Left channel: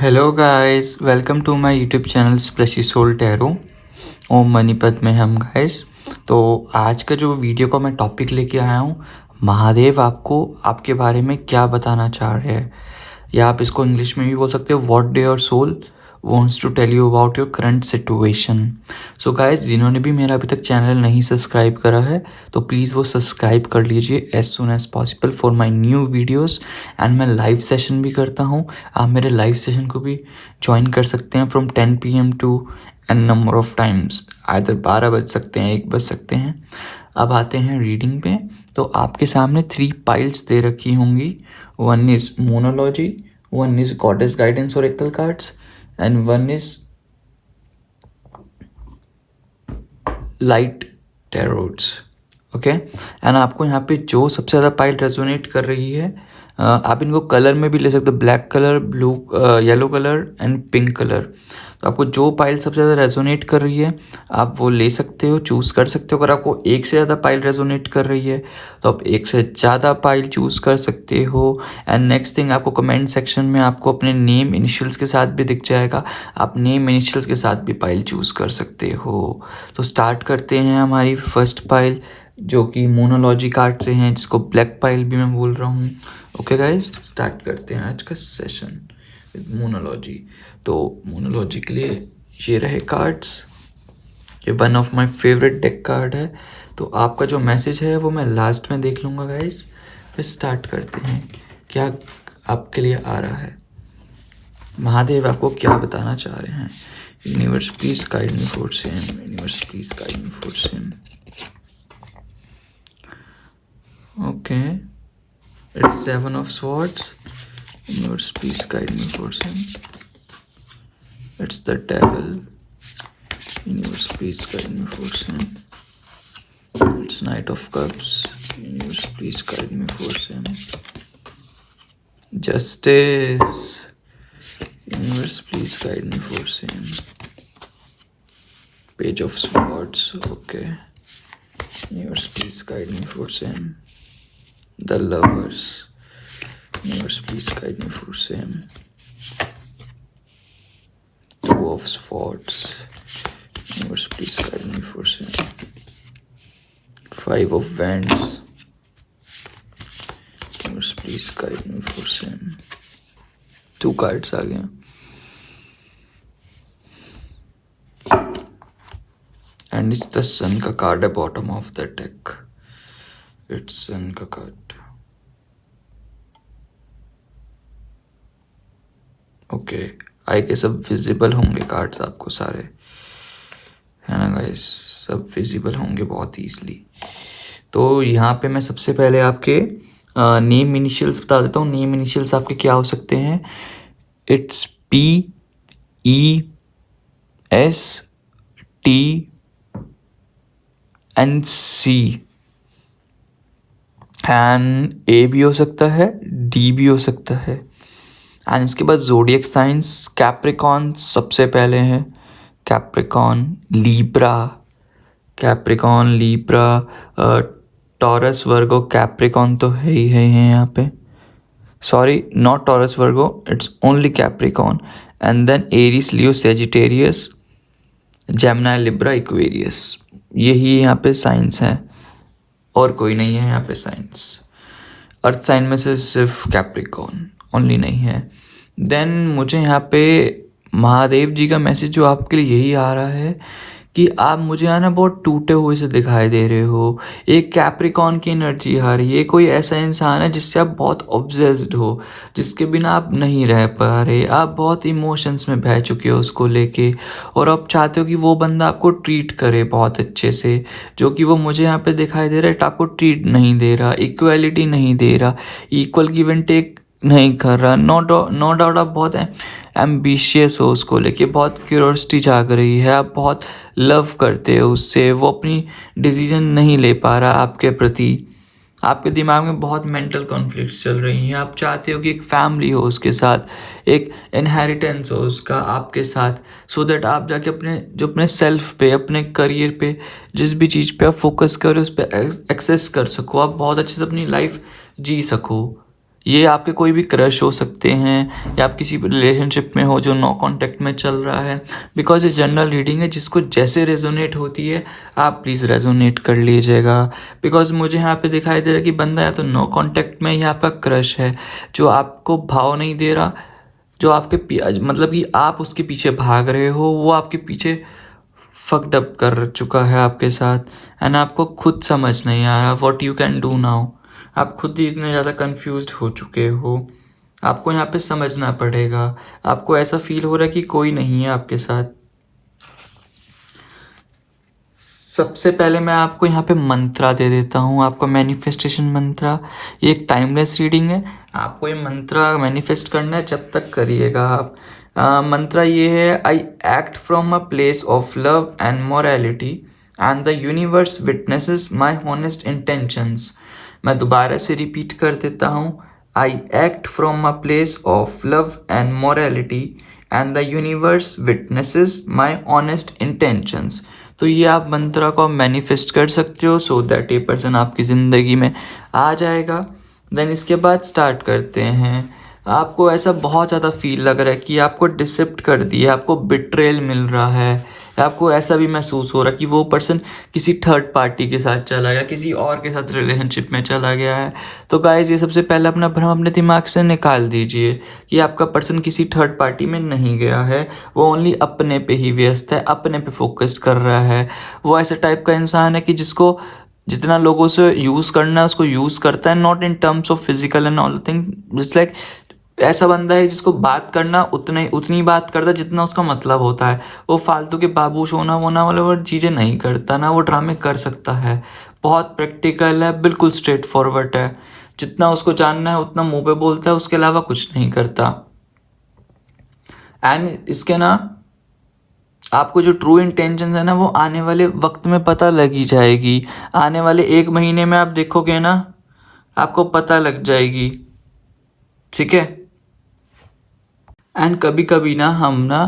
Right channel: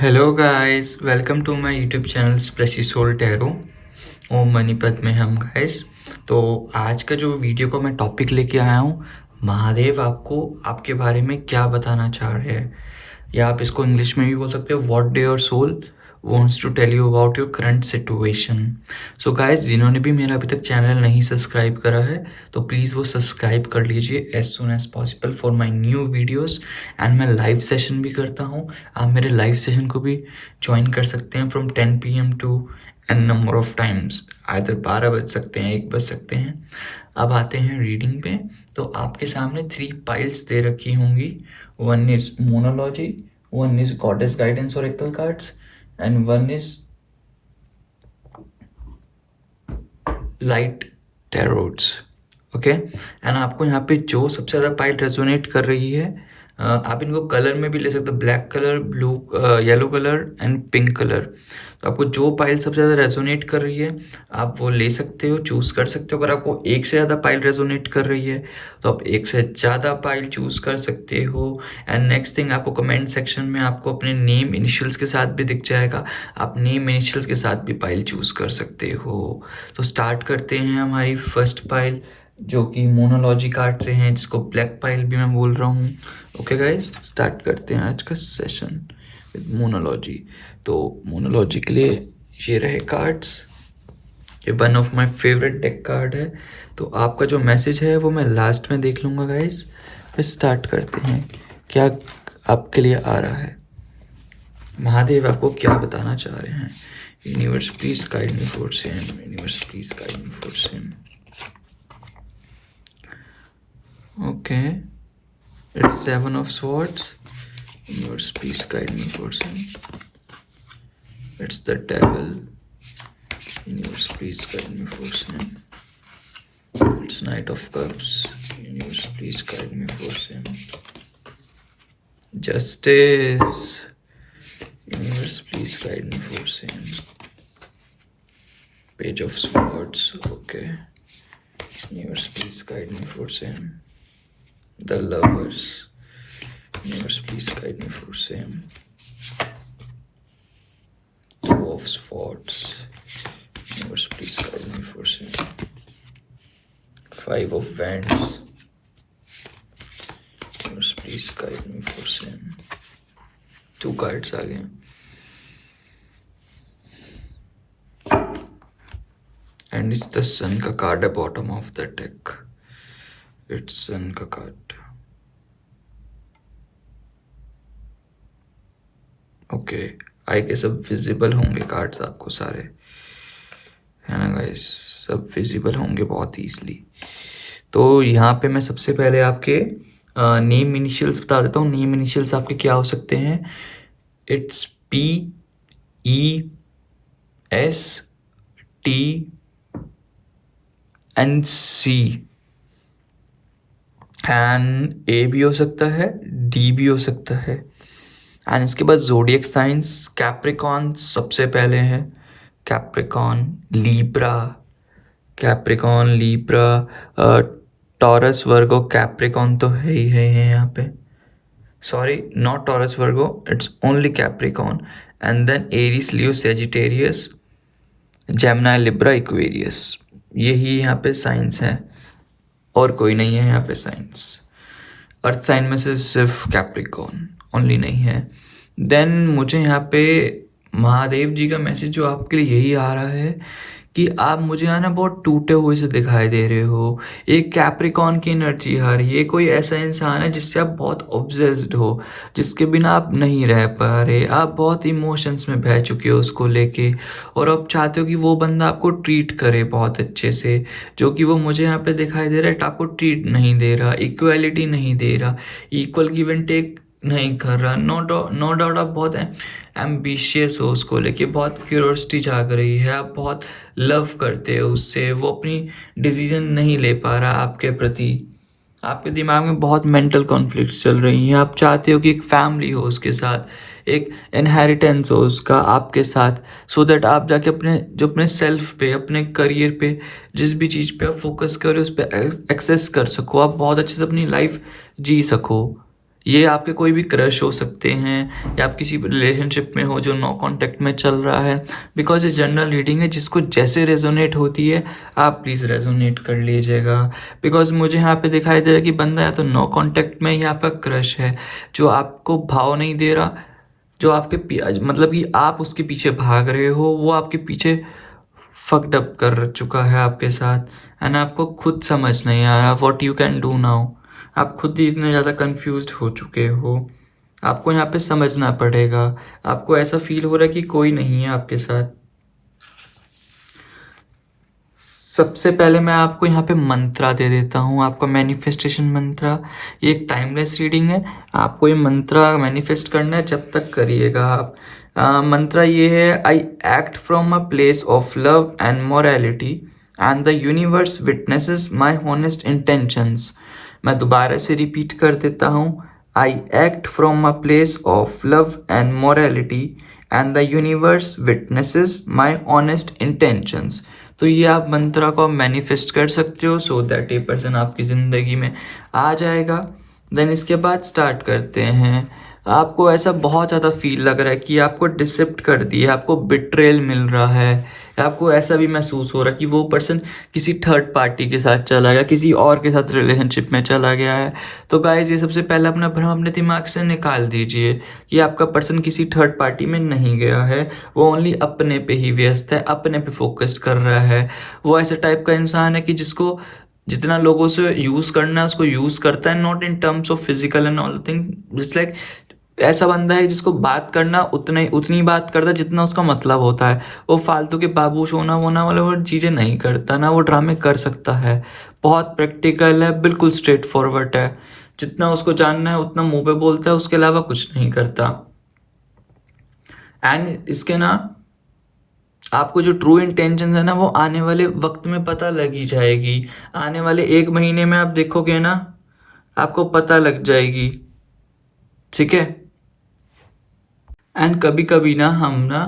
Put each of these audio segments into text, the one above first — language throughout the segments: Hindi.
Hello guys, welcome to my YouTube channel splashy soul tarot. ओम मणिपत में हम गाइस। तो आज का जो वीडियो का मैं टॉपिक लेके आया हूँ, महादेव आपको आपके बारे में क्या बताना चाह रहे हैं, या आप इसको इंग्लिश में भी बोल सकते हो, what do your soul wants to tell you about your current situation. So guys, जिन्होंने भी मेरा अभी तक चैनल नहीं सब्सक्राइब करा है तो प्लीज़ वो सब्सक्राइब कर लीजिए as soon as possible for my new videos. And मैं लाइव सेशन भी करता हूँ, आप मेरे लाइव सेशन को भी ज्वाइन कर सकते हैं from 10 PM to an number of times. Either 12 बज सकते हैं, 1 बज सकते हैं। अब आते हैं रीडिंग पे। तो आपके सामने 3 पाइल्स दे रखी होंगी। One is monology, one is goddess guidance oracle cards, and one is light tarots. Okay, and आपको यहाँ पे जो सबसे ज़्यादा पाइल रेजोनेट कर रही है, आप इनको कलर में भी ले सकते हो, black colour, blue, yellow colour and pink colour. तो आपको जो पाइल सबसे ज़्यादा रेजोनेट कर रही है आप वो ले सकते हो, चूज़ कर सकते हो। अगर आपको एक से ज़्यादा पाइल रेजोनेट कर रही है तो आप एक से ज़्यादा पाइल चूज़ कर सकते हो। एंड नेक्स्ट थिंग, आपको कमेंट सेक्शन में आपको अपने नेम इनिशियल्स के साथ भी दिख जाएगा, आप नेम इनिशियल्स के साथ भी पाइल चूज़ कर सकते हो। तो स्टार्ट करते हैं हमारी फर्स्ट पाइल, जो कि मोनोलॉजी कार्ड से हैं, जिसको ब्लैक पाइल भी मैं बोल रहा हूँ। ओके गाइस, स्टार्ट करते हैं आज का सेशन विद मोनोलॉजी। तो मोनोलॉजी के लिए ये रहे कार्ड्स, ये one of my favourite deck card है। तो आपका जो मैसेज है वो मैं लास्ट में देख लूँगा गाइस। फिर स्टार्ट करते हैं, क्या आपके लिए आ रहा है, महादेव आपको क्या बताना चाह रहे हैं। Universe please guide me for same, universe please guide me for same. Okay, it's 7 of Swords. Universe, please guide me for some. It's the Devil. Universe, please guide me for some. It's Knight of Cups. Universe, please guide me for some. Justice. Universe, please guide me for some. Page of Swords. Okay. Universe, please guide me for some. The Lovers. Universe, please guide me for same. Two of Swords. Universe, please guide me for same. Five of Wands. Universe, please guide me for same. 2 cards आ गए। And it's the Sun का कार्ड है bottom of the deck. It's Sun का कार्ड। ओके, आई गेस सब विजिबल होंगे कार्ड्स आपको सारे, है ना गाइस, सब विजिबल होंगे बहुत ईजली। तो यहाँ पे मैं सबसे पहले आपके नेम इनिशियल्स बता देता हूँ। नेम इनिशियल्स आपके क्या हो सकते हैं, इट्स PESTNC, एंड A भी हो सकता है, D भी हो सकता है। एंड इसके बाद जोडियक साइंस, कैप्रिकॉन सबसे पहले है, Capricorn, Libra, Taurus Virgo, Capricorn तो है ही है यहाँ पे, sorry not Taurus Virgo, it's only Capricorn. And then Aries, Leo, Sagittarius, Gemini, Libra, Aquarius, यही यहाँ पे साइंस है, और कोई नहीं है यहाँ पे साइंस। अर्थ साइन में से सिर्फ कैप्रिकॉन ओनली नहीं है। देन मुझे यहाँ पे महादेव जी का मैसेज जो आपके लिए यही आ रहा है कि आप मुझे यहाँ ना बहुत टूटे हुए से दिखाई दे रहे हो। एक कैप्रिकॉन की एनर्जी आ रही है, कोई ऐसा इंसान है जिससे आप बहुत ऑब्सेस्ड हो, जिसके बिना आप नहीं रह पा रहे, आप बहुत इमोशंस में बह चुके हो उसको लेके, और आप चाहते हो कि वो बंदा आपको ट्रीट करे बहुत अच्छे से, जो कि वो मुझे यहाँ पे दिखाई दे रहा है, आपको ट्रीट नहीं दे रहा, इक्वलिटी नहीं दे रहा, इक्वल गिव एंड टेक नहीं कर रहा। नो डाउट आप बहुत एम्बिशियस हो उसको लेके, बहुत क्यूरियोसिटी जाग रही है, आप बहुत लव करते हो उससे, वो अपनी डिसीजन नहीं ले पा रहा आपके प्रति, आपके दिमाग में बहुत मेंटल कॉन्फ्लिक्ट्स चल रही हैं, आप चाहते हो कि एक फैमिली हो उसके साथ, एक इनहेरिटेंस हो उसका आपके साथ, सो दैट आप जाके अपने सेल्फ पे, अपने करियर पे, जिस भी चीज़ पे आप फोकस करो उस पर एक्सेस कर सको, आप बहुत अच्छे से अपनी लाइफ जी सको। ये आपके कोई भी क्रश हो सकते हैं या आप किसी रिलेशनशिप में हो जो नो कांटेक्ट में चल रहा है, बिकॉज ये जनरल रीडिंग है, जिसको जैसे रेजोनेट होती है आप प्लीज़ रेजोनेट कर लीजिएगा। बिकॉज मुझे यहाँ पे दिखाई दे रहा है कि बंदा या तो नो कांटेक्ट में या आपका क्रश है जो आपको भाव नहीं दे रहा, जो आपके मतलब कि आप उसके पीछे भाग रहे हो, वो आपके पीछे फक्ड अप कर चुका है आपके साथ एंड आपको खुद समझ नहीं आ रहा what you can do now. आप खुद ही इतने ज़्यादा कंफ्यूज्ड हो चुके हो, आपको यहाँ पे समझना पड़ेगा। आपको ऐसा फील हो रहा है कि कोई नहीं है आपके साथ। सबसे पहले मैं आपको यहाँ पे मंत्रा दे देता हूँ, आपका मैनिफेस्टेशन मंत्रा। ये एक टाइमलेस रीडिंग है, आपको ये मंत्रा मैनिफेस्ट करना है, जब तक करिएगा आप। मंत्रा ये है, I act from a place of love and morality and the universe witnesses my honest intentions. मैं दोबारा से रिपीट कर देता हूँ, I act from a place of love and morality and the universe witnesses my honest intentions. तो ये आप मंत्रा को मैनिफेस्ट कर सकते हो सो दैट ये पर्सन आपकी ज़िंदगी में आ जाएगा। देन इसके बाद स्टार्ट करते हैं। आपको ऐसा बहुत ज़्यादा फील लग रहा है कि आपको डिसिप्ट कर दिया, आपको बिट्रेल मिल रहा है, आपको ऐसा भी महसूस हो रहा है कि वो पर्सन किसी थर्ड पार्टी के साथ चला गया, किसी और के साथ रिलेशनशिप में चला गया है। तो गाइज ये सबसे पहले अपना भ्रम अपने दिमाग से निकाल दीजिए कि आपका पर्सन किसी थर्ड पार्टी में नहीं गया है, वो ओनली अपने पे ही व्यस्त है, अपने पे फोकस कर रहा है। वो ऐसे टाइप का इंसान है कि जिसको जितना लोगों से यूज़ करना है उसको यूज़ करता है, not in terms of physical and all thing, just like ऐसा बंदा है जिसको बात करना उतनी बात करता है जितना उसका मतलब होता है। वो फालतू के बाबूश होना वोना वाले वो चीज़ें नहीं करता, ना वो ड्रामे कर सकता है। बहुत प्रैक्टिकल है, बिल्कुल स्ट्रेट फॉरवर्ड है, जितना उसको जानना है उतना मुंह पे बोलता है, उसके अलावा कुछ नहीं करता। एंड इसके ना आपको जो ट्रू इंटेंशन है ना वो आने वाले वक्त में पता लग ही जाएगी। आने वाले 1 महीने में आप देखोगे ना, आपको पता लग जाएगी, ठीक है। एंड कभी कभी ना हम ना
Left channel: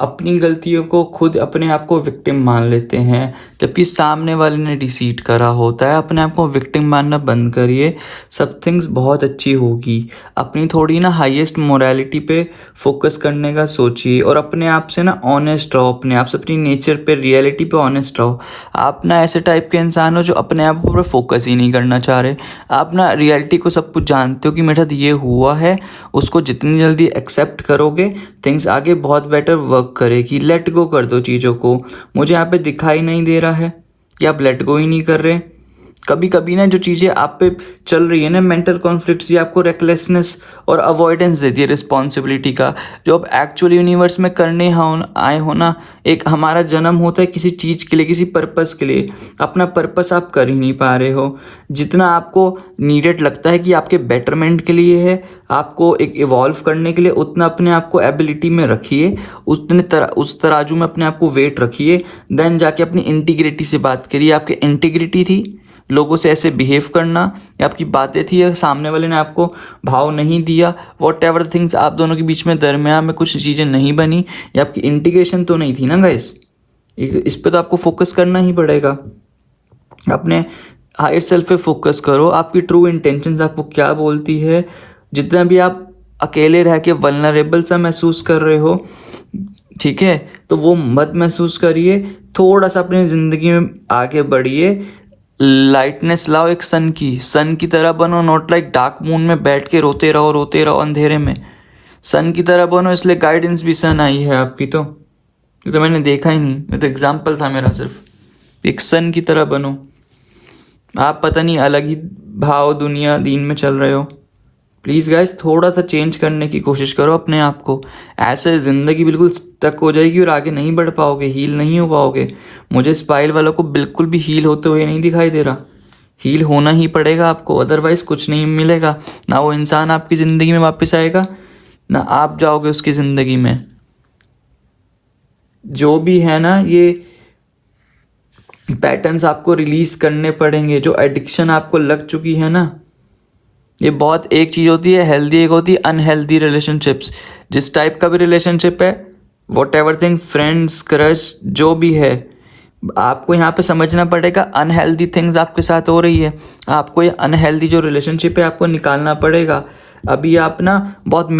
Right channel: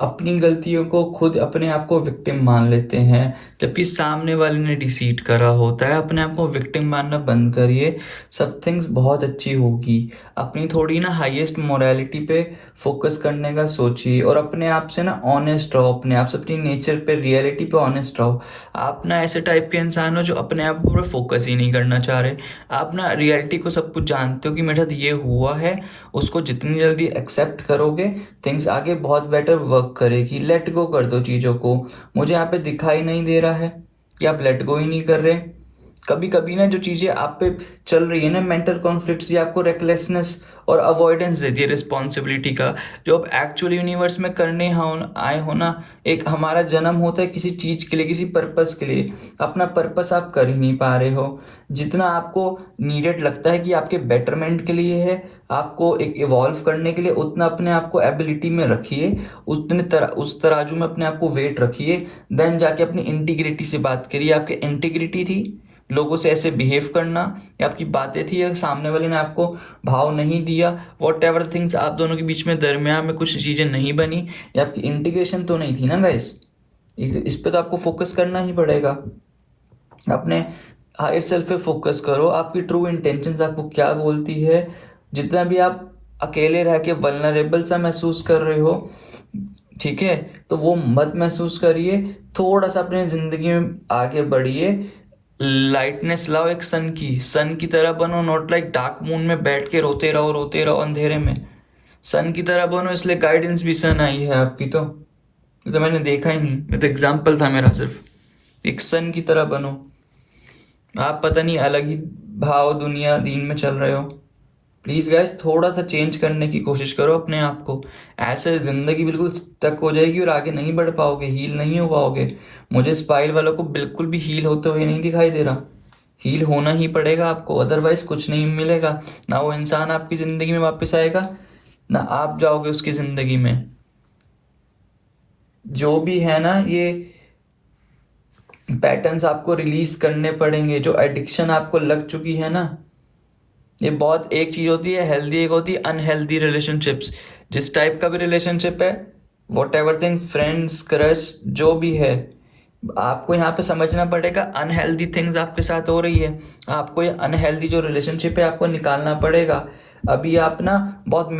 अपनी गलतियों को खुद अपने आप को विक्टिम मान लेते हैं, जबकि सामने वाले ने डिसीट करा होता है। अपने आप को विक्टिम मानना बंद करिए, सब थिंग्स बहुत अच्छी होगी। अपनी थोड़ी ना हाईएस्ट मोरालिटी पे फोकस करने का सोचिए और अपने आप से ना ऑनेस्ट रहो, अपने आप से, अपनी नेचर पे, रियलिटी पे ऑनेस्ट रहो। आप ना ऐसे टाइप के इंसान हो जो अपने आप पर फोकस ही नहीं करना चाह रहे। आप ना रियलिटी को सब कुछ जानते हो कि मेरे साथ ये हुआ है, उसको जितनी जल्दी एक्सेप्ट करोगे थिंग्स आगे बहुत बेटर वर्क करेगी। लेट गो कर दो चीज़ों को। मुझे यहाँ पे दिखाई नहीं दे रहा है कि आप लेट गो ही नहीं कर रहे। कभी कभी ना जो चीज़ें आप पे चल रही है ना, मेंटल कॉन्फ्लिक्ट्स, ये आपको रेकलेसनेस और अवॉइडेंस देती है रिस्पॉन्सिबिलिटी का, जो आप एक्चुअली यूनिवर्स में करने आए हो ना। एक हमारा जन्म होता है किसी चीज़ के लिए, किसी पर्पस के लिए, अपना पर्पस आप कर ही नहीं पा रहे हो। जितना आपको नीडेड लगता है कि आपके बेटरमेंट के लिए है, आपको एक इवॉल्व करने के लिए, उतना अपने आप को एबिलिटी में रखिए, उस तराजू में अपने आप को वेट रखिए। देन जाके अपनी इंटीग्रिटी से बात करिए। आपकी इंटीग्रिटी थी लोगों से ऐसे बिहेव करना, या आपकी बातें थी, या सामने वाले ने आपको भाव नहीं दिया, वॉट एवर थिंग्स आप दोनों के बीच में दरमियान में कुछ चीज़ें नहीं बनी, या आपकी इंटीग्रेशन तो नहीं थी ना गाइस। इस पे तो आपको फोकस करना ही पड़ेगा। अपने हायर सेल्फ पे फोकस करो, आपकी ट्रू इंटेंशंस आपको क्या बोलती है। जितना भी आप अकेले रह के वल्नरेबल सा महसूस कर रहे हो, ठीक है, तो वो मत महसूस करिए। थोड़ा सा अपनी ज़िंदगी में आगे बढ़िए, लाइटनेस लाओ, एक सन की तरह बनो, नॉट लाइक डार्क मून में बैठ के रोते रहो अंधेरे में। सन की तरह बनो, इसलिए गाइडेंस भी सन आई है आपकी। तो ये तो मैंने देखा ही नहीं, मैं तो एग्जाम्पल था मेरा सिर्फ। एक सन की तरह बनो। आप पता नहीं अलग ही भाव दुनिया दीन में चल रहे हो। प्लीज़ गाइस थोड़ा सा चेंज करने की कोशिश करो अपने आप को। ऐसे ज़िंदगी बिल्कुल स्टक हो जाएगी और आगे नहीं बढ़ पाओगे, हील नहीं हो पाओगे। मुझे स्पाइल वालों को बिल्कुल भी हील होते हुए नहीं दिखाई दे रहा। हील होना ही पड़ेगा आपको, अदरवाइज़ कुछ नहीं मिलेगा। ना वो इंसान आपकी ज़िंदगी में वापस आएगा, ना आप जाओगे उसकी ज़िंदगी में। जो भी है ना, ये पैटर्न्स आपको रिलीज करने पड़ेंगे। जो एडिक्शन आपको लग चुकी है ना, ये बहुत, एक चीज़ होती है हेल्दी, एक होती है अनहेल्दी रिलेशनशिप्स। जिस टाइप का भी रिलेशनशिप है, what ever things, friends, crush, जो भी है, आपको यहाँ पे समझना पड़ेगा अनहेल्दी थिंग्स आपके साथ हो रही है, आपको ये अनहेल्दी जो रिलेशनशिप है आपको निकालना पड़ेगा। अभी आप ना बहुत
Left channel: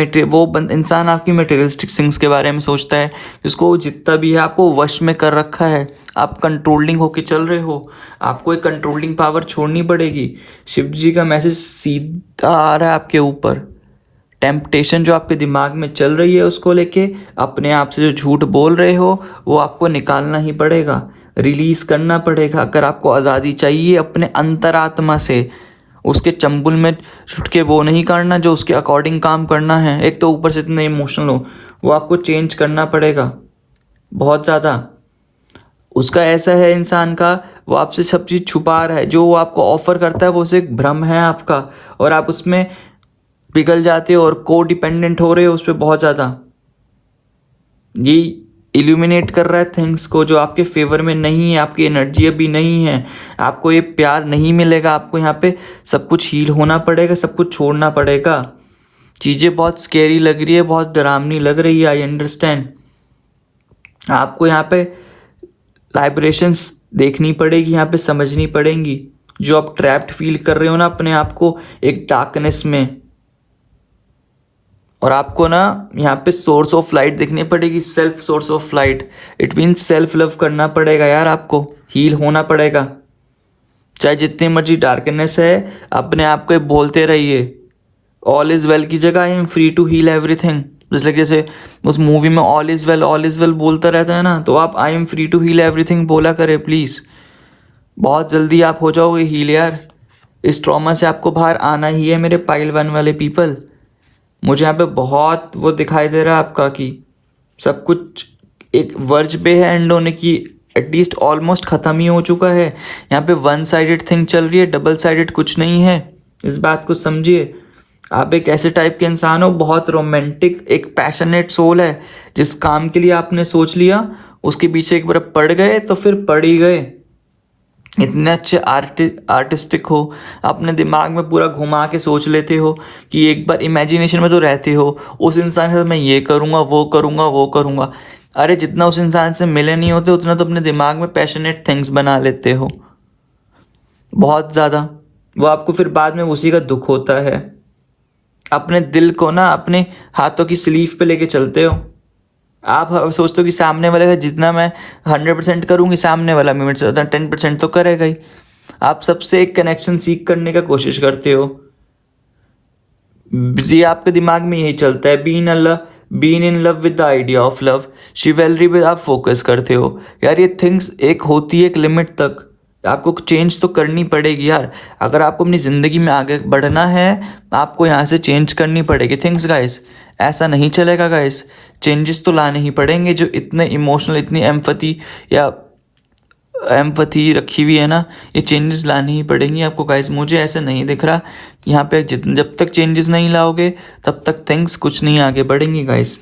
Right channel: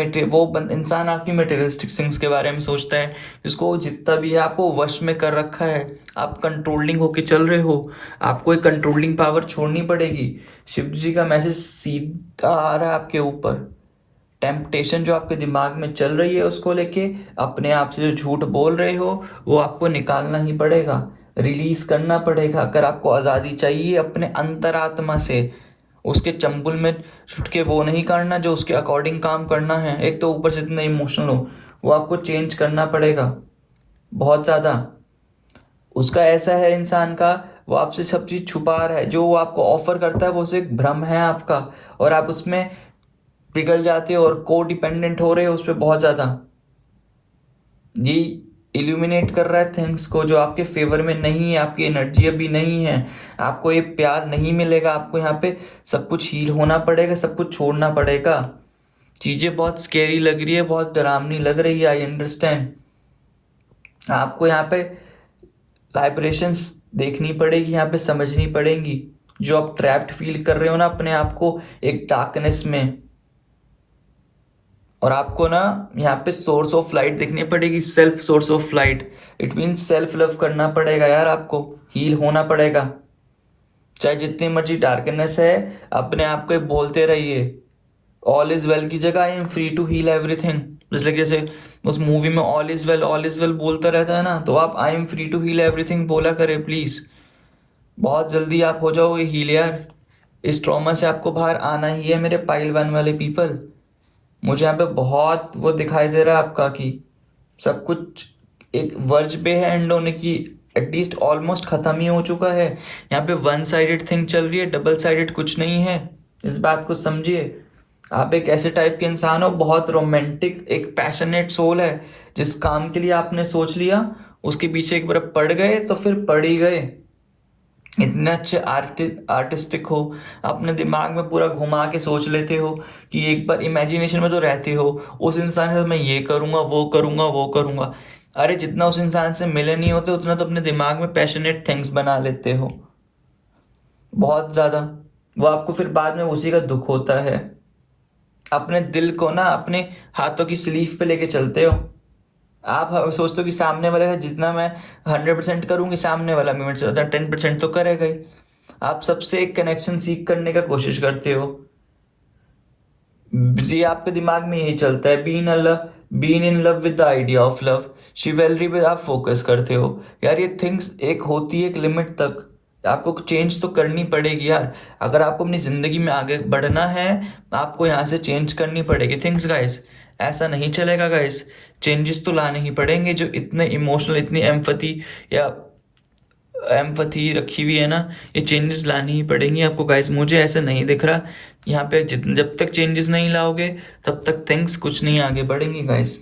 इंसान आपकी मटेरियलिस्टिक थिंग्स के बारे में सोचता है, इसको जितना भी है आपको वश में कर रखा है, आप कंट्रोलिंग होके चल रहे हो, आपको एक कंट्रोलिंग पावर छोड़नी पड़ेगी। शिव जी का मैसेज सीधा आ रहा है आपके ऊपर। टेम्पटेशन जो आपके दिमाग में चल रही है उसको लेके, अपने आप से जो झूठ बोल रहे हो वो आपको निकालना ही पड़ेगा, रिलीज करना पड़ेगा। अगर आपको आज़ादी चाहिए अपने अंतरात्मा से, उसके चंबुल में छुट के वो नहीं करना जो उसके अकॉर्डिंग काम करना है। एक तो ऊपर से इतने इमोशनल हो, वो आपको चेंज करना पड़ेगा बहुत ज़्यादा। उसका ऐसा है इंसान का, वो आपसे सब चीज़ छुपा रहा है, जो वो आपको ऑफर करता है वो सिर्फ भ्रम है आपका, और आप उसमें पिघल जाते हो और को डिपेंडेंट हो रहे हो उस पर बहुत ज़्यादा। ये इल्यूमिनेट कर रहा है थिंग्स को जो आपके फेवर में नहीं है, आपकी एनर्जी अभी नहीं है, आपको ये प्यार नहीं मिलेगा। आपको यहाँ पे सब कुछ हील होना पड़ेगा, सब कुछ छोड़ना पड़ेगा। चीज़ें बहुत स्केरी लग रही है, बहुत डरावनी लग रही है, आई अंडरस्टैंड। आपको यहाँ पे लाइब्रेशंस देखनी पड़ेगी, यहाँ पे समझनी पड़ेंगी। जो आप ट्रैप्ड फील कर रहे हो ना अपने आप को एक डार्कनेस में, और आपको ना यहाँ पे सोर्स ऑफ लाइट देखनी पड़ेगी, self source of light. It mean self love करना पड़ेगा यार, आपको हील होना पड़ेगा। चाहे जितनी मर्जी डार्कनेस है, अपने आप को बोलते रहिए ऑल इज वेल की जगह I am free to heal everything. जैसे उस मूवी में ऑल इज वेल बोलता रहता है ना, तो आप I am free to heal everything बोला करे प्लीज़। बहुत जल्दी आप हो जाओगे हील यार। इस ट्रॉमा से आपको बाहर आना ही है मेरे पाइल वन वाले पीपल। मुझे यहाँ पे बहुत वो दिखाई दे रहा है आपका कि सब कुछ एक वर्ज पे है एंड होने की, एटलीस्ट ऑलमोस्ट ख़त्म ही हो चुका है। यहाँ पे वन साइडेड थिंग चल रही है, डबल साइडेड कुछ नहीं है। इस बात को समझिए। आप एक ऐसे टाइप के इंसान हो, बहुत रोमांटिक, एक पैशनेट सोल है। जिस काम के लिए आपने सोच लिया उसके पीछे एक बार पड़ गए तो फिर पड़ ही गए। इतने अच्छे आर्टिस्टिक हो, अपने दिमाग में पूरा घुमा के सोच लेते हो कि एक बार इमेजिनेशन में तो रहते हो उस इंसान के साथ मैं ये करूँगा वो करूँगा वो करूँगा। अरे जितना उस इंसान से मिले नहीं होते उतना तो अपने दिमाग में पैशनेट थिंग्स बना लेते हो बहुत ज़्यादा। वो आपको फिर बाद में उसी का दुख होता है। अपने दिल को ना अपने हाथों की स्लीव पे लेके चलते हो। आप सोचते हो कि सामने वाले का जितना मैं 100% करूँगी, सामने वाला मेरे से ज़्यादा 10% तो करेगा ही। आप सबसे एक कनेक्शन सीख करने का कोशिश करते हो। जी आपके दिमाग में यही चलता है, been in love with the idea of love. Chivalry पे आप फोकस करते हो यार। ये थिंग्स एक होती है एक लिमिट तक, आपको चेंज तो करनी पड़ेगी यार। अगर आपको अपनी ज़िंदगी में आगे बढ़ना है आपको यहाँ से चेंज करनी पड़ेगी थिंग्स गाइस। ऐसा नहीं चलेगा गाइस, चेंजेस तो लाने ही पड़ेंगे। जो इतने इमोशनल, इतनी एम्पथी रखी हुई है ना, ये चेंजेस लाने ही पड़ेंगे आपको गाइस। मुझे ऐसा नहीं दिख रहा यहाँ पे जब तक चेंजेस नहीं लाओगे तब तक थिंग्स कुछ नहीं आगे बढ़ेंगी गाइस।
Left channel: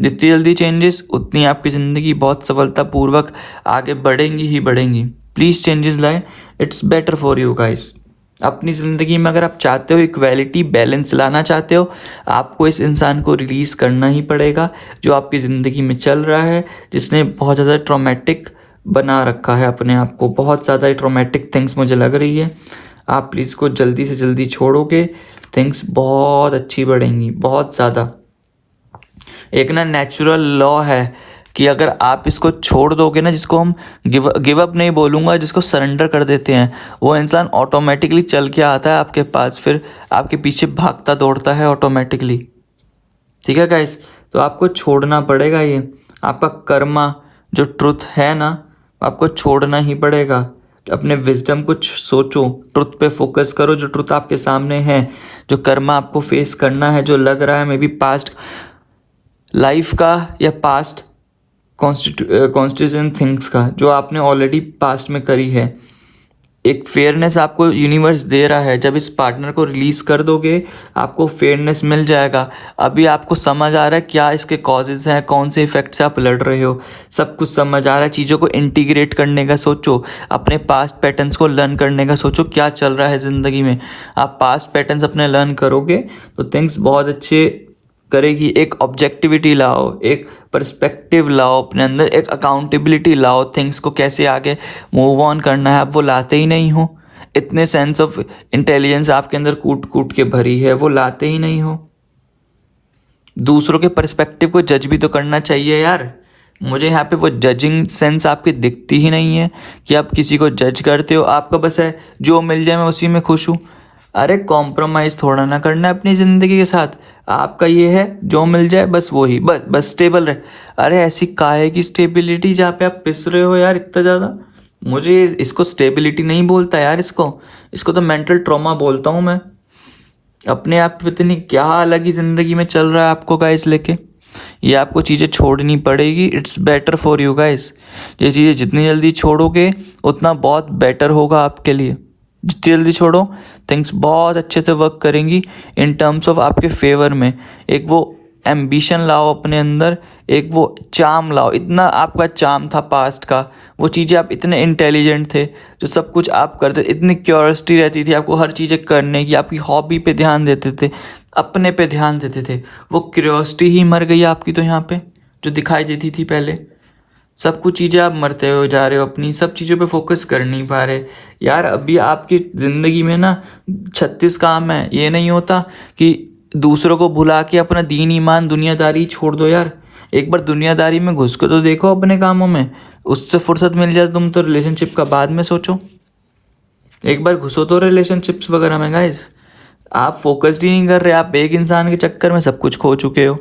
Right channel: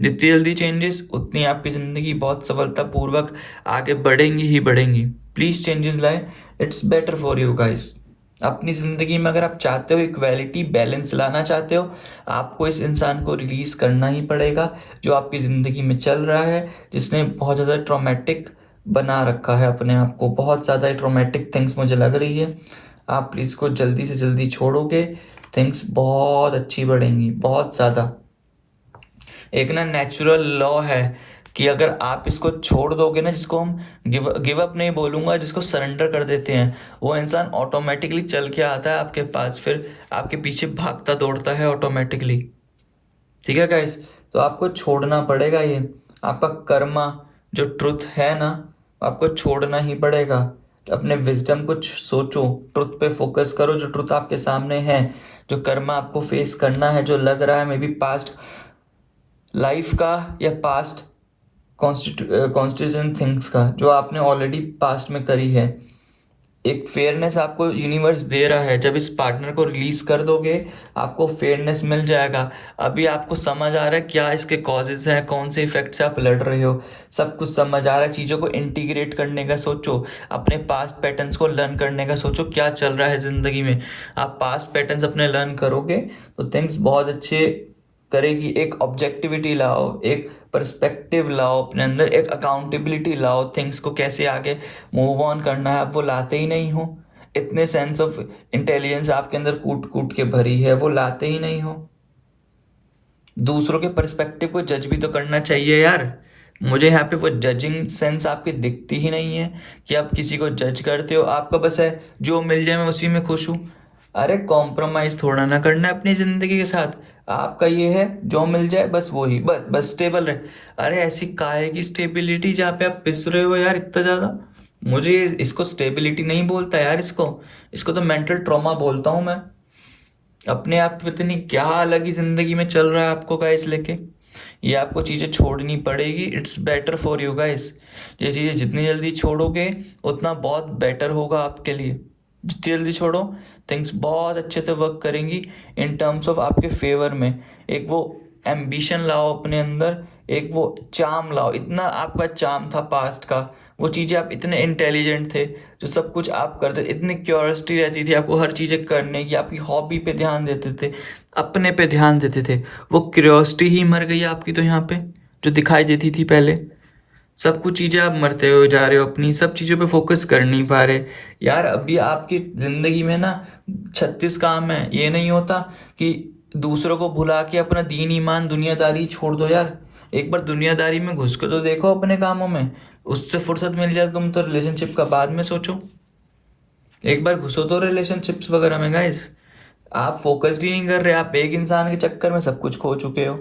जितनी जल्दी चेंजेस उतनी आपकी ज़िंदगी बहुत सफलतापूर्वक आगे बढ़ेंगी ही बढ़ेंगी। प्लीज़ चेंजेस लाए, it's better for you guys. अपनी ज़िंदगी में अगर आप चाहते हो इक्वालिटी बैलेंस लाना चाहते हो, आपको इस इंसान को रिलीज़ करना ही पड़ेगा जो आपकी ज़िंदगी में चल रहा है, जिसने बहुत ज़्यादा ट्रॉमेटिक बना रखा है अपने आप को। बहुत ज़्यादा ट्रॉमेटिक थिंग्स मुझे लग रही है। आप प्लीज़ को जल्दी से जल्दी छोड़ोगे, थिंग्स बहुत अच्छी बढ़ेंगी, बहुत ज़्यादा। एक ना नेचुरल लॉ है कि अगर आप इसको छोड़ दोगे ना, जिसको हम गिव अप नहीं बोलूँगा, जिसको सरेंडर कर देते हैं, वो इंसान ऑटोमेटिकली चल के आता है आपके पास, फिर आपके पीछे भागता दौड़ता है ऑटोमेटिकली। ठीक है गाइस, तो आपको छोड़ना पड़ेगा ये। आपका कर्मा जो ट्रुथ है ना, आपको छोड़ना ही पड़ेगा। अपने विजडम कुछ सोचो, ट्रुथ पे फोकस करो, जो ट्रुथ आपके सामने है, जो कर्मा आपको फेस करना है, जो लग रहा है मे बी पास्ट लाइफ का या पास्ट कॉन्स्टिट्यूशन थिंग्स का, जो आपने ऑलरेडी पास्ट में करी है। एक फेयरनेस आपको यूनिवर्स दे रहा है। जब इस पार्टनर को रिलीज कर दोगे आपको फेयरनेस मिल जाएगा। अभी आपको समझ आ रहा है क्या इसके कॉजेज हैं, कौन से इफेक्ट से आप लड़ रहे हो, सब कुछ समझ आ रहा है। चीज़ों को इंटीग्रेट करने का सोचो, अपने पास्ट पैटर्न्स को लर्न करने का सोचो, क्या चल रहा है ज़िंदगी में। आप पास्ट पैटर्न्स अपने लर्न करोगे तो थिंग्स बहुत अच्छे करेगी। एक ऑब्जेक्टिविटी लाओ, एक पर्सपेक्टिव लाओ अपने अंदर, एक अकाउंटेबिलिटी लाओ, थिंग्स को कैसे आगे मूव ऑन करना है। आप वो लाते ही नहीं हो। इतने सेंस ऑफ इंटेलिजेंस आपके अंदर कूट कूट के भरी है, वो लाते ही नहीं हो। दूसरों के पर्सपेक्टिव को जज भी तो करना चाहिए यार। मुझे यहाँ पे वो जजिंग सेंस आपकी दिखती ही नहीं है कि आप किसी को जज करते हो। आपका बस है जो मिल जाए मैं उसी में खुश हूँ। अरे कॉम्प्रोमाइज़ थोड़ा ना करना है अपनी ज़िंदगी के साथ। आपका ये है जो मिल जाए बस वही, बस बस स्टेबल रहे। अरे ऐसी काहे की स्टेबिलिटी जहाँ पे आप पिस रहे हो यार इतना ज़्यादा। मुझे इसको स्टेबिलिटी नहीं बोलता यार, इसको तो मेंटल ट्रॉमा बोलता हूँ मैं। अपने आप पे पता नहीं क्या अलग ही ज़िंदगी में चल रहा है आपको गाइस लेके। ये आपको चीज़ें छोड़नी पड़ेगी। It's better for you guys. ये चीज़ें जितनी जल्दी छोड़ोगे उतना बहुत बेटर होगा आपके लिए। जितनी जल्दी छोड़ो थिंग्स बहुत अच्छे से वर्क करेंगी इन टर्म्स ऑफ आपके फेवर में। एक वो एम्बिशन लाओ अपने अंदर, एक वो चार्म लाओ। इतना आपका चार्म था पास्ट का, वो चीज़ें आप इतने इंटेलिजेंट थे, जो सब कुछ आप करते, इतनी क्यूरियोसिटी रहती थी आपको हर चीज़ें करने की, आपकी हॉबी पे ध्यान देते थे, अपने पे ध्यान देते थे। वो क्यूरियोसिटी ही मर गई आपकी तो यहाँ पे, जो दिखाई देती थी पहले। सब कुछ चीज़ें आप मरते हो जा रहे हो, अपनी सब चीज़ों पे फोकस कर नहीं पा रहे यार। अभी आपकी ज़िंदगी में ना 36 काम है। ये नहीं होता कि दूसरों को भुला के अपना दीन ईमान दुनियादारी छोड़ दो यार। एक बार दुनियादारी में घुस के तो देखो अपने कामों में, उससे फुर्सत मिल जाए तुम तो रिलेशनशिप का बाद में सोचो। एक बार घुसो तो रिलेशनशिप्स वगैरह में गाइस। आप फोकस्ड ही नहीं कर रहे, आप एक इंसान के चक्कर में सब कुछ खो चुके हो।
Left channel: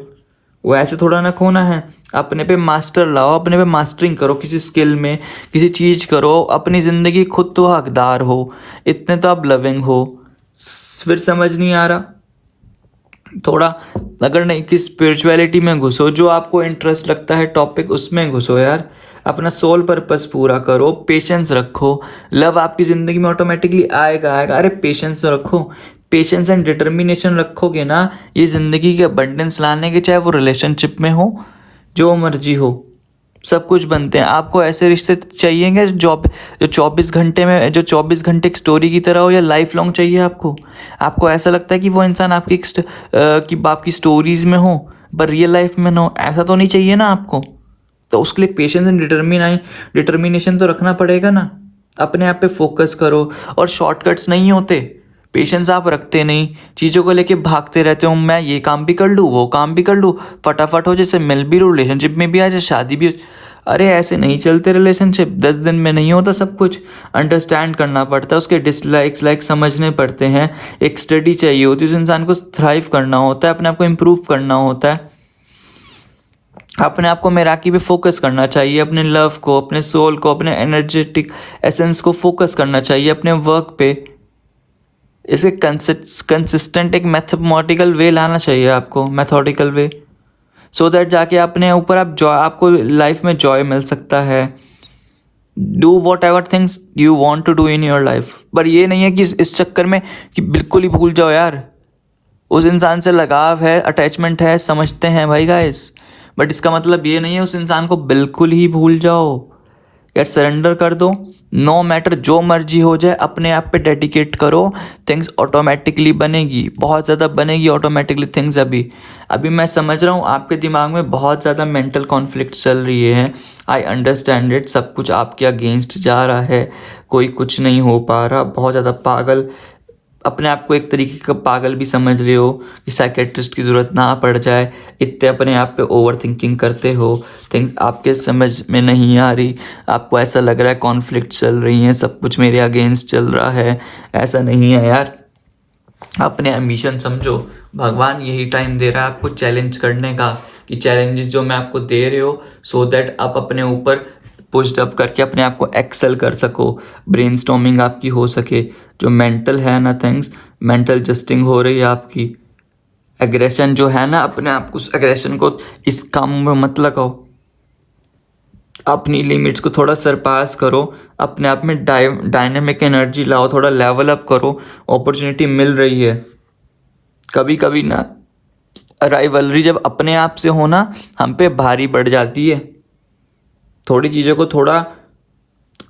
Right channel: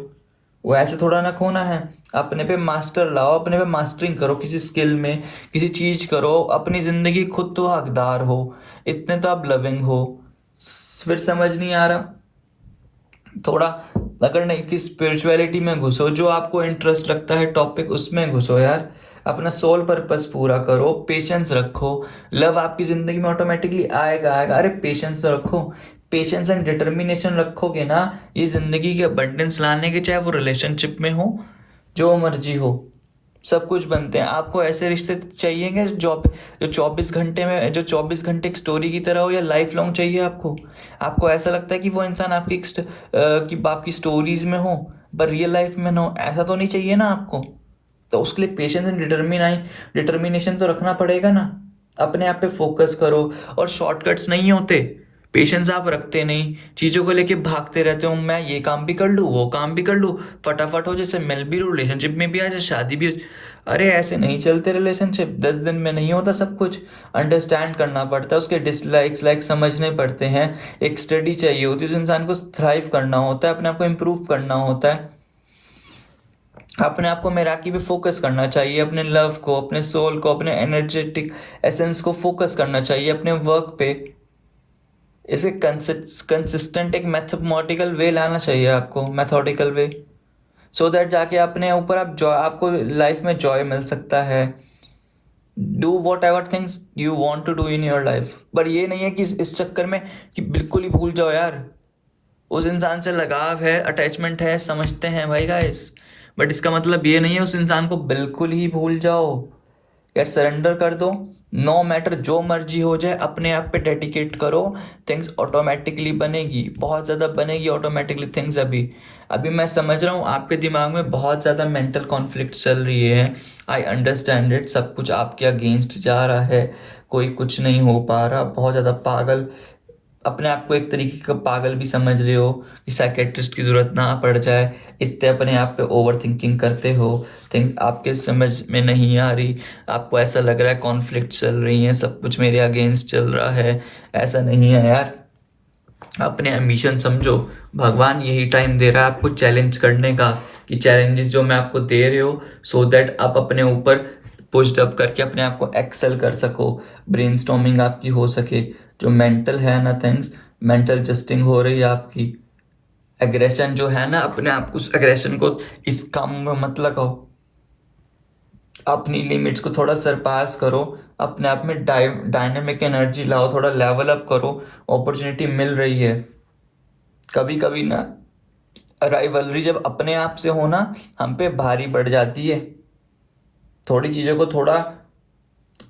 वो ऐसे थोड़ा ना खोना है। अपने पे मास्टर लाओ, अपने पे मास्टरिंग करो, किसी स्किल में किसी चीज़ करो, अपनी ज़िंदगी खुद तो हकदार हो, इतने तो आप लविंग हो। फिर समझ नहीं आ रहा थोड़ा, अगर नहीं कि स्पिरिचुअलिटी में घुसो, जो आपको इंटरेस्ट लगता है टॉपिक उसमें घुसो यार। अपना सोल पर्पस पूरा करो, पेशेंस रखो। लव आपकी ज़िंदगी में ऑटोमेटिकली आएगा आएगा। अरे पेशेंस रखो, पेशेंस एंड डिटर्मिनेशन रखोगे ना, ये ज़िंदगी के अबंडेंस लाने के, चाहे वो रिलेशनशिप में हो, जो मर्जी हो, सब कुछ बनते हैं। आपको ऐसे रिश्ते चाहिएंगे जो 24 घंटे में, जो 24 घंटे एक स्टोरी की तरह हो, या लाइफ लॉन्ग चाहिए आपको? आपको ऐसा लगता है कि वो इंसान आपकी कि आपकी स्टोरीज में हो पर रियल लाइफ में ना हो? ऐसा तो नहीं चाहिए ना आपको। तो उसके लिए पेशेंस एंड डिटर्मिनेशन तो रखना पड़ेगा ना। अपने आप पे फोकस करो। और शॉर्टकट्स नहीं होते। पेशेंस आप रखते नहीं, चीज़ों को लेके भागते रहते हो, मैं ये काम भी कर लूँ वो काम भी कर लूँ, फटाफट हो, जैसे मिल भी लो, रिलेशनशिप में भी आ जाए, शादी भी हो। अरे ऐसे नहीं चलते रिलेशनशिप। 10 दिन में नहीं होता सब कुछ। अंडरस्टैंड करना पड़ता है, उसके डिसलाइक्स लाइक समझने पड़ते हैं। एक स्टडी चाहिए होती है, उस इंसान को थ्राइव करना होता है, अपने आप को इम्प्रूव करना होता है। अपने आप को मैराकी पे फोकस करना चाहिए, अपने लव को, अपने सोल को, अपने एनर्जेटिक एसेंस को फोकस करना चाहिए, अपने वर्क पे। इसे कंसिस्टेंट एक मैथमेटिकल वे लाना चाहिए आपको, मैथोडिकल वे, सो दैट जाके अपने ऊपर आप जॉय, आपको लाइफ में जॉय मिल सकता है। Do whatever things you want to do in your life. पर ये नहीं है कि इस चक्कर में कि बिल्कुल ही भूल जाओ यार। उस इंसान से लगाव है, अटैचमेंट है, समझते हैं भाई गाइस, बट इसका मतलब ये नहीं है उस इंसान को बिल्कुल ही भूल जाओ यार। सरेंडर कर दो। नो मैटर जो मर्जी हो जाए, अपने आप पे डेडिकेट करो। थिंग्स ऑटोमेटिकली बनेगी, बहुत ज़्यादा बनेगी ऑटोमेटिकली थिंग्स। अभी अभी मैं समझ रहा हूँ आपके दिमाग में बहुत ज़्यादा मेंटल कॉन्फ्लिक्ट चल रही है। I understand it. सब कुछ आपके अगेंस्ट जा रहा है, कोई कुछ नहीं हो पा रहा, बहुत ज़्यादा पागल, अपने आप को एक तरीके का पागल भी समझ रहे हो कि साइकेट्रिस्ट की ज़रूरत ना पड़ जाए, इतने अपने आप पे ओवर थिंकिंग करते हो। थिंग्स आपके समझ में नहीं आ रही, आपको ऐसा लग रहा है कॉन्फ्लिक्ट चल रही हैं, सब कुछ मेरे अगेंस्ट चल रहा है। ऐसा नहीं है यार। अपने एम्बिशन समझो। भगवान यही टाइम दे रहा है आपको चैलेंज करने का, कि चैलेंजेस जो मैं आपको दे रहे हो, सो दैट आप अपने ऊपर पुश्ड अप करके अपने आप को एक्सेल कर सको, ब्रेनस्टॉर्मिंग आपकी हो सके। जो मेंटल है ना थिंग्स, मेंटल जस्टिंग हो रही है आपकी। एग्रेशन जो है ना, अपने आप को, उस एग्रेशन को इस काम में मत लगाओ। अपनी लिमिट्स को थोड़ा सरपास करो, अपने आप में डायनेमिक एनर्जी लाओ, थोड़ा लेवल अप करो। अपॉर्चुनिटी मिल रही है। कभी कभी ना राइवलरी जब अपने आप से हो ना, हम पे भारी पड़ जाती है। थोड़ी चीज़ों को थोड़ा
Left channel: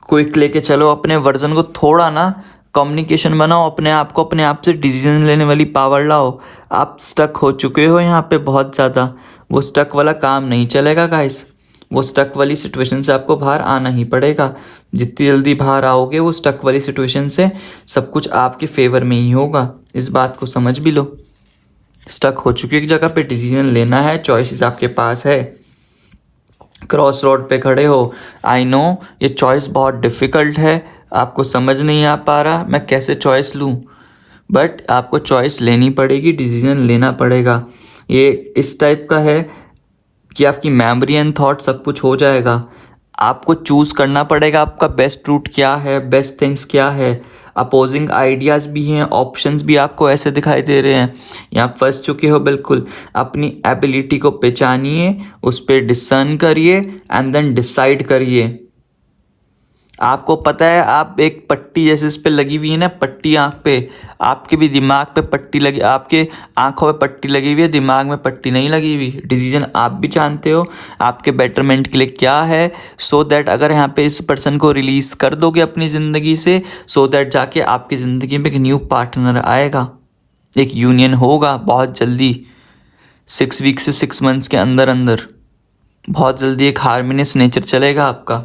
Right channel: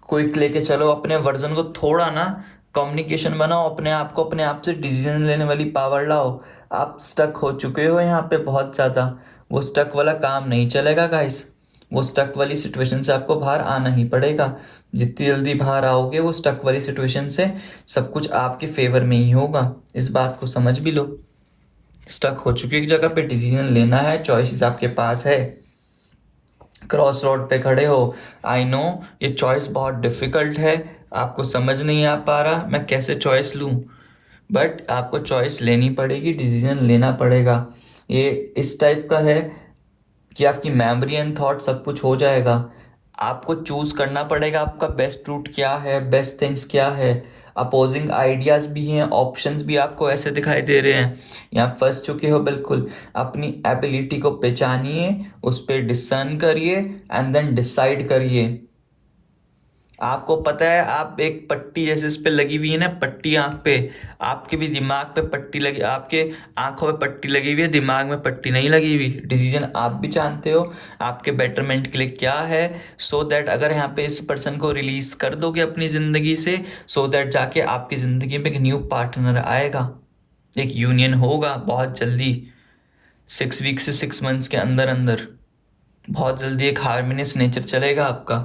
क्विक लेके चलो, अपने वर्जन को थोड़ा ना कम्युनिकेशन बनाओ अपने आप को, अपने आप से डिसीजन लेने वाली पावर लाओ। आप स्टक हो चुके हो यहाँ पे बहुत ज़्यादा, वो स्टक वाला काम नहीं चलेगा गाइस। वो स्टक वाली सिचुएशन से आपको बाहर आना ही पड़ेगा। जितनी जल्दी बाहर आओगे वो स्टक वाली सिचुएशन से, सब कुछ आपके फेवर में ही होगा। इस बात को समझ भी लो। स्टक हो चुकी एक जगह पे, डिसीजन लेना है, चॉइसेस आपके पास है, क्रॉस रोड पे खड़े हो। आई नो ये चॉइस बहुत डिफ़िकल्ट है, आपको समझ नहीं आ पा रहा मैं कैसे चॉइस लूँ, बट आपको चॉइस लेनी पड़ेगी, डिसीजन लेना पड़ेगा। ये इस टाइप का है कि आपकी मेमोरी एंड थॉट सब कुछ हो जाएगा। आपको चूज़ करना पड़ेगा आपका बेस्ट रूट क्या है, बेस्ट थिंग्स क्या है। अपोजिंग आइडियाज़ भी हैं, ऑप्शंस भी आपको ऐसे दिखाई दे रहे हैं, यहाँ फंस चुके हो बिल्कुल। अपनी एबिलिटी को पहचानिए, उस पर डिसर्न करिए एंड देन डिसाइड करिए। आपको पता है आप एक पट्टी जैसे इस पे लगी हुई है ना, पट्टी आँख पे, आपके भी दिमाग पे पट्टी लगी, आपके आँखों पे पट्टी लगी हुई है, दिमाग में पट्टी नहीं लगी हुई। डिसीजन आप भी जानते हो आपके बेटरमेंट के लिए क्या है, सो दैट अगर यहाँ पे इस पर्सन को रिलीज़ कर दोगे अपनी ज़िंदगी से, सो दैट जाके आपकी ज़िंदगी में एक न्यू पार्टनर आएगा, एक यूनियन होगा बहुत जल्दी, 6 वीक से 6 मंथ्स के अंदर अंदर बहुत जल्दी एक हार्मोनियस नेचर चलेगा आपका।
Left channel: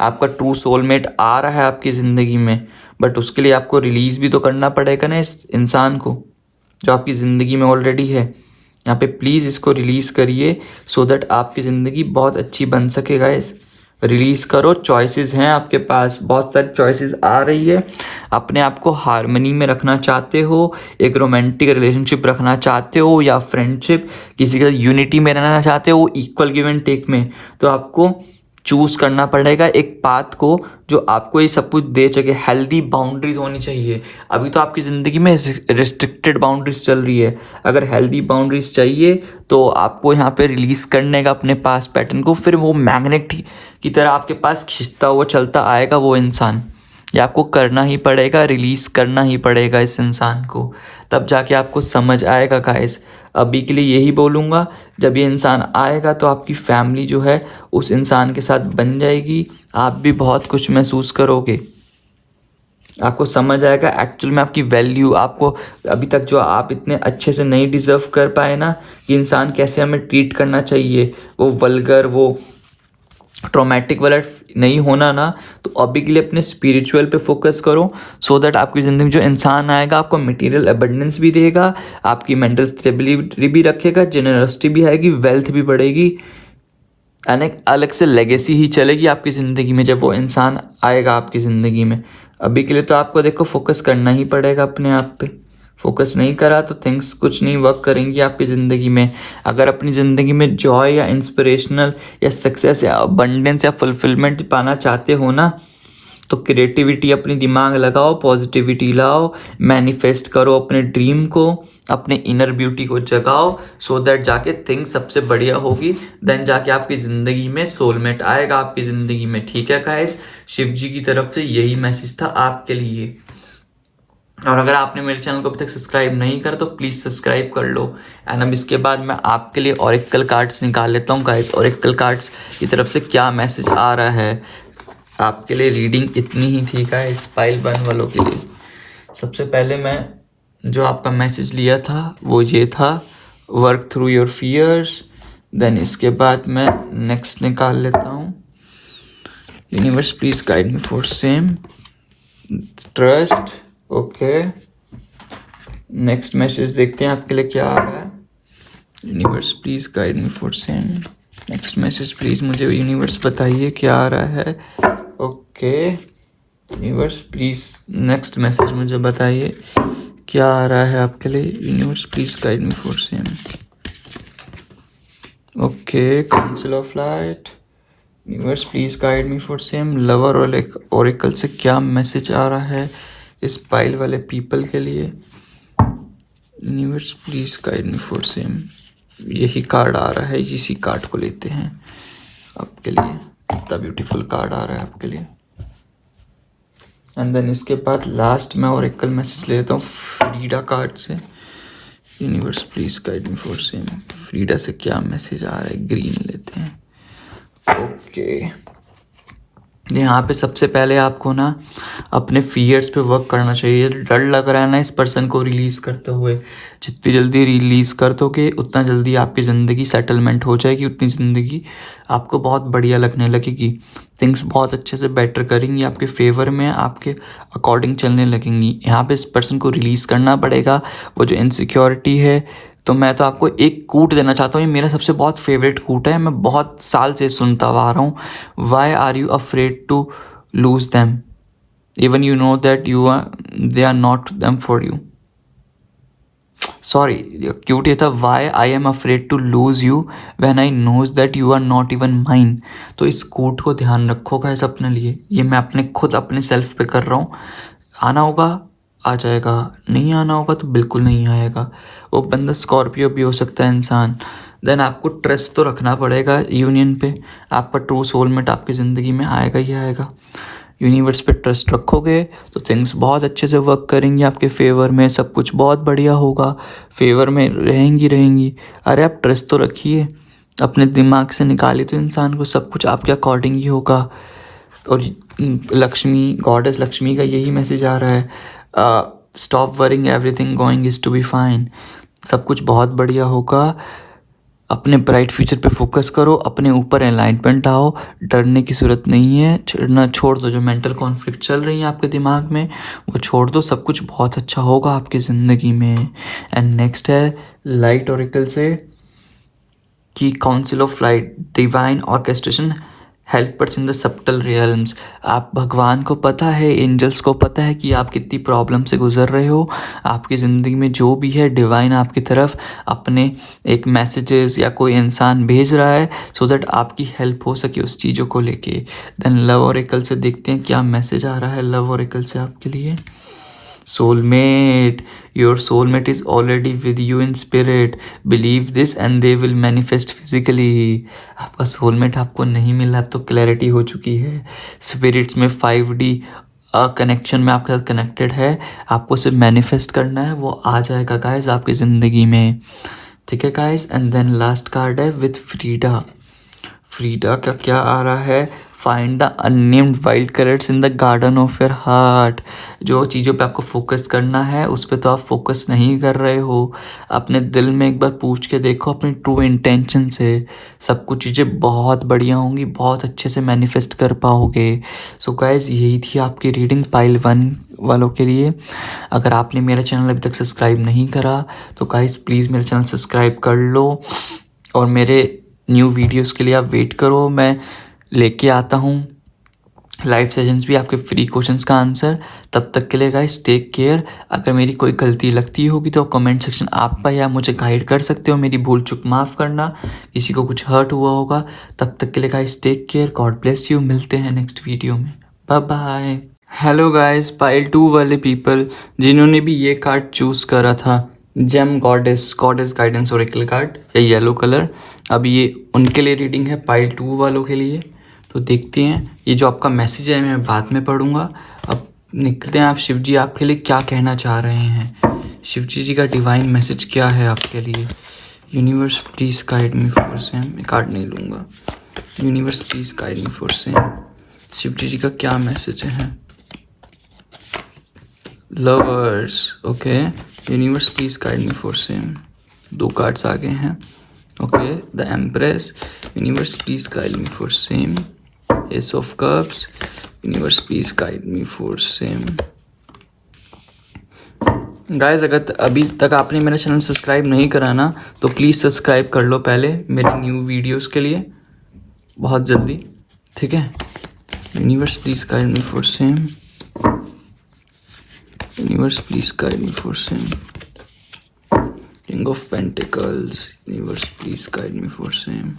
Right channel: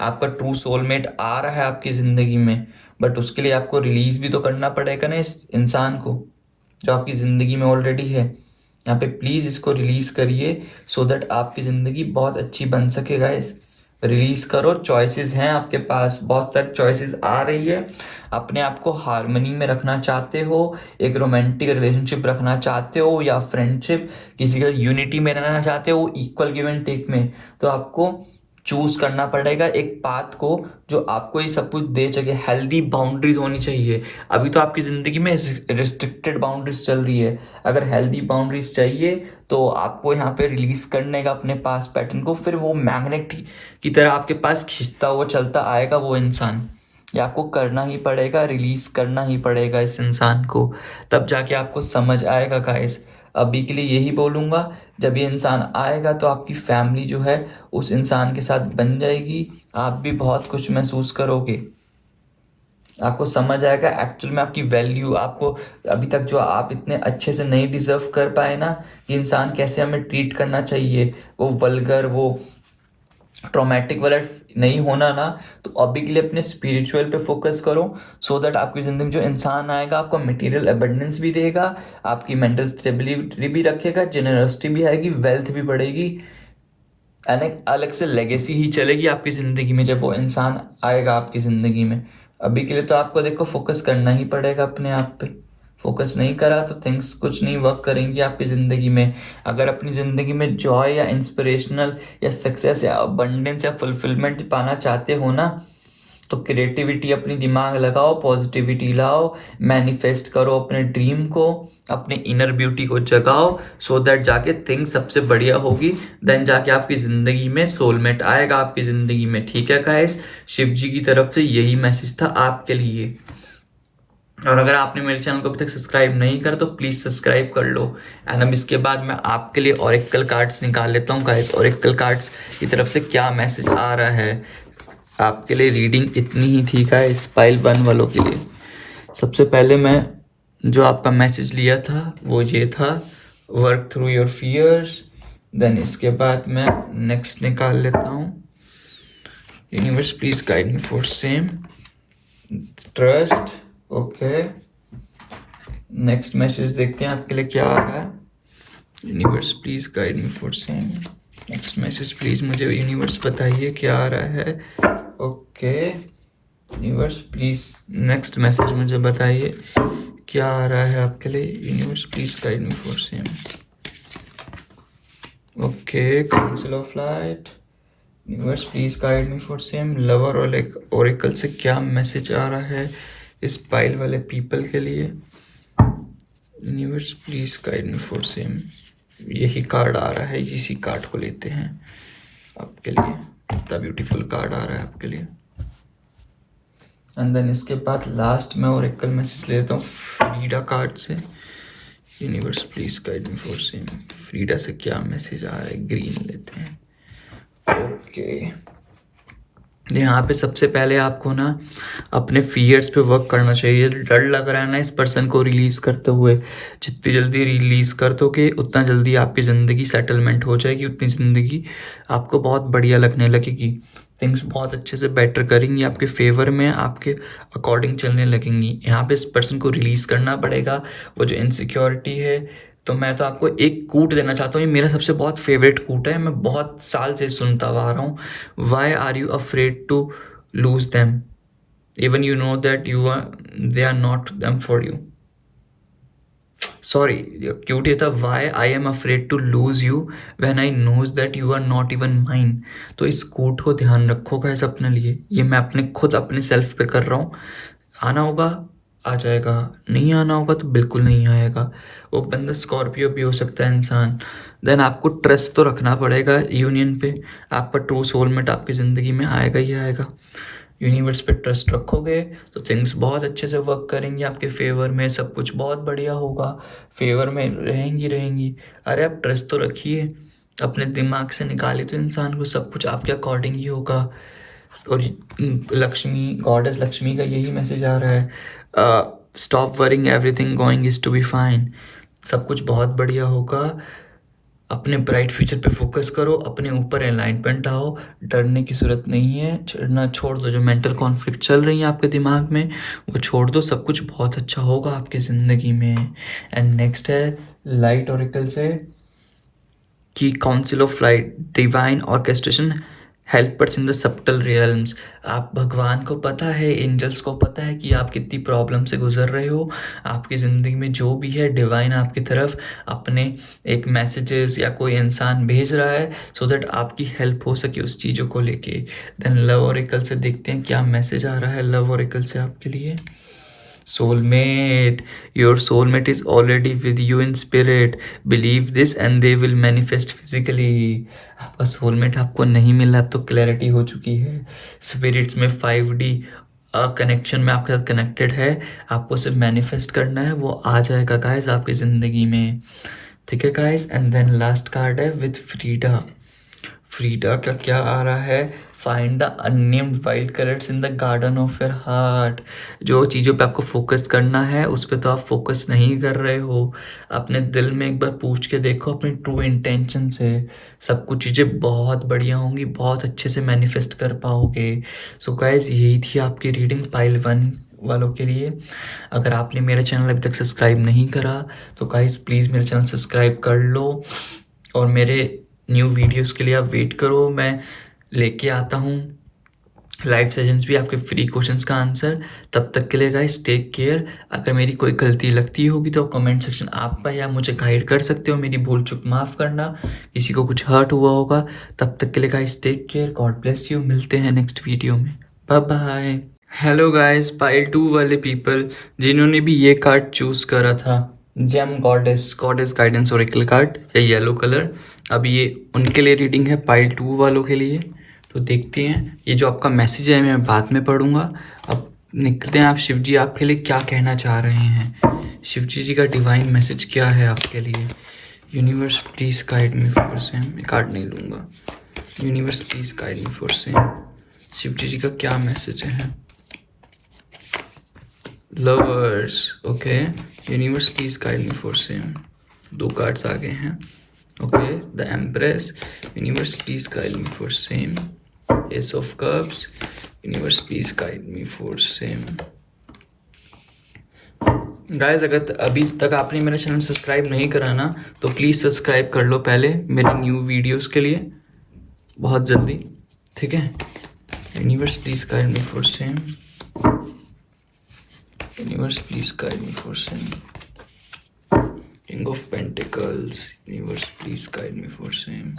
आपका ट्रू सोलमेट आ रहा है आपकी ज़िंदगी में, बट उसके लिए आपको रिलीज़ भी तो करना पड़ेगा ना इस इंसान को जो आपकी ज़िंदगी में ऑलरेडी है। यहाँ पे प्लीज़ इसको रिलीज़ करिए, सो दैट आपकी ज़िंदगी बहुत अच्छी बन सके गाइस। रिलीज़ करो, चॉइसेस हैं आपके पास, बहुत सारी चॉइसेस आ रही है। अपने आप को हार्मनी में रखना चाहते हो, एक रोमांटिक रिलेशनशिप रखना चाहते हो, या फ्रेंडशिप, किसी का यूनिटी में रहना चाहते हो, इक्वल गिव एंड टेक में, तो आपको चूज करना पड़ेगा एक पाथ को जो आपको ये सब कुछ दे सके। हेल्दी बाउंड्रीज होनी चाहिए। अभी तो आपकी ज़िंदगी में रिस्ट्रिक्टेड बाउंड्रीज चल रही है, अगर हेल्दी बाउंड्रीज चाहिए तो आपको यहाँ पे रिलीज़ करने का अपने पास पैटर्न को, फिर वो मैग्नेट की तरह आपके पास खींचता हुआ चलता आएगा वो इंसान। ये आपको करना ही पड़ेगा, रिलीज़ करना ही पड़ेगा इस इंसान को, तब जाके आपको समझ आएगा गाइस। अभी के लिए यही बोलूँगा, जब ये इंसान आएगा तो आपकी फैमिली जो है उस इंसान के साथ बन जाएगी, आप भी बहुत कुछ महसूस करोगे, आपको समझ आएगा एक्चुअल में आपकी वैल्यू। आपको अभी तक जो आप इतने अच्छे से नहीं डिज़र्व कर पाए ना कि इंसान कैसे हमें ट्रीट करना चाहिए, वो वल्गर, वो ट्रॉमेटिक वाला नहीं होना ना, तो अभी के लिए अपने स्पिरिचुअल पे फोकस करो, सो दैट आपकी ज़िंदगी में जो इंसान आएगा आपको मटेरियल अबंडेंस भी देगा, आपकी मेंटल स्टेबिलिटी भी रखेगा, जेनरसिटी भी आएगी, वेल्थ भी बढ़ेगी, एंड एक अलग से लेगेसी ही चलेगी आपकी ज़िंदगी में जब वो इंसान आएगा आपकी ज़िंदगी में। अभी के लिए तो आपको देखो फोकस करना ही पड़ेगा अपने आप पे। फोकस नहीं करा तो थिंग्स कुछ नहीं वर्क करेंगी आपकी ज़िंदगी में। अगर अपनी ज़िंदगी में जॉय या इंस्पिरेशनल या सक्सेस या अबंडेंस या फुलफिलमेंट पाना चाहते हो ना, तो क्रिएटिविटी अपनी दिमाग लगाओ, पॉजिटिविटी लाओ, मैनिफेस्ट करो अपने ड्रीम को, अपने इनर ब्यूटी को जगाओ, सो दैट जाके थिंग सबसे बढ़िया होगी। देन जाके आपकी ज़िंदगी में सोलमेट आएगा आपकी ज़िंदगी में। ठीक है गाइस, शिव जी की तरफ से यही मैसेज था आपके लिए। और अगर आपने मेरे चैनल को अभी तक सब्सक्राइब नहीं करा तो प्लीज़ सब्सक्राइब कर लो। एंड अब इसके बाद मैं आपके लिए ऑरेकल कार्ड्स निकाल लेता हूँ गाइस। ऑरेकल कार्ड्स की तरफ से क्या मैसेज आ रहा है आपके लिए। रीडिंग इतनी ही थी गाइस पाइल 1 वालों के लिए। सबसे पहले मैं जो आपका मैसेज लिया था वो ये था, work through your fears. Then इसके बाद मैं नेक्स्ट निकाल लेता हूँ, universe please guide me for same, trust. Okay, next message देखते हैं आपके लिए क्या आ रहा है। Universe please guide me for same. Next message please मुझे यूनिवर्स बताइए क्या आ रहा है। Okay universe please next message मुझे बताइए क्या आ रहा है आपके लिए। Universe please guide me for same. Okay, council of light. Universe please guide me for same. Lover और ओरेकल से क्या मैसेज आ रहा है इस पाइल वाले पीपल के लिए। Universe please guide me for same. यही कार्ड आ रहा है, इसी कार्ड को लेते हैं आपके लिए। कितना ब्यूटीफुल कार्ड आ रहा है आपके लिए। एंड देन इसके बाद लास्ट में ओरेकल मैसेज ले लेता हूँ फ्रीडा कार्ड से। Universe please guide me for same. Frida से क्या मैसेज आ रहा है, ग्रीन लेते हैं। ओके, यहाँ पे सबसे पहले आपको ना अपने फियर्स पे वर्क करना चाहिए। डर लग रहा है ना इस पर्सन को रिलीज़ करते हुए, जितनी जल्दी रिलीज़ कर दोगे उतना जल्दी आपकी ज़िंदगी सेटलमेंट हो जाएगी, उतनी ज़िंदगी आपको बहुत बढ़िया लगने लगेगी। थिंग्स बहुत अच्छे से बेटर करेंगी, आपके फेवर में, आपके अकॉर्डिंग चलने लगेंगी। यहाँ पे इस पर्सन को रिलीज़ करना पड़ेगा वो जो इनसिक्योरिटी है। तो मैं तो आपको एक कूट देना चाहता हूँ, ये मेरा सबसे बहुत फेवरेट कूट है, मैं बहुत साल से सुनता आ रहा हूँ। Why are you afraid to lose them even you know that you are they are not them for you. Sorry, quote ये था, why I am afraid to lose you when I knows that you are not even mine. तो इस कोट को ध्यान रखो गाइस अपने लिए, ये मैं अपने खुद अपने सेल्फ पे कर रहा हूँ। आना होगा आ जाएगा, नहीं आना होगा तो बिल्कुल नहीं आएगा। वो बंदा स्कॉर्पियो भी हो सकता है इंसान। देन आपको ट्रस्ट तो रखना पड़ेगा यूनियन पे, आपका ट्रू सोलमेट आपकी ज़िंदगी में आएगा ही आएगा। यूनिवर्स पे ट्रस्ट रखोगे तो थिंग्स बहुत अच्छे से वर्क करेंगी आपके फेवर में, सब कुछ बहुत बढ़िया होगा, फेवर में रहेंगी। अरे आप ट्रस्ट तो रखिए, अपने दिमाग से निकालिए तो इंसान को सब कुछ आपके अकॉर्डिंग ही होगा। और लक्ष्मी, गॉडेस लक्ष्मी का यही मैसेज आ रहा है, stop worrying, everything going is to be fine. सब कुछ बहुत बढ़िया होगा। अपने ब्राइट फ्यूचर पे फोकस करो, अपने ऊपर अलाइनमेंट आओ, डरने की ज़रूरत नहीं है। ना छोड़ दो, जो मेंटल कॉन्फ्लिक्ट चल रही है आपके दिमाग में वो छोड़ दो, सब कुछ बहुत अच्छा होगा आपकी ज़िंदगी में। एंड नेक्स्ट है लाइट ओरेकल से कि council of light, divine orchestration, helpers in the subtle realms. आप भगवान को पता है, एंजल्स को पता है कि आप कितनी प्रॉब्लम से गुजर रहे हो। आपकी ज़िंदगी में जो भी है डिवाइन आपकी तरफ अपने एक मैसेजेस या कोई इंसान भेज रहा है सो दैट आपकी हेल्प हो सके उस चीज़ों को लेके। देन लव ओरेकल से देखते हैं क्या मैसेज आ रहा है लव ओरेकल से आपके लिए। Soulmate, your soulmate is already with you in spirit. Believe this and they will manifest physically. आपका soulmate आपको नहीं मिला, अब तो क्लैरिटी हो चुकी है। स्पिरिट्स में 5D कनेक्शन में आपके साथ कनेक्टेड है, आपको सिर्फ मैनिफेस्ट करना है, वो आ जाएगा गाइस आपकी ज़िंदगी में। ठीक है guys. And then last card है विथ फ्रीडा। फ्रीडा का क्या आ रहा है, find the unnamed wild colours in the garden of your heart. जो चीज़ों पे आपको फोकस करना है उस पर तो आप फोकस नहीं कर रहे हो। अपने दिल में एक बार पूछ के देखो अपनी ट्रू इंटेंशन से, सब कुछ चीज़ें बहुत बढ़िया होंगी, बहुत अच्छे से मैनिफेस्ट कर पाओगे। सो गाइज यही थी आपकी रीडिंग पाइल 1 वालों के लिए। अगर आपने मेरा चैनल अभी तक सब्सक्राइब नहीं करा तो गाइज प्लीज़ मेरा चैनल सब्सक्राइब कर लो, और मेरे न्यू वीडियोस के लिए आप वेट करो, मैं लेके आता हूँ लाइव सेशंस भी, आपके फ्री क्वेश्चंस का आंसर। तब तक के लिए गाइस टेक केयर। अगर मेरी कोई गलती लगती होगी तो कमेंट सेक्शन आप पर या मुझे गाइड कर सकते हो, मेरी भूल चूक माफ़ करना, किसी को कुछ हर्ट हुआ होगा। तब तक के लिए guys take care, God bless you, मिलते हैं नेक्स्ट वीडियो में, bye bye. Hello guys, pile 2 वाले पीपल जिन्होंने भी ये कार्ड चूज़ करा था, gem goddess guidance oracle card, या येलो कलर, अब ये उनके लिए रीडिंग है पाइल 2 वालों के लिए। तो देखते हैं, ये जो आपका मैसेज है मैं बाद में पढ़ूंगा। अब निकलते हैं, आप शिव जी आपके लिए क्या कहना चाह रहे हैं, शिव जी का डिवाइन मैसेज क्या है आपके लिए। Universe please guide me for same, मैं कार्ड नहीं लूँगा। Universe please guide me for same, Shiv ji का क्या मैसेज है। Lovers, okay, universe please guide me for same, 2 cards आगे हैं। Okay, the empress, universe please guide me for same. Ace of cups, universe please guide me for same. Guys अगर अभी तक आपने मेरा चैनल सब्सक्राइब नहीं करा ना तो प्लीज़ सब्सक्राइब कर लो पहले मेरी न्यू वीडियोस के लिए, बहुत जल्दी, ठीक है। Universe please guide me for same, universe please guide me for same. King of pentacles, universe please guide me for same.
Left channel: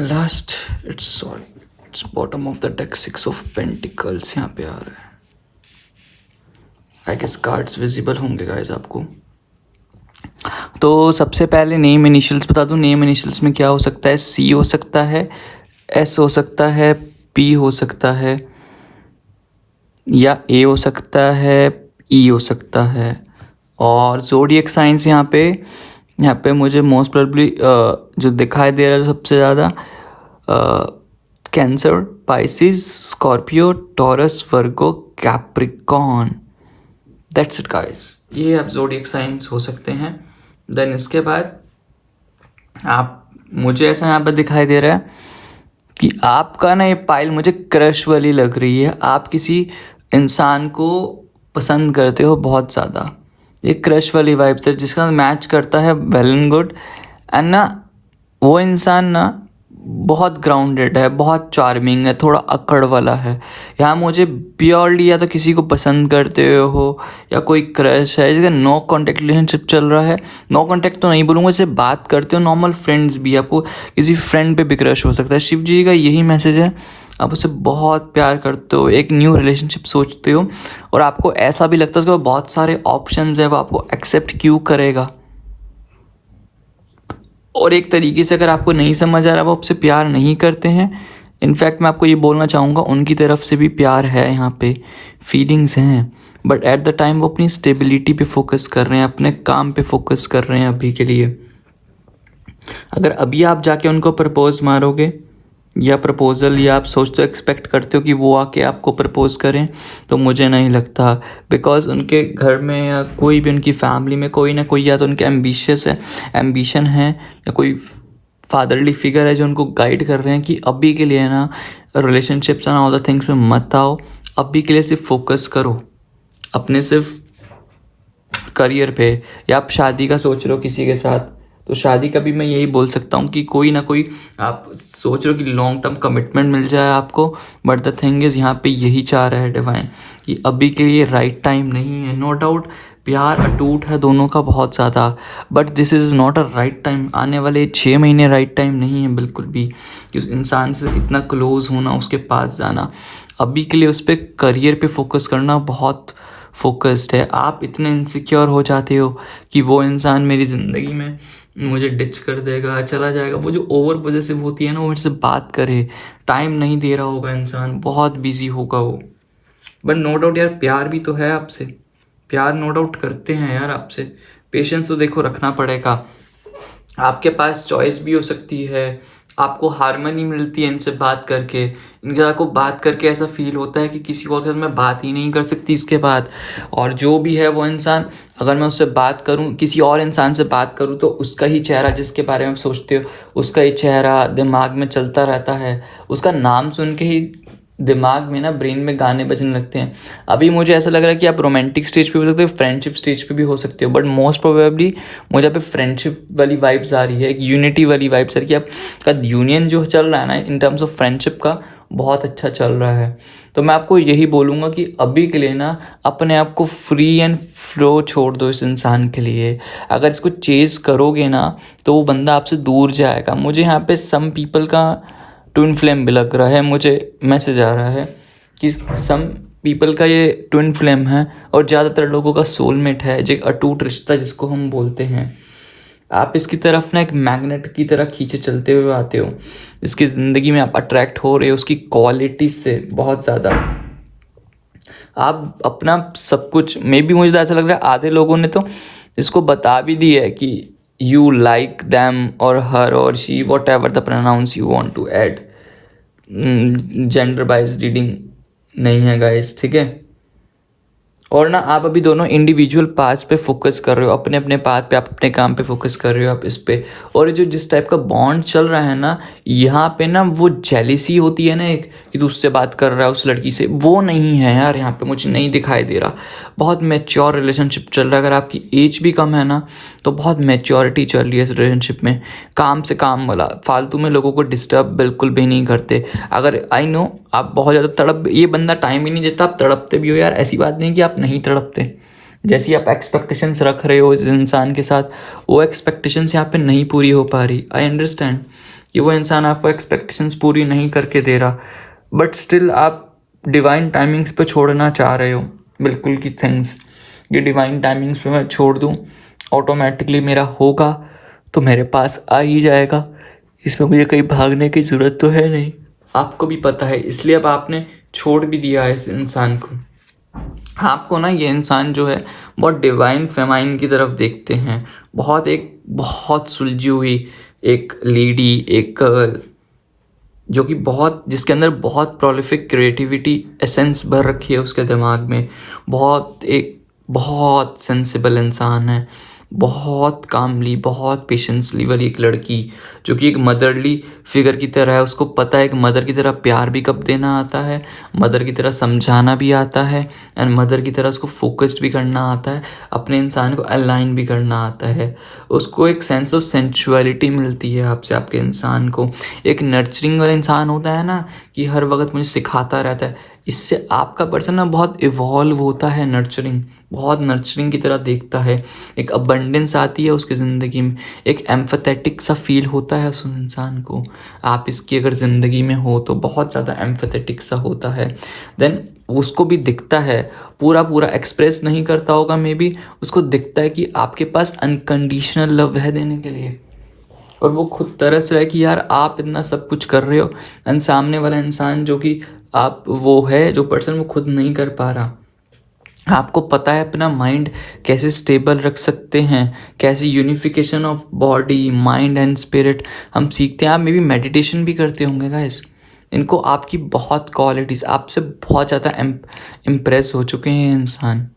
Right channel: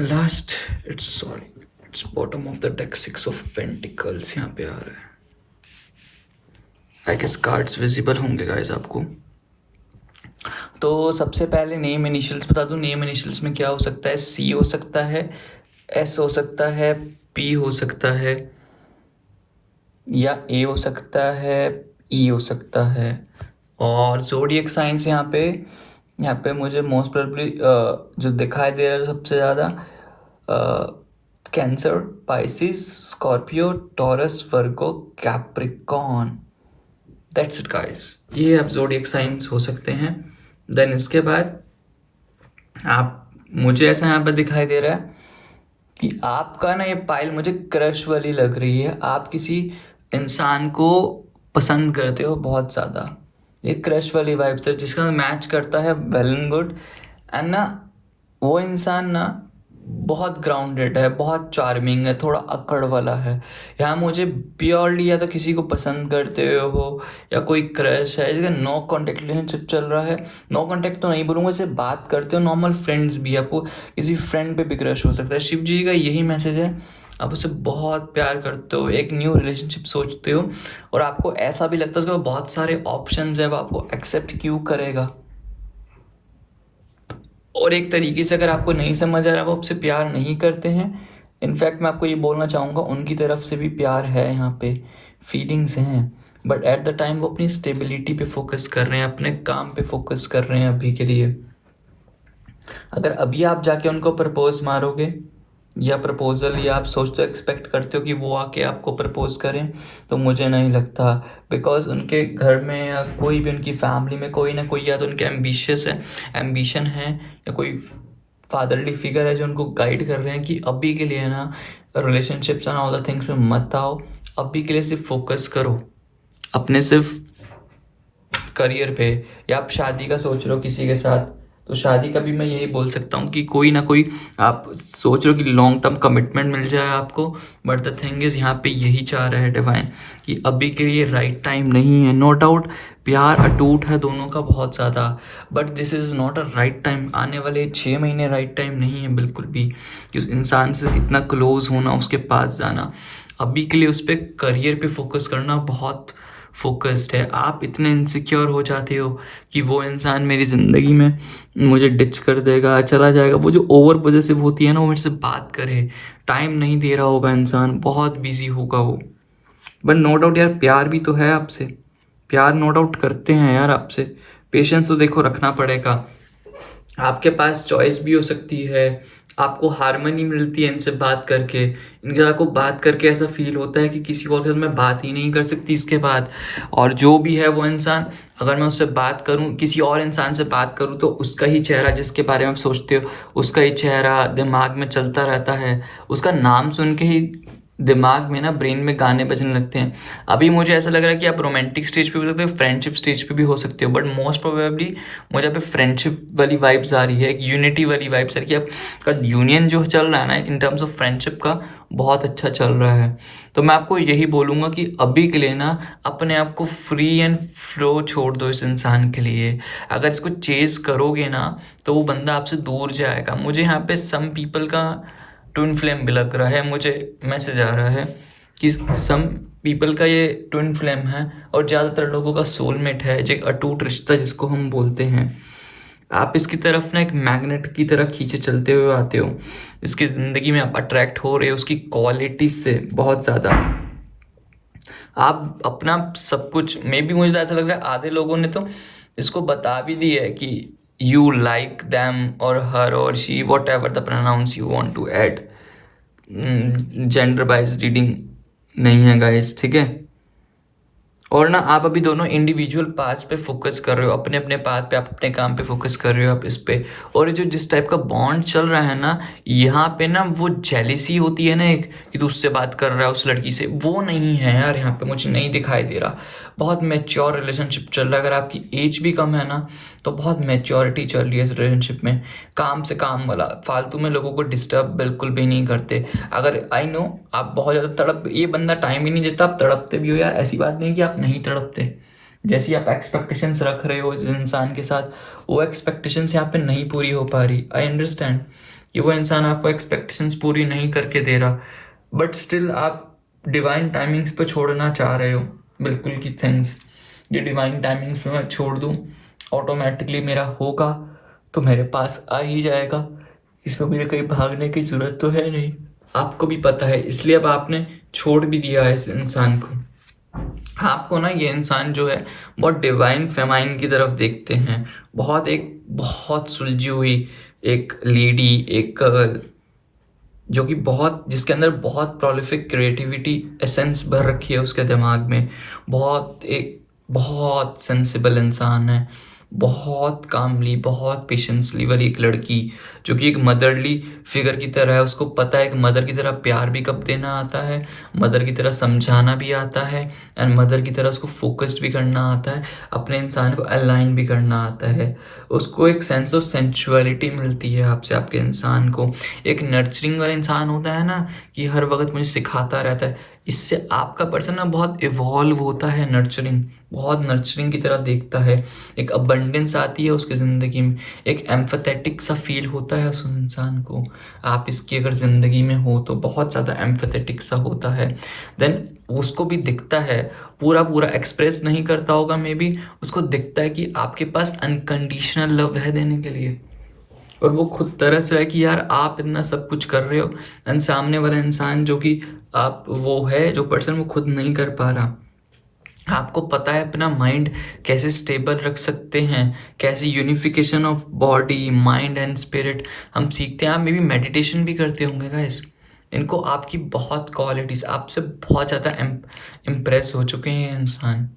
Last, it's bottom of the deck, 6 of pentacles यहाँ पे आ रहा है। आई गेस कार्ड्स विजिबल होंगे गाइस आपको। तो सबसे पहले नेम इनिशियल्स बता दूं, नेम इनिशियल्स में क्या हो सकता है, सी हो सकता है, एस हो सकता है, पी हो सकता है, या ए हो सकता है, ई हो सकता है। और ज़ोडिएक साइंस यहाँ पे मुझे मोस्ट प्रोबेबली जो दिखाई दे रहा है सबसे ज़्यादा cancer, Pisces, Scorpio, taurus, Virgo, Capricorn. That's it guys, ये अब ज़ोडिएक साइंस हो सकते हैं। देन इसके बाद आप, मुझे ऐसा यहाँ पर दिखाई दे रहा है कि आपका ना ये पाइल मुझे क्रश वाली लग रही है। आप किसी इंसान को पसंद करते हो बहुत ज़्यादा, ये क्रश वाली वाइब से जिसका मैच करता है वेल एंड गुड। एंड ना वो इंसान ना बहुत ग्राउंडेड है, बहुत चार्मिंग है, थोड़ा अकड़ वाला है। यहाँ मुझे प्योरली या तो किसी को पसंद करते हो या कोई क्रश है, जैसे नो कांटेक्ट रिलेशनशिप चल रहा है। नो कांटेक्ट तो नहीं बोलूँगा, जैसे बात करते हो नॉर्मल फ्रेंड्स भी, आपको किसी फ्रेंड पे भी क्रश हो सकता है। शिव जी का यही मैसेज है, आप उसे बहुत प्यार करते हो, एक न्यू रिलेशनशिप सोचते हो और आपको ऐसा भी लगता है उसके बहुत सारे ऑप्शंस है, वो आपको एक्सेप्ट क्यों करेगा। और एक तरीके से अगर आपको नहीं समझ आ रहा वो आपसे प्यार नहीं करते हैं। इनफैक्ट मैं आपको ये बोलना चाहूँगा उनकी तरफ से भी प्यार है, यहाँ पे फीलिंग्स हैं, बट एट द टाइम वो अपनी स्टेबिलिटी पे फोकस कर रहे हैं, अपने काम पे फोकस कर रहे हैं अभी के लिए। अगर अभी आप जाके उनको प्रपोज मारोगे या प्रपोज़ल, या आप सोचते हो एक्सपेक्ट करते हो कि वो आके आपको प्रपोज करें, तो मुझे नहीं लगता। बिकॉज उनके घर में या कोई भी उनकी फैमिली में कोई ना कोई या तो उनके एम्बिशन है या कोई फादरली फिगर है जो उनको गाइड कर रहे हैं कि अभी के लिए ना relationships and all the things में मत आओ, अभी के लिए सिर्फ फोकस करो अपने सिर्फ करियर पे। या आप शादी का सोच रहे हो किसी के साथ, तो शादी का भी मैं यही बोल सकता हूँ कि कोई ना कोई आप सोच रहे हो कि लॉन्ग टर्म कमिटमेंट मिल जाए आपको, बट द थिंग इज़ यहाँ पे यही चाह रहा है डिवाइन कि अभी के लिए राइट टाइम नहीं है। नो डाउट प्यार अटूट है दोनों का बहुत ज़्यादा, but this is not a right time. आने वाले 6 महीने राइट टाइम नहीं है बिल्कुल भी कि उस इंसान से इतना क्लोज होना, उसके पास जाना। अभी के लिए उस पर करियर पे फोकस करना बहुत फोकस्ड है। आप इतने इनसिक्योर हो जाते हो कि वो इंसान मेरी ज़िंदगी में मुझे डिच कर देगा, चला जाएगा। वो जो ओवर पॉजेसिव होती है ना, वो मेरे से बात करे, टाइम नहीं दे रहा होगा इंसान, बहुत बिजी होगा वो। बट नो डाउट यार प्यार भी तो है आपसे, प्यार नो डाउट करते हैं यार आपसे। पेशेंस तो देखो रखना पड़ेगा। आपके पास चॉइस भी हो सकती है, आपको हारमनी मिलती है इनसे बात करके। इनके साथ को बात करके ऐसा फील होता है कि किसी और के साथ मैं बात ही नहीं कर सकती इसके बाद। और जो भी है वो इंसान, अगर मैं उससे बात करूं, किसी और इंसान से बात करूं, तो उसका ही चेहरा, जिसके बारे में आप सोचते हो उसका ही चेहरा दिमाग में चलता रहता है। उसका नाम सुन के ही दिमाग में ना, ब्रेन में गाने बजने लगते हैं। अभी मुझे ऐसा लग रहा है कि आप रोमांटिक स्टेज पे भी हो सकते हो, फ्रेंडशिप स्टेज पे भी हो सकते हो, बट मोस्ट प्रोबेबली मुझे यहाँ पे फ्रेंडशिप वाली वाइब्स आ रही है, एक यूनिटी वाली वाइब्स आ रही है कि आपका यूनियन जो चल रहा है ना इन टर्म्स ऑफ फ्रेंडशिप का, बहुत अच्छा चल रहा है। तो मैं आपको यही बोलूँगा कि अभी के लिए ना अपने आप को फ्री एंड फ्लो छोड़ दो इस इंसान के लिए। अगर इसको चेज़ करोगे ना तो वो बंदा आपसे दूर जाएगा। मुझे यहाँ पे सम पीपल का ट्विन फ्लेम भी लग रहा है, मुझे मैसेज आ रहा है कि सम पीपल का ये ट्विन फ्लेम है और ज़्यादातर लोगों का सोलमेट है, जो एक अटूट रिश्ता जिसको हम बोलते हैं। आप इसकी तरफ ना एक मैग्नेट की तरह खींचे चलते हुए आते हो, इसकी ज़िंदगी में आप अट्रैक्ट हो रहे हो उसकी क्वालिटी से बहुत ज़्यादा। आप अपना सब कुछ, मे बी मुझे तो ऐसा लग रहा है आधे लोगों ने तो इसको बता भी दी है कि यू लाइक दैम और हर और she, whatever the pronouns you want to add. Gender bias reading नहीं है गाइस, ठीक है। और ना आप अभी दोनों इंडिविजुअल पाथ पे फोकस कर रहे हो, अपने अपने पाथ पे, आप अपने काम पे फोकस कर रहे हो आप इस पे। और जो जिस टाइप का बॉन्ड चल रहा है ना यहाँ पे ना, वो जेलिसी होती है ना एक, कि तू उससे बात कर रहा है उस लड़की से, वो नहीं है यार यहाँ पे, मुझे नहीं दिखाई दे रहा। बहुत मैच्योर रिलेशनशिप चल रहा है। अगर आपकी एज भी कम है ना तो बहुत मैच्योरिटी चल रही है इस रिलेशनशिप में। काम से काम वाला, फालतू में लोगों को डिस्टर्ब बिल्कुल भी नहीं करते। अगर आई नो आप बहुत ज़्यादा तड़प, ये बंदा टाइम ही नहीं देता, आप तड़पते भी हो यार, ऐसी बात नहीं कि आप नहीं तड़पते। जैसी आप एक्सपेक्टेशंस रख रहे हो इस इंसान के साथ, वो एक्सपेक्टेशंस यहाँ पे नहीं पूरी हो पा रही। आई अंडरस्टैंड कि वो इंसान आपको एक्सपेक्टेशंस पूरी नहीं करके दे रहा, बट स्टिल आप डिवाइन टाइमिंग्स पे छोड़ना चाह रहे हो बिल्कुल की थिंग्स। ये डिवाइन टाइमिंग्स पे मैं छोड़ दूँ, ऑटोमेटिकली मेरा होगा तो मेरे पास आ ही जाएगा, इसमें मुझे कहीं भागने की ज़रूरत तो है नहीं। आपको भी पता है, इसलिए अब आपने छोड़ भी दिया है इस इंसान को। आपको ना ये इंसान जो है बहुत डिवाइन फेमाइन की तरफ देखते हैं, बहुत सुलझी हुई एक लेडी, एक गर्ल, जो कि बहुत, जिसके अंदर बहुत प्रोलिफिक क्रिएटिविटी एसेंस भर रखी है उसके दिमाग में। बहुत सेंसिबल इंसान है, बहुत कामली, बहुत पेशेंसली वाली एक लड़की, जो कि एक मदरली फिगर की तरह है। उसको पता है कि मदर की तरह प्यार भी कब देना आता है, मदर की तरह समझाना भी आता है, एंड मदर की तरह उसको फोकस्ड भी करना आता है, अपने इंसान को अलाइन भी करना आता है। उसको एक सेंस ऑफ सेंचुअलिटी मिलती है आपसे, आपके इंसान को। एक नर्चरिंग वाला इंसान होता है ना, कि हर वक्त मुझे सिखाता रहता है, इससे आपका पर्सन ना बहुत इवॉल्व होता है। नर्चरिंग, बहुत नर्चरिंग की तरह देखता है। एक अबंडेंस आती है उसकी ज़िंदगी में, एक एम्फेथेटिक सा फील होता है उस इंसान को। आप इसकी अगर ज़िंदगी में हो तो बहुत ज़्यादा एम्फेथेटिक सा होता है। देन उसको भी दिखता है, पूरा पूरा एक्सप्रेस नहीं करता होगा मे बी, उसको दिखता है कि आपके पास अनकंडीशनल लव है देने के लिए, और वो खुद तरस रहा है कि यार आप इतना सब कुछ कर रहे हो, एंड सामने वाला इंसान जो कि आप वो है जो पर्सन वो खुद नहीं कर पा रहा। आपको पता है अपना माइंड कैसे स्टेबल रख सकते हैं, कैसे unification of body mind and spirit हम सीखते हैं। आप मे बी मेडिटेशन भी करते होंगे गाइस। इनको आपकी बहुत क्वालिटीज़, आपसे बहुत ज़्यादा इम्प्रेस हो चुके हैं ये इंसान,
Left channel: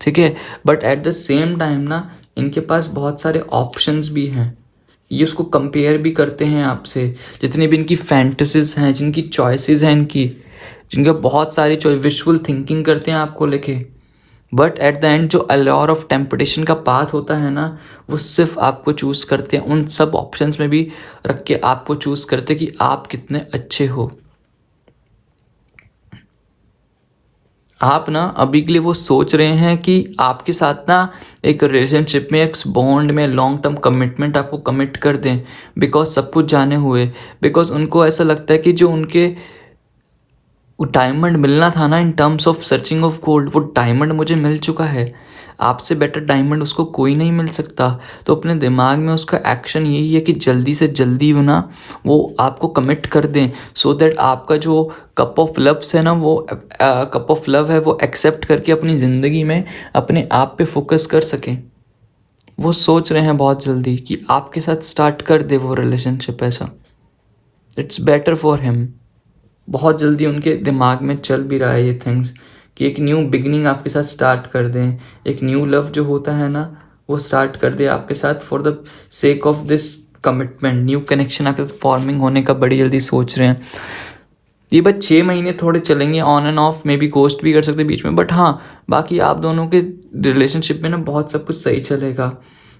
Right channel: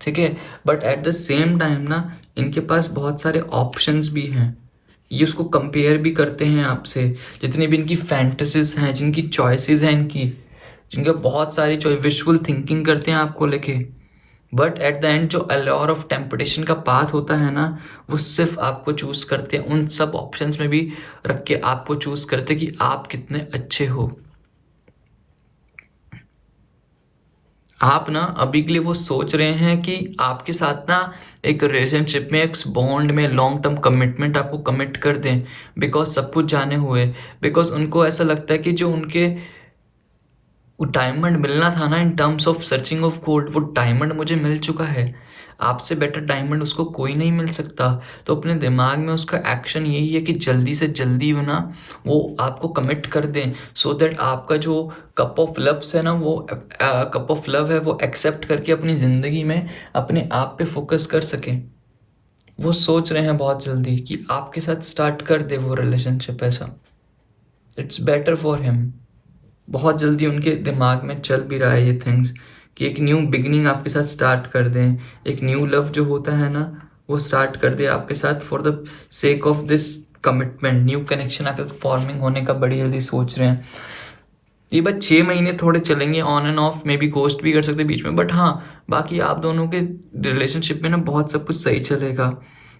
ठीक है। But at the same time ना, इनके पास बहुत सारे ऑप्शंस भी हैं। ये उसको कंपेयर भी करते हैं आपसे। जितनी भी इनकी फैंटेसीज हैं, जिनकी चॉइसेस हैं इनकी, जिनके बहुत सारी चॉइस, विजुअल थिंकिंग करते हैं आपको लेके। बट एट द एंड जो अल्योर ऑफ टेम्पटेशन का पाथ होता है ना, वो सिर्फ आपको चूज़ करते हैं, उन सब ऑप्शंस में भी रख के आपको चूज़ करते हैं कि आप कितने अच्छे हो। आप ना अभी के लिए वो सोच रहे हैं कि आपके साथ ना एक रिलेशनशिप में, एक बॉन्ड में लॉन्ग टर्म कमिटमेंट आपको कमिट कर दें, बिकॉज सब कुछ जाने हुए, बिकॉज उनको ऐसा लगता है कि जो उनके वो डायमंड मिलना था ना, in terms of searching of gold, वो डायमंड मुझे मिल चुका है। आपसे बेटर डायमंड उसको कोई नहीं मिल सकता। तो अपने दिमाग में उसका एक्शन यही है कि जल्दी से जल्दी ना वो आपको कमिट कर दें, सो दैट आपका जो कप ऑफ लव्स है ना, वो कप ऑफ लव है, वो एक्सेप्ट करके अपनी ज़िंदगी में अपने आप पे फोकस कर सकें। वो सोच रहे हैं बहुत जल्दी कि आपके साथ स्टार्ट कर दे वो रिलेशनशिप ऐसा। It's better for him. बहुत जल्दी उनके दिमाग में चल भी रहा है ये थिंग्स, कि एक न्यू बिगनिंग आपके साथ स्टार्ट कर दें, एक न्यू लव जो होता है ना वो स्टार्ट कर दे आपके साथ, for the sake of this commitment. New connection आपके फॉर्मिंग होने का बड़ी जल्दी सोच रहे हैं। ये बस 6 महीने थोड़े चलेंगे on end of, may be ghost भी कर सकते हैं बीच में, बट हाँ बाकी आप दोनों के रिलेशनशिप में ना बहुत सब कुछ सही चलेगा।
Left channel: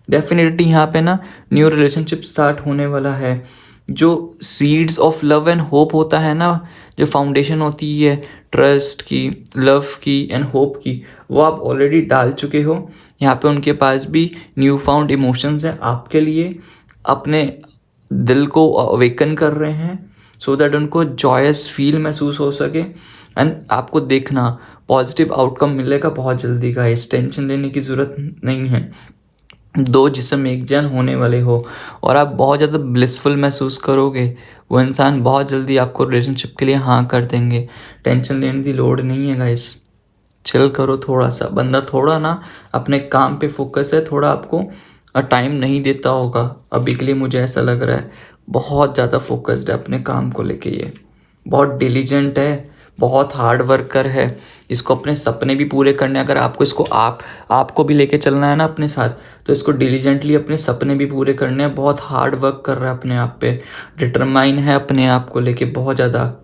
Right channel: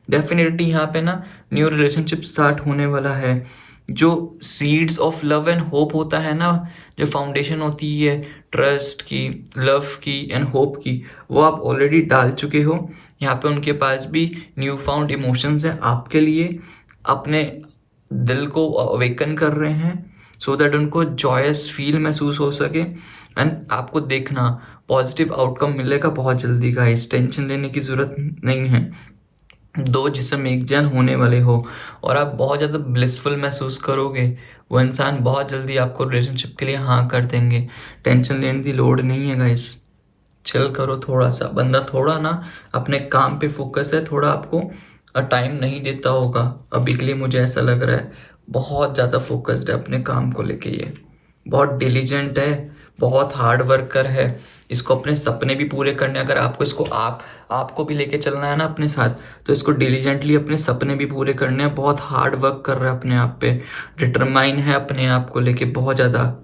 डेफिनेटली यहाँ पे ना न्यू रिलेशनशिप स्टार्ट होने वाला है। जो seeds of love and hope होता है ना, जो फाउंडेशन होती है ट्रस्ट की, लव की एंड होप की, वो आप ऑलरेडी डाल चुके हो। यहाँ पे उनके पास भी न्यू फाउंड इमोशंस हैं आपके लिए, अपने दिल को अवेकन कर रहे हैं, सो दैट उनको जॉयस फील महसूस हो सके। एंड आपको देखना पॉजिटिव आउटकम मिलेगा बहुत जल्दी का, इस टेंशन लेने की ज़रूरत नहीं है। दो जिस्म एक जन होने वाले हो, और आप बहुत ज़्यादा ब्लिसफुल महसूस करोगे। वो इंसान बहुत जल्दी आपको रिलेशनशिप के लिए हाँ कर देंगे। टेंशन लेने की लोड नहीं है गाइस। चिल करो थोड़ा सा, बंदा थोड़ा ना अपने काम पे फोकस है, थोड़ा आपको टाइम नहीं देता होगा अभी के लिए, मुझे ऐसा लग रहा है। बहुत ज़्यादा फोकस्ड है अपने काम को लेके ये, बहुत डिलीजेंट है, बहुत हार्ड वर्कर है। इसको अपने सपने भी पूरे करने, अगर आपको इसको आपको भी लेके चलना है ना अपने साथ, तो इसको डिलीजेंटली अपने सपने भी पूरे करने हैं। बहुत हार्ड वर्क कर रहा है अपने आप पे, डिटरमाइन है अपने आप को लेके बहुत ज़्यादा,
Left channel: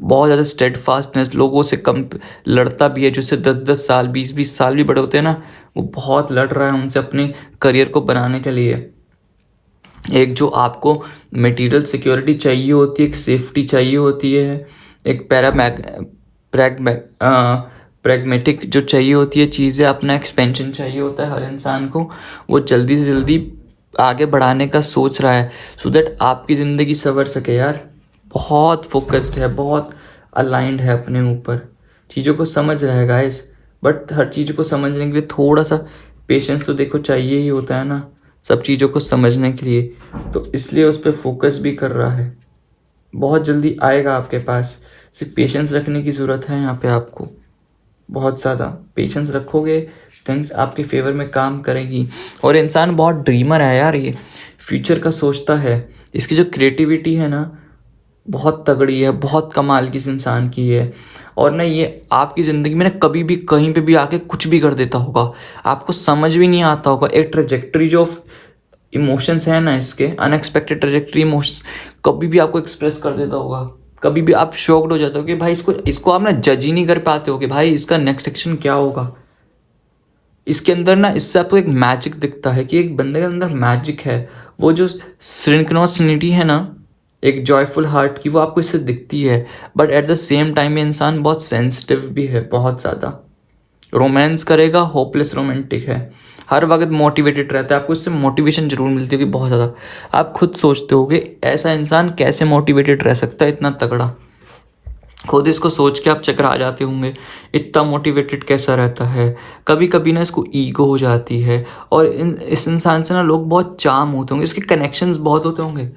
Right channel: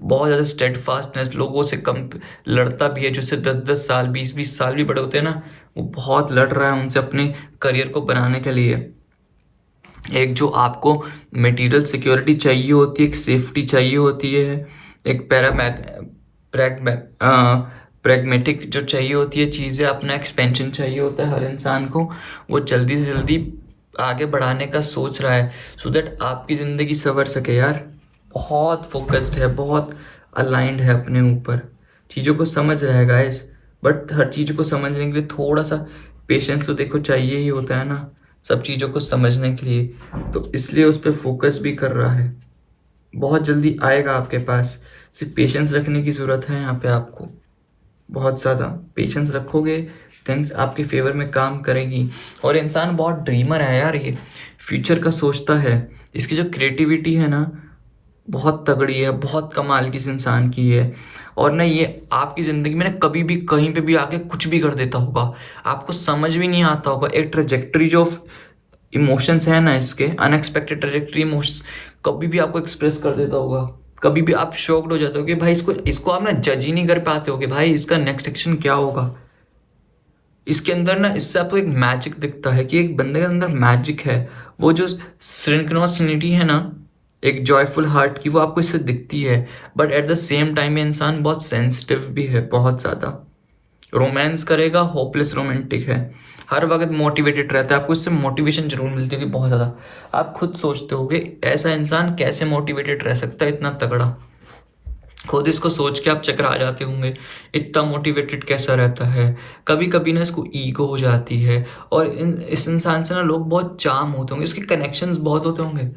बहुत ज़्यादा स्टेडफास्टनेस, लोगों से कम लड़ता भी है, जैसे 10-10 साल 20-20 साल भी बड़े होते हैं ना, वो बहुत लड़ रहा है उनसे अपने करियर को बनाने के लिए। एक जो आपको मटेरियल सिक्योरिटी चाहिए होती है, एक सेफ्टी चाहिए होती है, एक प्रैग्मेटिक जो चाहिए होती है चीज़ें, अपना एक्सपेंशन चाहिए होता है हर इंसान को, वो जल्दी से जल्दी आगे बढ़ाने का सोच रहा है, सो दैट आपकी ज़िंदगी संवर सके यार। बहुत फोकस्ड है, बहुत अलाइंड है अपने ऊपर, चीज़ों को समझ रहा है गाइस। बट हर चीज़ को समझने के लिए थोड़ा सा पेशेंस तो देखो चाहिए ही होता है ना, सब चीज़ों को समझने के लिए। तो इसलिए उस पर फोकस भी कर रहा है। बहुत जल्दी आएगा आपके पास, सिर्फ पेशेंस रखने की ज़रूरत है यहाँ पे आपको। बहुत ज़्यादा पेशेंस रखोगे, थिंग्स आपके फेवर में काम करेगी। और इंसान बहुत ड्रीमर है यार, ये फ्यूचर का सोचता है। इसकी जो क्रिएटिविटी है ना, बहुत तगड़ी है, बहुत कमाल की इस इंसान की है। और ना ये आपकी ज़िंदगी में ना कभी भी कहीं पे भी आके कुछ भी कर देता होगा, आपको समझ भी नहीं आता होगा। एक ट्रेजेक्टरी जो इमोशंस है ना, इसके अनएक्सपेक्टेड ट्रेजेक्टरी इमोशंस कभी भी आपको एक्सप्रेस कर देता होगा। कभी भी आप शॉक्ड हो जाते हो कि भाई इसको इसको आप ना जज ही नहीं कर पाते हो कि भाई इसका नेक्स्ट एक्शन क्या होगा। इसके अंदर ना, इससे आपको एक मैजिक दिखता है कि एक बंदे के अंदर मैजिक है। वो जो सिंक्रोनिसिटी है ना, एक जॉयफुल हार्ट की, वो आपको इससे दिखती है। But at the same time ये इंसान बहुत सेंसिटिव भी है, बहुत ज़्यादा। रोमांस करेगा, होपलेस रोमांटिक है, हर वक्त मोटिवेटेड रहता है, आपको इससे मोटिवेशन जरूर मिलती होगी बहुत ज़्यादा। आप खुद सोचते होगे ऐसा इंसान कैसे मोटिवेटेड रह सकता है इतना तगड़ा। खुद इसको सोच के आप चक्कर आ जाते होंगे, इतना मोटिवेटेड कैसा रहता है। कभी कभी ना इसको ईगो हो जाती है, और इस इंसान से ना लोग बहुत चार्म होते होंगे, इसके कनेक्शंस बहुत होते होंगे।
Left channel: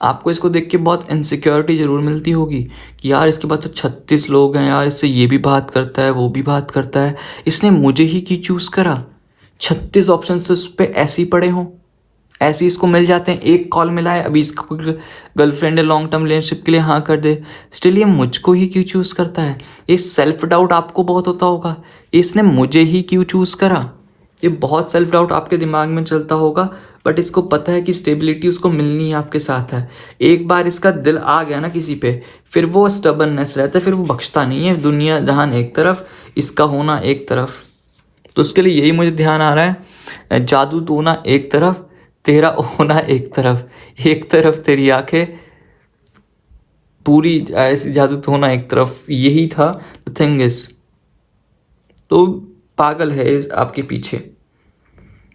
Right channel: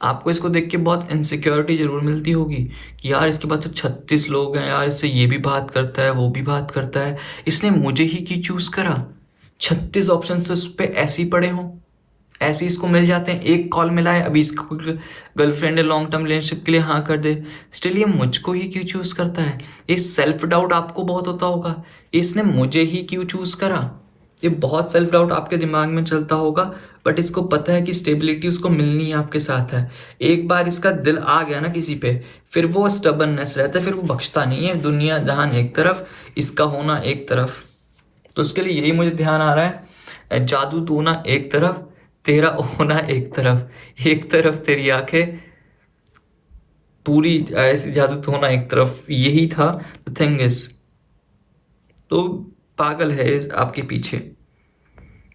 आपको इसको देख के बहुत इनसिक्योरिटी ज़रूर मिलती होगी कि यार इसके पास तो 36 लोग हैं यार, इससे ये भी बात करता है वो भी बात करता है, इसने मुझे ही क्यों चूज़ करा। 36 ऑप्शन तो इस पर ऐसे ही पड़े हों, ऐसे ही इसको मिल जाते हैं। एक कॉल मिला है, अभी इसका गर्लफ्रेंड है, लॉन्ग टर्म रिलेशनशिप के लिए हाँ कर दे, स्टिल ये मुझको ही क्यों चूज़ करता है। ये सेल्फ डाउट आपको बहुत होता होगा, इसने मुझे ही क्यों चूज़ करा। ये बहुत सेल्फ डाउट आपके दिमाग में चलता होगा। बट इसको पता है कि स्टेबिलिटी उसको मिलनी है, आपके साथ है। एक बार इसका दिल आ गया ना किसी पे, फिर वो स्टबर्ननेस रहता है, फिर वो बख्शता नहीं है। दुनिया जहान एक तरफ, इसका होना एक तरफ। तो उसके लिए यही मुझे ध्यान आ रहा है, जादू तो ना एक तरफ, तेरा होना एक तरफ, एक तरफ तेरी आंखें, पूरी ऐसी जादू तो होना एक तरफ, यही था द थिंग इज। तो पागल है इस आपके पीछे।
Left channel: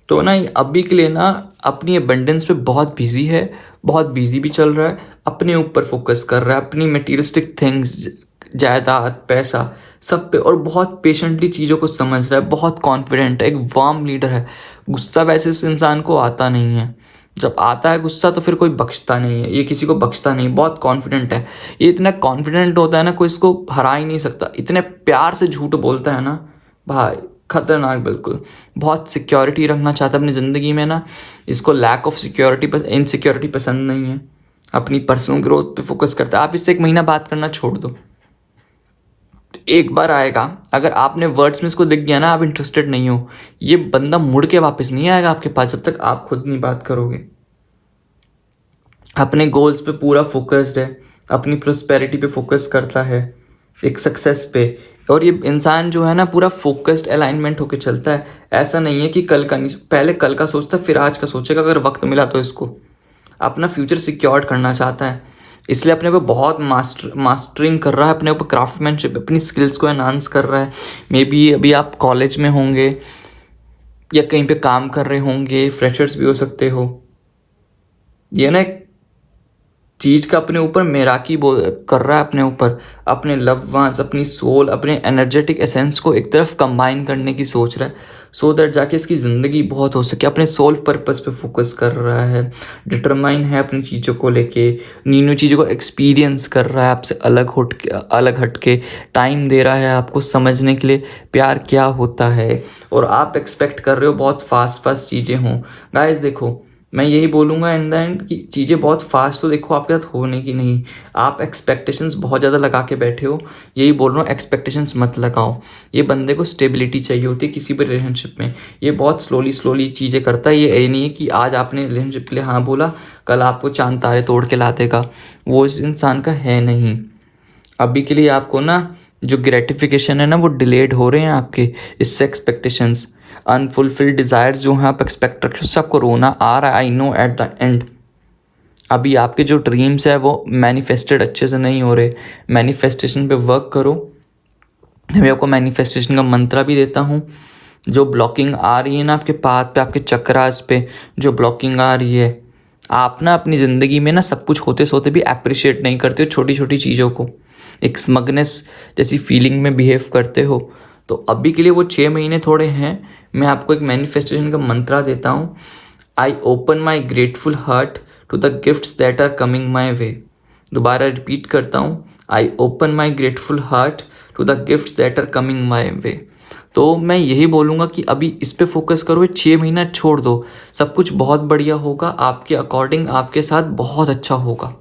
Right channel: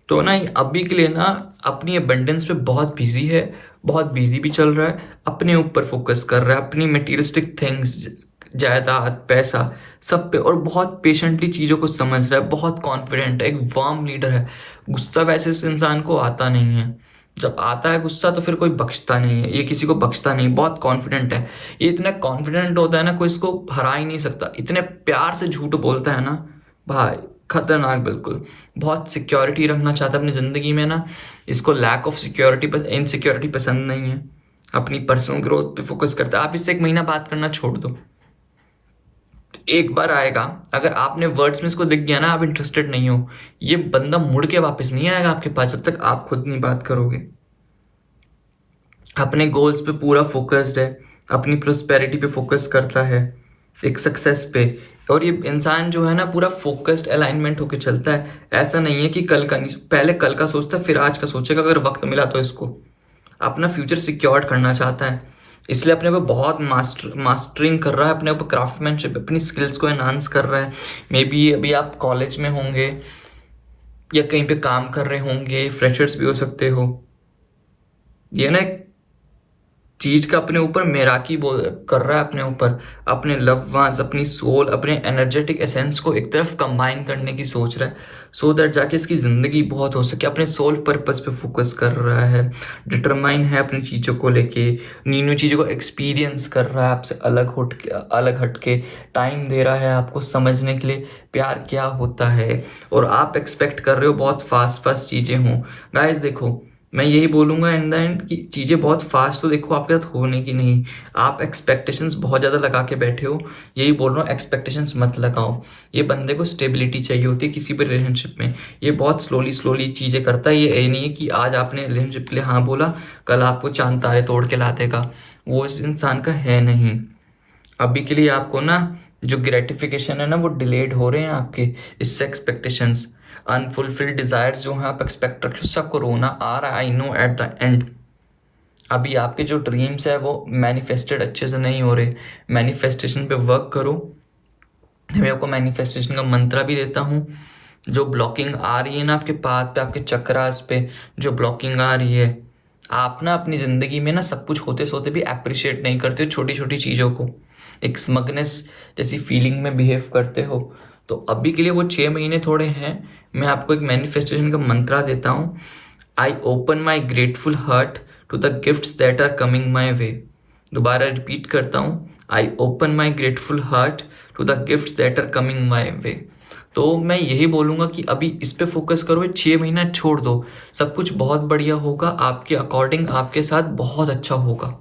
तो ना ये अभी के लिए ना अपनी अबंडेंस पे बहुत बिजी है, बहुत बिजी भी चल रहा है, अपने ऊपर फोकस कर रहा है, अपनी मटीरियलिस्टिक थिंग्स, जायदाद, पैसा, सब पे, और बहुत पेशेंटली चीज़ों को समझ रहा है, बहुत कॉन्फिडेंट है, एक वार्म लीडर है। गुस्सा वैसे इस इंसान को आता नहीं है, जब आता है गुस्सा तो फिर कोई बख्शता नहीं है, ये किसी को बख्शता नहीं, बहुत कॉन्फिडेंट है। ये इतना कॉन्फिडेंट होता है ना, कोई इसको हरा ही नहीं सकता। इतने प्यार से झूठ बोलता है ना भाई, खतरनाक बिल्कुल। बहुत सिक्योरिटी रखना चाहता है अपनी ज़िंदगी में ना, इसको लैक ऑफ सिक्योरिटी, इनसिक्योरिटी पसंद नहीं है। अपनी पर्सनल ग्रोथ पे फोकस करता है। आप इससे एक महीना बात करना छोड़ दो, एक बार आएगा, अगर आपने वर्ड्स में इसको दिख गया ना आप इंटरेस्टेड नहीं हो, ये बंदा मुड़ के वापस नहीं आएगा आपके पास जब तक आप खुद नहीं बात करोगे। अपने गोल्स पे पूरा फोकस्ड है, अपनी प्रोस्पेरिटी पे फोकस करता है, एक सक्सेस पे। और ये इंसान जो है ना पूरा फोकस्ड अलाइनमेंट होके चलता है। ऐसा नहीं है कि कल का नहीं, पहले कल का सोचता है फिर आज का सोचेगा, अगर वक्त मिला तो। इसको अपना फ्यूचर सिक्योर करना चाहता है, इसलिए अपने पे बहुत मास्टरिंग कर रहा है, अपने ऊपर क्राफ्टमैनशिप, अपनी स्किल्स को एनहांस कर रहा है। मे बी अभी आप कॉलेज में होंगे या कहीं पे काम कर रहे होंगे, फ्रेशर्स भी हो सकते हो। ये ना एक चीज़ का अपने ऊपर मैराकी बोल कर रहा है, अपने ऊपर अपने लव वंस, अपनी सोल, अपने एनर्जेटिक एसेंस को एक तरफ कंबाइन करने की सोच रहा है, सो दैट जाके इसकी ज़िंदगी बहुत हो सके। अपने सोल पर्पस पे फोकस कर रहा है, डिटरमाइन है अपनी चीज़ों को लेके, न्यू चीज़ों को एक्सपीरियंस कर रहा है, आपसे अलग हट के टाइम दे रहा है आपको समझने के लिए प्यार क्या होता है। और आप एक्सपेक्ट कर रहे हो बहुत फास्ट चीज़ें हों। गाइस देखो, मैं यही बोलूँगा इन द एंड कि चीज़ें बहुत फास्ट तो देखो आपके साथ होने की नहीं। आप एक्सपेक्टेशंस बहुत ज़्यादा लगा के बैठे हो, यही बोल रहा हूँ, एक्सपेक्टेशंस मत लगाओ। ये बंदे को स्टेबिलिटी चाहिए होती है किसी भी रिलेशनशिप में। ये बहुत स्लोली चीज़ें करता है। ये नहीं है कि आज आपने रिलेशनशिप के लिए हाँ बोला, कल आपको चांद तारे तोड़ के ला देगा, वो इस इंसान का है नहीं। अभी के लिए आपको ना जो ग्रेटिफिकेशन है ना वो डिलेड हो रहे हैं आपके, इससे एक्सपेक्टेशंस, अनफुलफिल्ड डिज़ायर्स जो हैं आप एक्सपेक्ट रखे हो, सबको रोना आ रहा है, I know at the end. अभी आपके जो ड्रीम्स है वो मैनिफेस्टेड अच्छे से नहीं हो रहे, मैनिफेस्टेशन पे वर्क करो। मैं आपको मैनिफेस्टेशन का मंत्र भी देता हूँ। जो ब्लॉकिंग आ रही है ना आपके पाथ पे, आपके चक्रास पे जो ब्लॉकिंग आ रही है, आप ना अपनी ज़िंदगी में ना सब कुछ होते सोते भी अप्रिशिएट नहीं करते हो छोटी छोटी चीज़ों को, एक स्मगनेस जैसी फीलिंग में बिहेव करते हो। तो अभी के लिए वो 6 महीने थोड़े हैं। मैं आपको एक मैनिफेस्टेशन का मंत्रा देता हूँ। I open my grateful heart to the gifts that are coming my way. दोबारा रिपीट करता हूँ, I open my grateful heart to the gifts that are coming my way. तो मैं यही बोलूँगा कि अभी इस पे फोकस करो, ये 6 महीना छोड़ दो, सब कुछ बहुत बढ़िया होगा, आपके अकॉर्डिंग आपके साथ बहुत अच्छा होगा।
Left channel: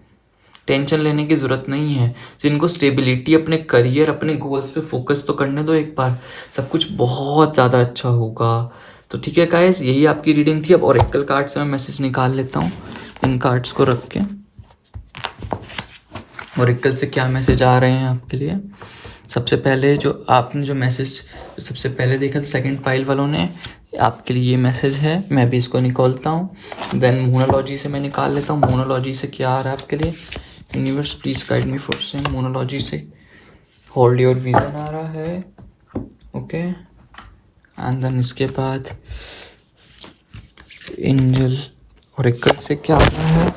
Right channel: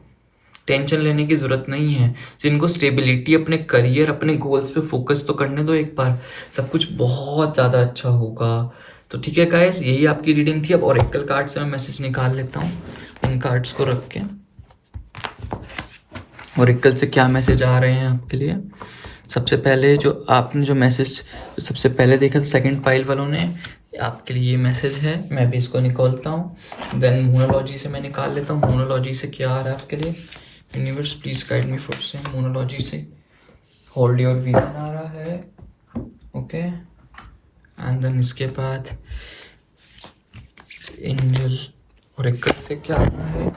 टेंशन लेने की ज़रूरत नहीं है। जिनको स्टेबिलिटी, अपने करियर, अपने गोल्स पे फोकस तो करने दो एक बार, सब कुछ बहुत ज़्यादा अच्छा होगा। तो ठीक है गाइस, यही आपकी रीडिंग थी। अब ओरेकल कार्ड से मैं मैसेज निकाल लेता हूँ इन कार्ड्स को रख के। ओरेकल से क्या मैसेज आ रहे हैं आपके लिए। सबसे पहले जो आपने जो मैसेज सबसे पहले देखा था सेकंड पाइल वालों ने, आपके लिए ये मैसेज है। मैं भी इसको निकालता हूँ, देन मोनोलॉजी से मैं निकाल लेता हूँ। मोनोलॉजी से क्या आ रहा है आपके लिए। Universe please guide me for same. मोनोलॉजी से होल्ड योर विजन आ रहा है, ओके। एंड देन इसके बाद एंजल ओरेकल से क्या आ रहा है।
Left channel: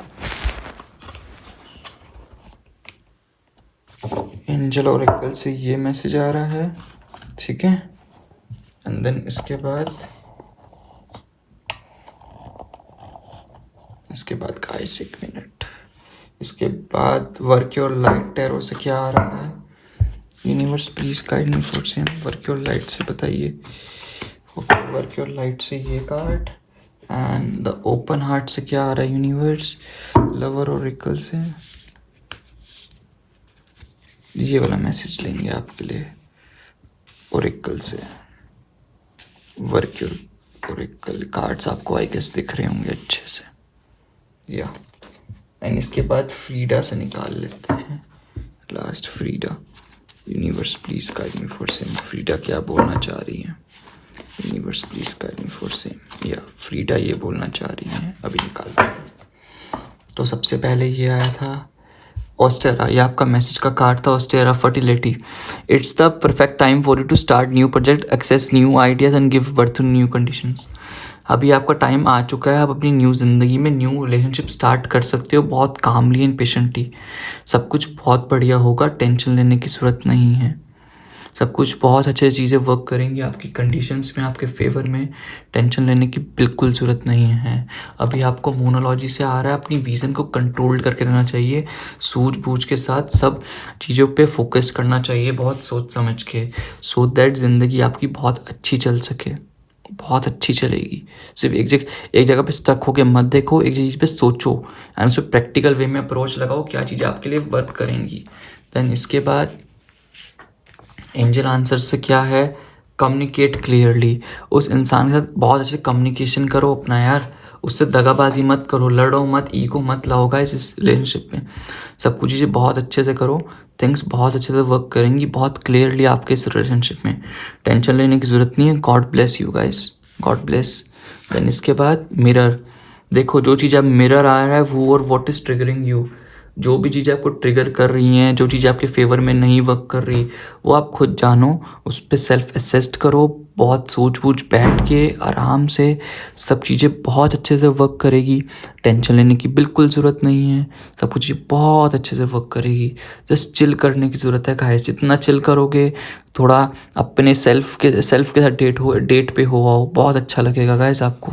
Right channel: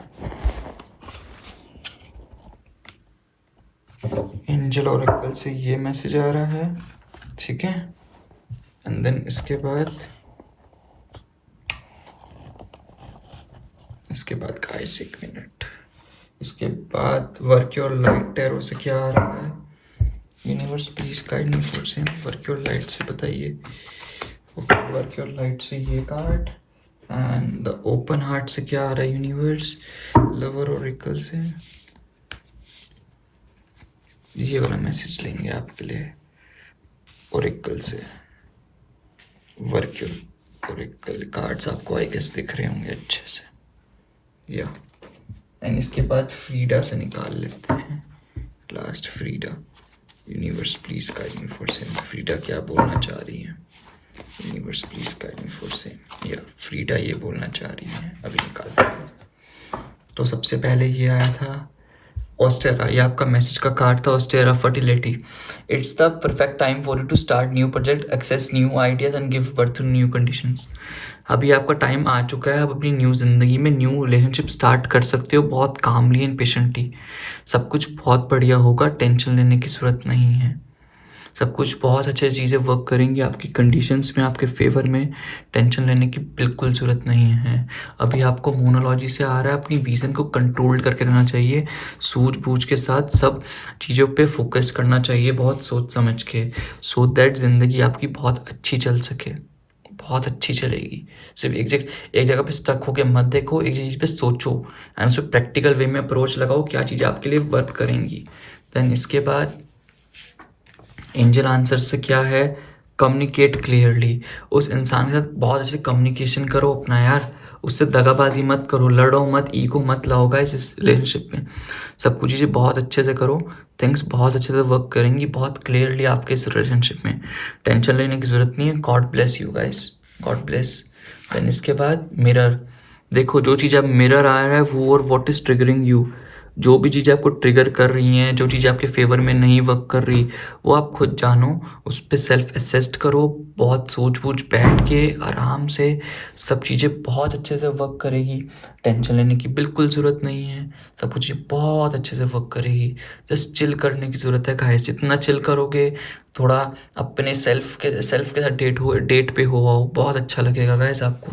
एंजल ओरेकल से ये मैसेज आ रहा है, ठीक है। एंड देन इसके बाद गाइस एक मिनट, इसके बाद वर्क योर लाइट टैरो से क्या आ रहा है। Universe please guide me for same. Work your light से बताइए। ओके, वर्क योर लाइट से ये card. And the open heart से क्या आ रहा है यूनिवर्स। लवर ओरेकल से ये वाला मैसेज लेंगे आपके लिए ओरेकल से। वर्क योर ओरेकल कार्ड्स आपको आई गेस दिख रहे होंगे अच्छे से, या। एंड इसके बाद फ्रीडा से निकाल लेते हैं last. Frida, universe please guide me for same. Frida क्या बोलना चाह रही है। Universe please guide me for same, या फ्रीडा ये बोलना चाह रही है। अभी निकालते हैं। तो सबसे पहले ये आया था ऑस्टेरा, ये आपका मैसेज का कार्ड था। Ostara fertility, it's the perfect time for you to start new project, access new ideas and give birth to new conditions. अभी आपका टाइम आ चुका है, आप अपनी न्यू ज़िंदगी में न्यू रिलेशनशिप स्टार्ट कर सकते हो, बहुत कामली एंड पेशेंटली। सब कुछ बहुत बढ़िया होगा, टेंशन लेने की ज़रूरत नहीं है। सब कुछ बहुत अच्छी चीज़ें वर्क करेंगी आपकी कंडीशंस में, आपके फेवर में। टेंशन लेने की बिल्कुल ज़रूरत नहीं है। अभी आपको मोनोलॉजी से आ रहा है, अपनी विज़न को कंट्रोल करके रहना चाहिए, सूझबूझ के साथ सब चीज़ों पे फोकस करना चाहिए, बहुत सोच समझ के, सो दैट ज़िंदगी आपकी बहुत अच्छी चल सके, बहुत अच्छी चलेगी। सिर्फ एक जगह पे स्टक होके मत देखो, एक चीज़ पे सोचो एंड उसको प्रैक्टिकल वे में अप्रोच लगाओ, क्या चीज़ें आपके लिए वर्क करेंगी। देन इसके बाद एंजल आंसर से क्या है, कम्युनिकेट क्लियरली। उस इंसान के साथ बहुत अच्छे कम्युनिकेशन करो अपना यार, उससे दगाबाजी मत करो, लड़ो मत, ईगो मत लाओ गाइस इस रिलेशनशिप में। सब कुछ चीज़ें बहुत अच्छे से करो, थिंग्स बहुत अच्छे से वर्क करेंगी, बहुत क्लियरली आपके इस रिलेशनशिप में। टेंशन लेने की ज़रूरत नहीं है। God bless you guys, God bless. Then इसके बाद मिरर, देखो जो चीज़ अब मिरर आया है वो, और व्हाट इज़ ट्रिगरिंग यू, जो भी चीज़ें आपको ट्रिगर कर रही हैं, जो चीज़ें आपके फेवर में नहीं वर्क कर रही, वो आप खुद जानो, उस पर सेल्फ असेस्ट करो, बहुत सूझबूझ बैठ के आराम से। सब चीज़ें बहुत अच्छे से वर्क करेगी, टेंशन लेने की बिल्कुल ज़रूरत नहीं है। सब कुछ बहुत अच्छे से वर्क करेगी, जस्ट चिल करने की ज़रूरत है गाइस। जितना चिल करोगे, थोड़ा अपने सेल्फ के साथ डेट पे हो आओ, बहुत अच्छा लगेगा गाइस आपको।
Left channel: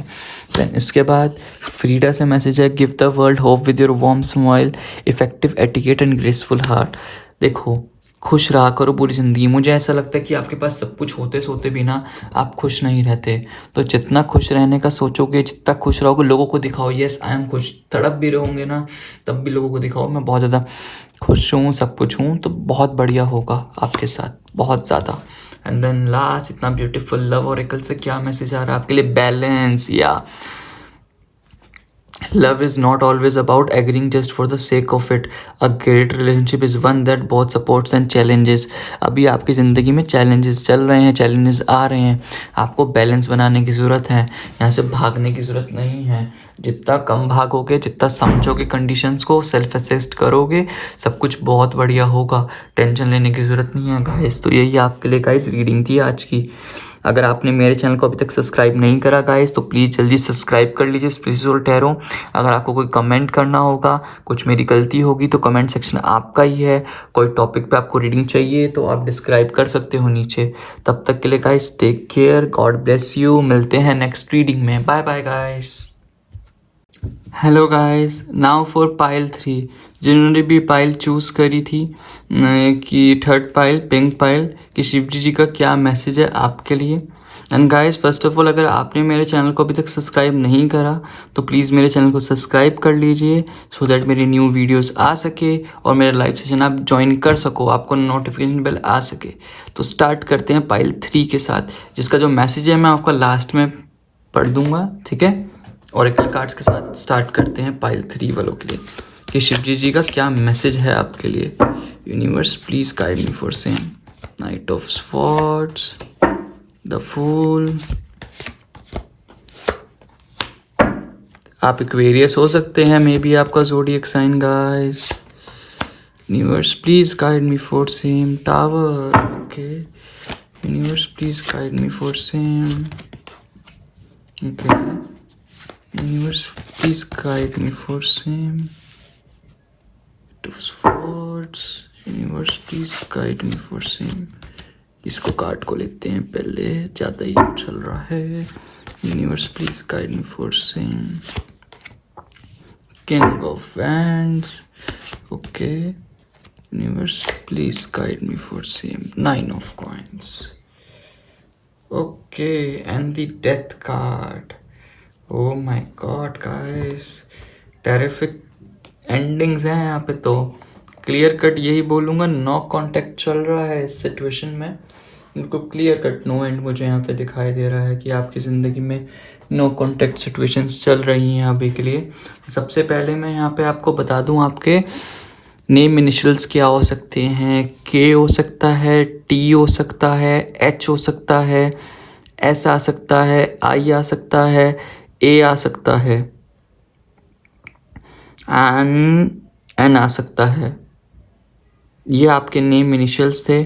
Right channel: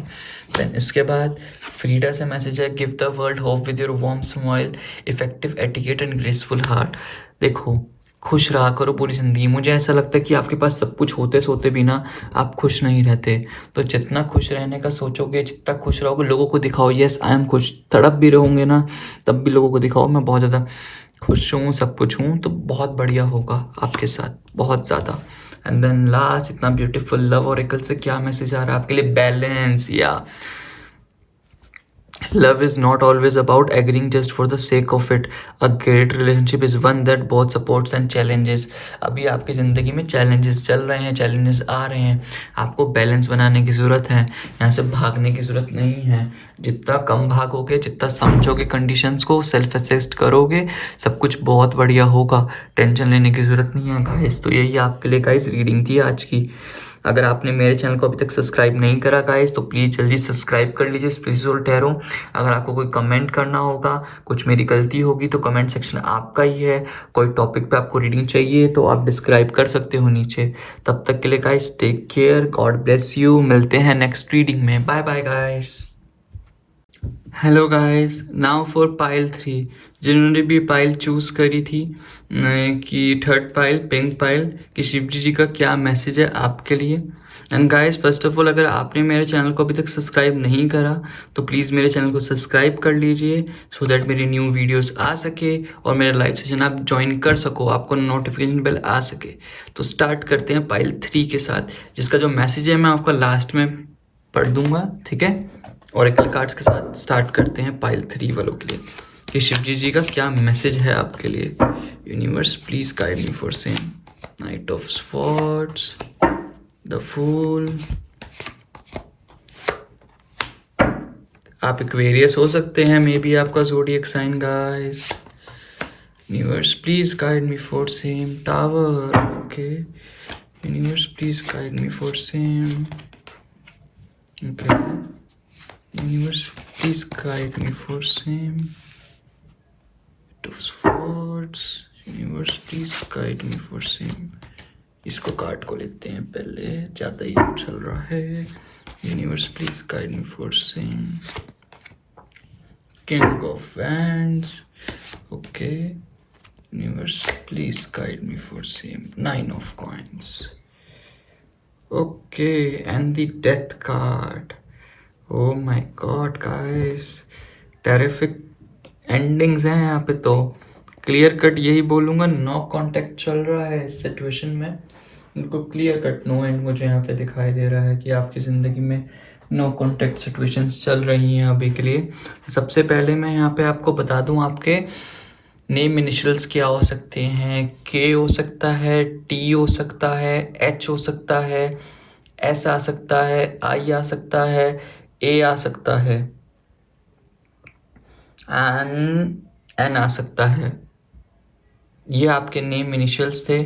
देन इसके बाद फ्रीडा से मैसेज है, give the world hope with your warm smile, effective etiquette and graceful heart. देखो, खुश रहा करो पूरी ज़िंदगी। मुझे ऐसा लगता है कि आपके पास सब कुछ होते सोते भी ना आप खुश नहीं रहते। तो जितना खुश रहने का सोचोगे, जितना खुश रहोगे, लोगों को दिखाओ यस आई एम खुश। तड़प भी रहोगे ना, तब भी लोगों को दिखाओ मैं बहुत ज़्यादा खुश हूँ, सब कुछ हूँ, तो बहुत बढ़िया होगा आपके साथ, बहुत ज़्यादा। एंड देन लास्ट, इतना ब्यूटीफुल लव ओरेकल से क्या मैसेज आ रहा है आपके लिए, बैलेंस। या love is not always about agreeing just for the sake of it. A great relationship is one that both supports and challenges. अभी आपकी ज़िंदगी में challenges चल रहे हैं, challenges आ रहे हैं, आपको बैलेंस बनाने की ज़रूरत है, यहाँ से भागने की ज़रूरत नहीं है। जितना कम भागोगे, जितना समझोगे कंडीशंस को, सेल्फ असेस्ट करोगे, सब कुछ बहुत बढ़िया होगा, टेंशन लेने की ज़रूरत नहीं है गाइस। तो यही आपके लिए गाइस रीडिंग थी आज की। अगर आपने मेरे चैनल को अभी तक सब्सक्राइब नहीं करा गाइस, तो प्लीज़ जल्दी सब्सक्राइब कर लीजिए स्पिरिचुअल टैरो। अगर आपको कोई कमेंट करना होगा, कुछ मेरी गलती होगी, तो कमेंट सेक्शन आपका ही है। कोई टॉपिक पे आपको रीडिंग चाहिए तो आप डिस्क्राइब कर सकते हो नीचे। तब तक के लिए guys take care, God bless you. मिलते हैं नेक्स्ट रीडिंग में, bye bye guys. Hello guys, now for pile 3। जिन्होंने भी पाइल चूज़ करी थी कि थर्ड पाइल, पिंक पाइल, कि शिवजी जी का क्या मैसेज है आपके लिए। And guys, first of all, अगर आपने मेरे चैनल को अभी तक सब्सक्राइब नहीं करा तो प्लीज़ मेरे चैनल को सब्सक्राइब कर लीजिए, सो दैट मेरी न्यू वीडियोस आ सके और मेरा लाइव सेशन आप ज्वाइन कर सको, आपको नोटिफिकेशन बेल आ सके। तो स्टार्ट करते हैं पाइल 3 के साथ, जिसका जो मैसेज है मैं आपको लास्ट में पढ़ दूंगा, ठीक है। ऑरेकल कार्ड्स के साथ स्टार्ट करते हैं पाइल 3 वालों के लिए कि शिवजी जी का क्या मैसेज है आपके लिए। Universe please guide me for same. Knight of swords, the fool. आप एक्वेरियस हो सकते हैं, मे बी आपका zodiac sign guys. Universe please guide me for same. Tower, okay. Universe please guide me for same, okay. Universe, please guide me for same. Two swords. Universe, please guide me for same. इसको कार्ड को लेते हैं पहले, ज़्यादा ही चल रहा है। Universe, please guide me for same. King of Wands. Okay. Universe, please guide me for same. 9 of Coins. Okay, and the Death card. Oh my God guys, terrific endings हैं यहाँ पे। तो क्लियर कट यही बोलूँगा, नो कांटेक्ट चल रहा है इस सिचुएशन में। उनको क्लियर कट नो एंड मुझे यहाँ पे दिखाई दे रहा है कि आपकी ज़िंदगी में नो कांटेक्ट सिचुएशंस चल रही हैं अभी के लिए। सबसे पहले मैं यहाँ पे आपको बता दूँ, आपके नेम इनिशियल्स क्या हो सकते हैं। के हो सकता है, टी हो सकता है, एच हो सकता है, एस आ सकता है, आई आ सकता है, ए आ सकता है, एन आ सकता है। ये आपके नेम इनिशियल्स थे।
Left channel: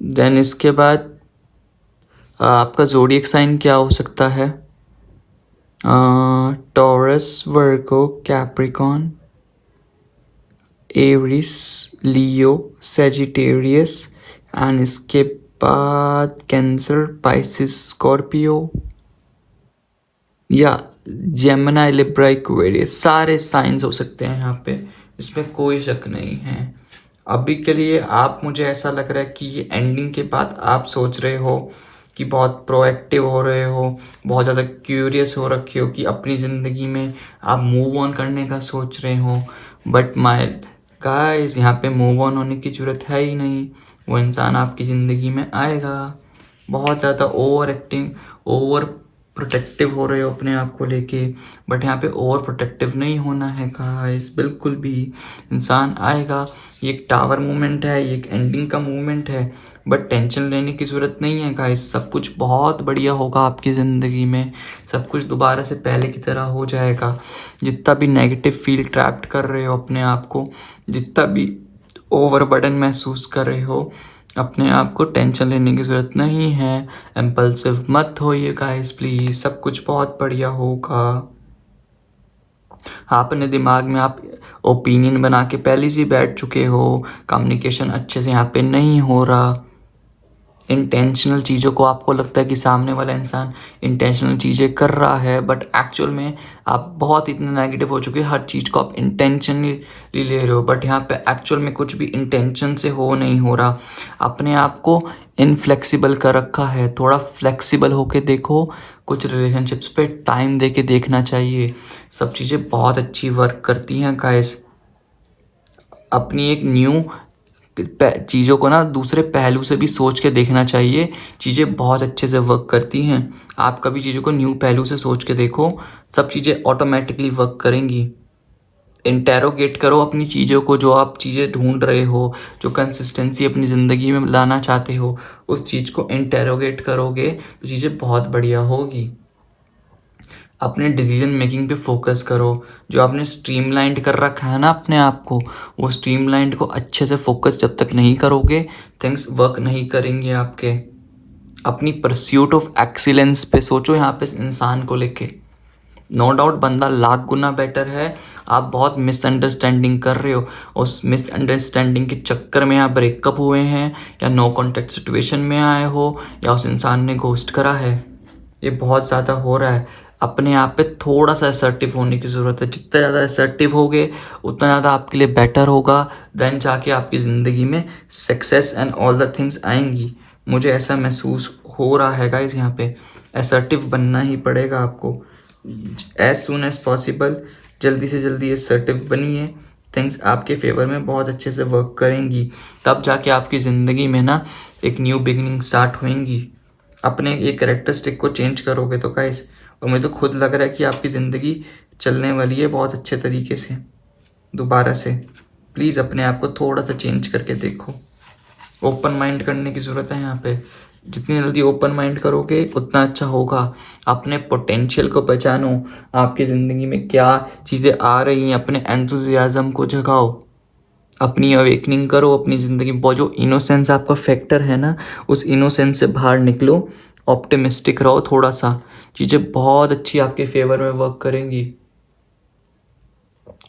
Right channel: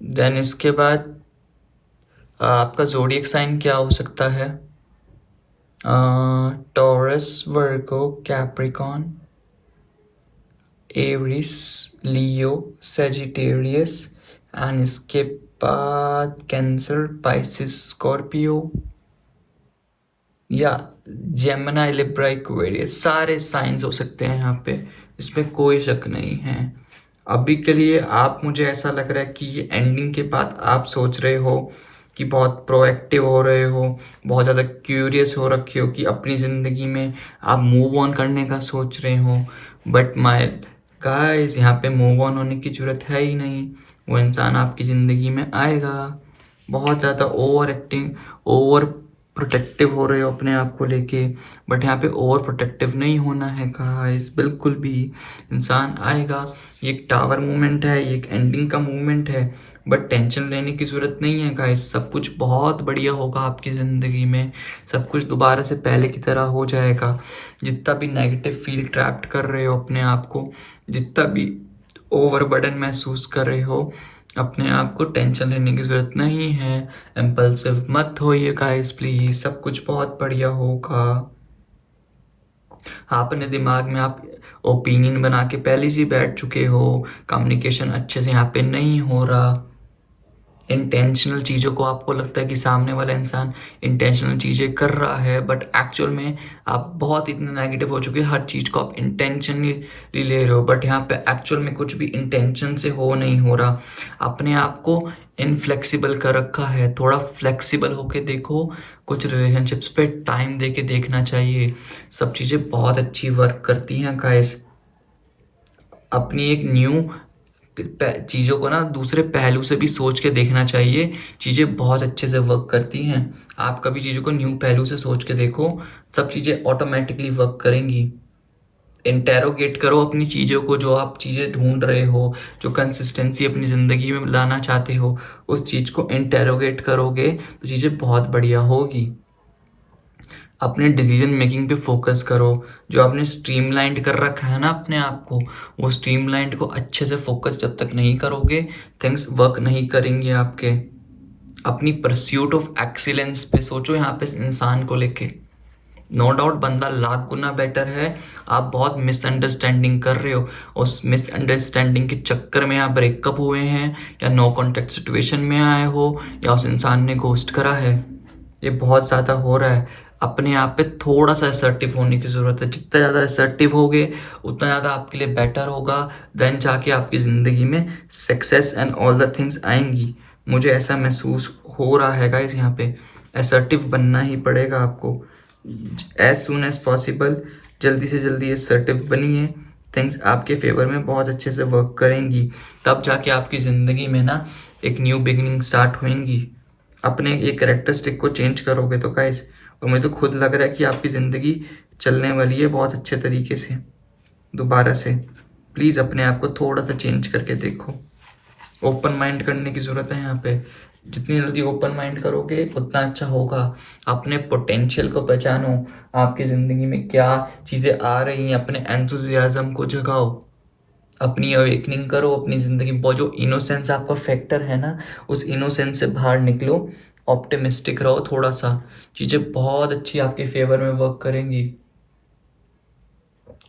देन इसके बाद आपका ज़ोडिएक साइन क्या हो सकता है। Taurus, Virgo, Capricorn, Aries, Leo, Sagittarius. And इसके बाद कैंसर, पाइसिस, स्कॉर्पियो या जेमिनी, लिब्रा, एक्वेरियस। सारे साइंस हो सकते हैं यहाँ पे, इसमें कोई शक नहीं है। अभी के लिए आप, मुझे ऐसा लग रहा है कि ये एंडिंग के बाद आप सोच रहे हो कि बहुत प्रोएक्टिव हो रहे हो, बहुत ज़्यादा क्यूरियस हो रखे हो कि अपनी ज़िंदगी में आप मूव ऑन करने का सोच रहे हो। बट माय गाइस, यहाँ पे मूव ऑन होने की ज़रूरत है ही नहीं। वो इंसान आपकी ज़िंदगी में आएगा। बहुत ज़्यादा ओवर एक्टिंग, ओवर प्रोटेक्टिव हो रहे हो अपने आप को लेके, बट यहाँ पे ओवर प्रोटेक्टिव नहीं होना है गाइस, बिल्कुल भी। इंसान आएगा। ये एक टावर मूवमेंट है, ये एक एंडिंग का मूवमेंट है, बट टेंशन लेने की ज़रूरत नहीं है गाइस। सब कुछ बहुत बढ़िया होगा आपकी ज़िंदगी में। सब कुछ दोबारा से पहले की तरह हो जाएगा। जितना भी नेगेटिव फील ट्रैप्ड कर रहे हो अपने आप को, जितना भी ओवरबर्डन महसूस कर रहे हो अपने आप को, टेंशन लेने की ज़रूरत नहीं है। इम्पल्सिव मत होइए गाइस प्लीज़, सब कुछ बहुत बढ़िया होगा। अपने दिमाग में आप ओपिनियन बना के पहले से बैठ चुके हो। कम्युनिकेशन अच्छे से यहाँ पे नहीं हो रहा। इंटेंशनल चीज़ों को आपको लगता है कि सामने वाला इंसान इंटेंशनल चीज़ें कर रहा है, बट एक्चुअल में आप बहुत इतने नेगेटिव हो चुके हैं। हर चीज़ को आप इंटेंशनली ले रहे हो, बट यहाँ पे एक्चुअल में कुछ भी इंटेंशन से हो नहीं हो रहा। अपने आप को इनफ्लेक्सिबल कर रखा है। थोड़ा फ्लेक्सिबल होके देखो। कुछ रिलेशनशिप्स पे टाइम दे के देखना चाहिए। सब चीज़ें बहुत अच्छी वर्क करती हैं गाइस। अपनी एक न्यू चीज़ों को ना दूसरे पहलू से भी सोच के देखना चाहिए। चीज़ें बहुत अच्छे से वर्क करती हैं। आप कभी चीज़ों को न्यू पहलू से सोच के देखो, सब चीज़ें ऑटोमेटिकली वर्क करेंगी। इंटेरोगेट करो अपनी चीज़ों को, जो आप चीज़ें ढूंढ रहे हो, जो कंसिस्टेंसी अपनी ज़िंदगी में लाना चाहते हो, उस चीज़ को इंटेरोगेट करोगे तो चीज़ें बहुत बढ़िया होगी। अपने डिसीजन मेकिंग पे फोकस करो। जो आपने स्ट्रीमलाइंड कर रखा है ना अपने आप को, वो स्ट्रीमलाइंड को अच्छे से फोकस जब तक नहीं करोगे, थिंग्स वर्क नहीं करेंगे आपके। अपनी परस्यूट ऑफ एक्सीलेंस पे सोचो यहाँ पे इंसान को लेके। नो डाउट बंदा लाख गुना बेटर है। आप बहुत मिसअंडरस्टैंडिंग कर रहे हो। उस मिसअंडरस्टैंडिंग के चक्कर में आप ब्रेकअप हुए हैं, या नो कॉन्टेक्ट सिचुएशन में आए हो, या उस इंसान ने घोस्ट करा है। ये बहुत ज़्यादा हो रहा है। अपने आप पे थोड़ा सा असर्टिव होने की ज़रूरत है। जितना ज़्यादा असर्टिव होगे उतना ज़्यादा आपके लिए बेटर होगा। देन जाके आपकी ज़िंदगी में success and all the things आएंगी। मुझे ऐसा महसूस हो रहा है गाइस, यहाँ पे असर्टिव बनना ही पड़ेगा आपको एज सुन एज पॉसिबल। जल्दी से जल्दी असर्टिव बनिए, थिंग्स आपके फेवर में बहुत अच्छे से वर्क करेंगी। तब जाके आपकी ज़िंदगी में ना एक न्यू बिगनिंग स्टार्ट होएंगी। अपने एक कैरेक्टरिस्टिक को चेंज करोगे तो गाइस, और मुझे तो खुद लग रहा है कि आपकी ज़िंदगी चलने वाली है बहुत अच्छे तरीके से दोबारा से। प्लीज़ अपने आप को थोड़ा सा चेंज करके देखो। ओपन माइंड करने की ज़रूरत है यहाँ पे। जितनी जल्दी ओपन माइंड करोगे उतना अच्छा होगा। अपने पोटेंशियल को पहचानो, आपकी ज़िंदगी में क्या चीज़ें आ रही हैं, अपने एंथुजियाज़म को जगाओ, अपनी अवेकनिंग करो अपनी ज़िंदगी में। वो जो इनोसेंस आपका फैक्टर है ना, उस इनोसेंस से बाहर निकलो, ऑप्टिमिस्टिक रहो थोड़ा सा। चीज़ें बहुत अच्छी आपके फेवर में वर्क करेंगी।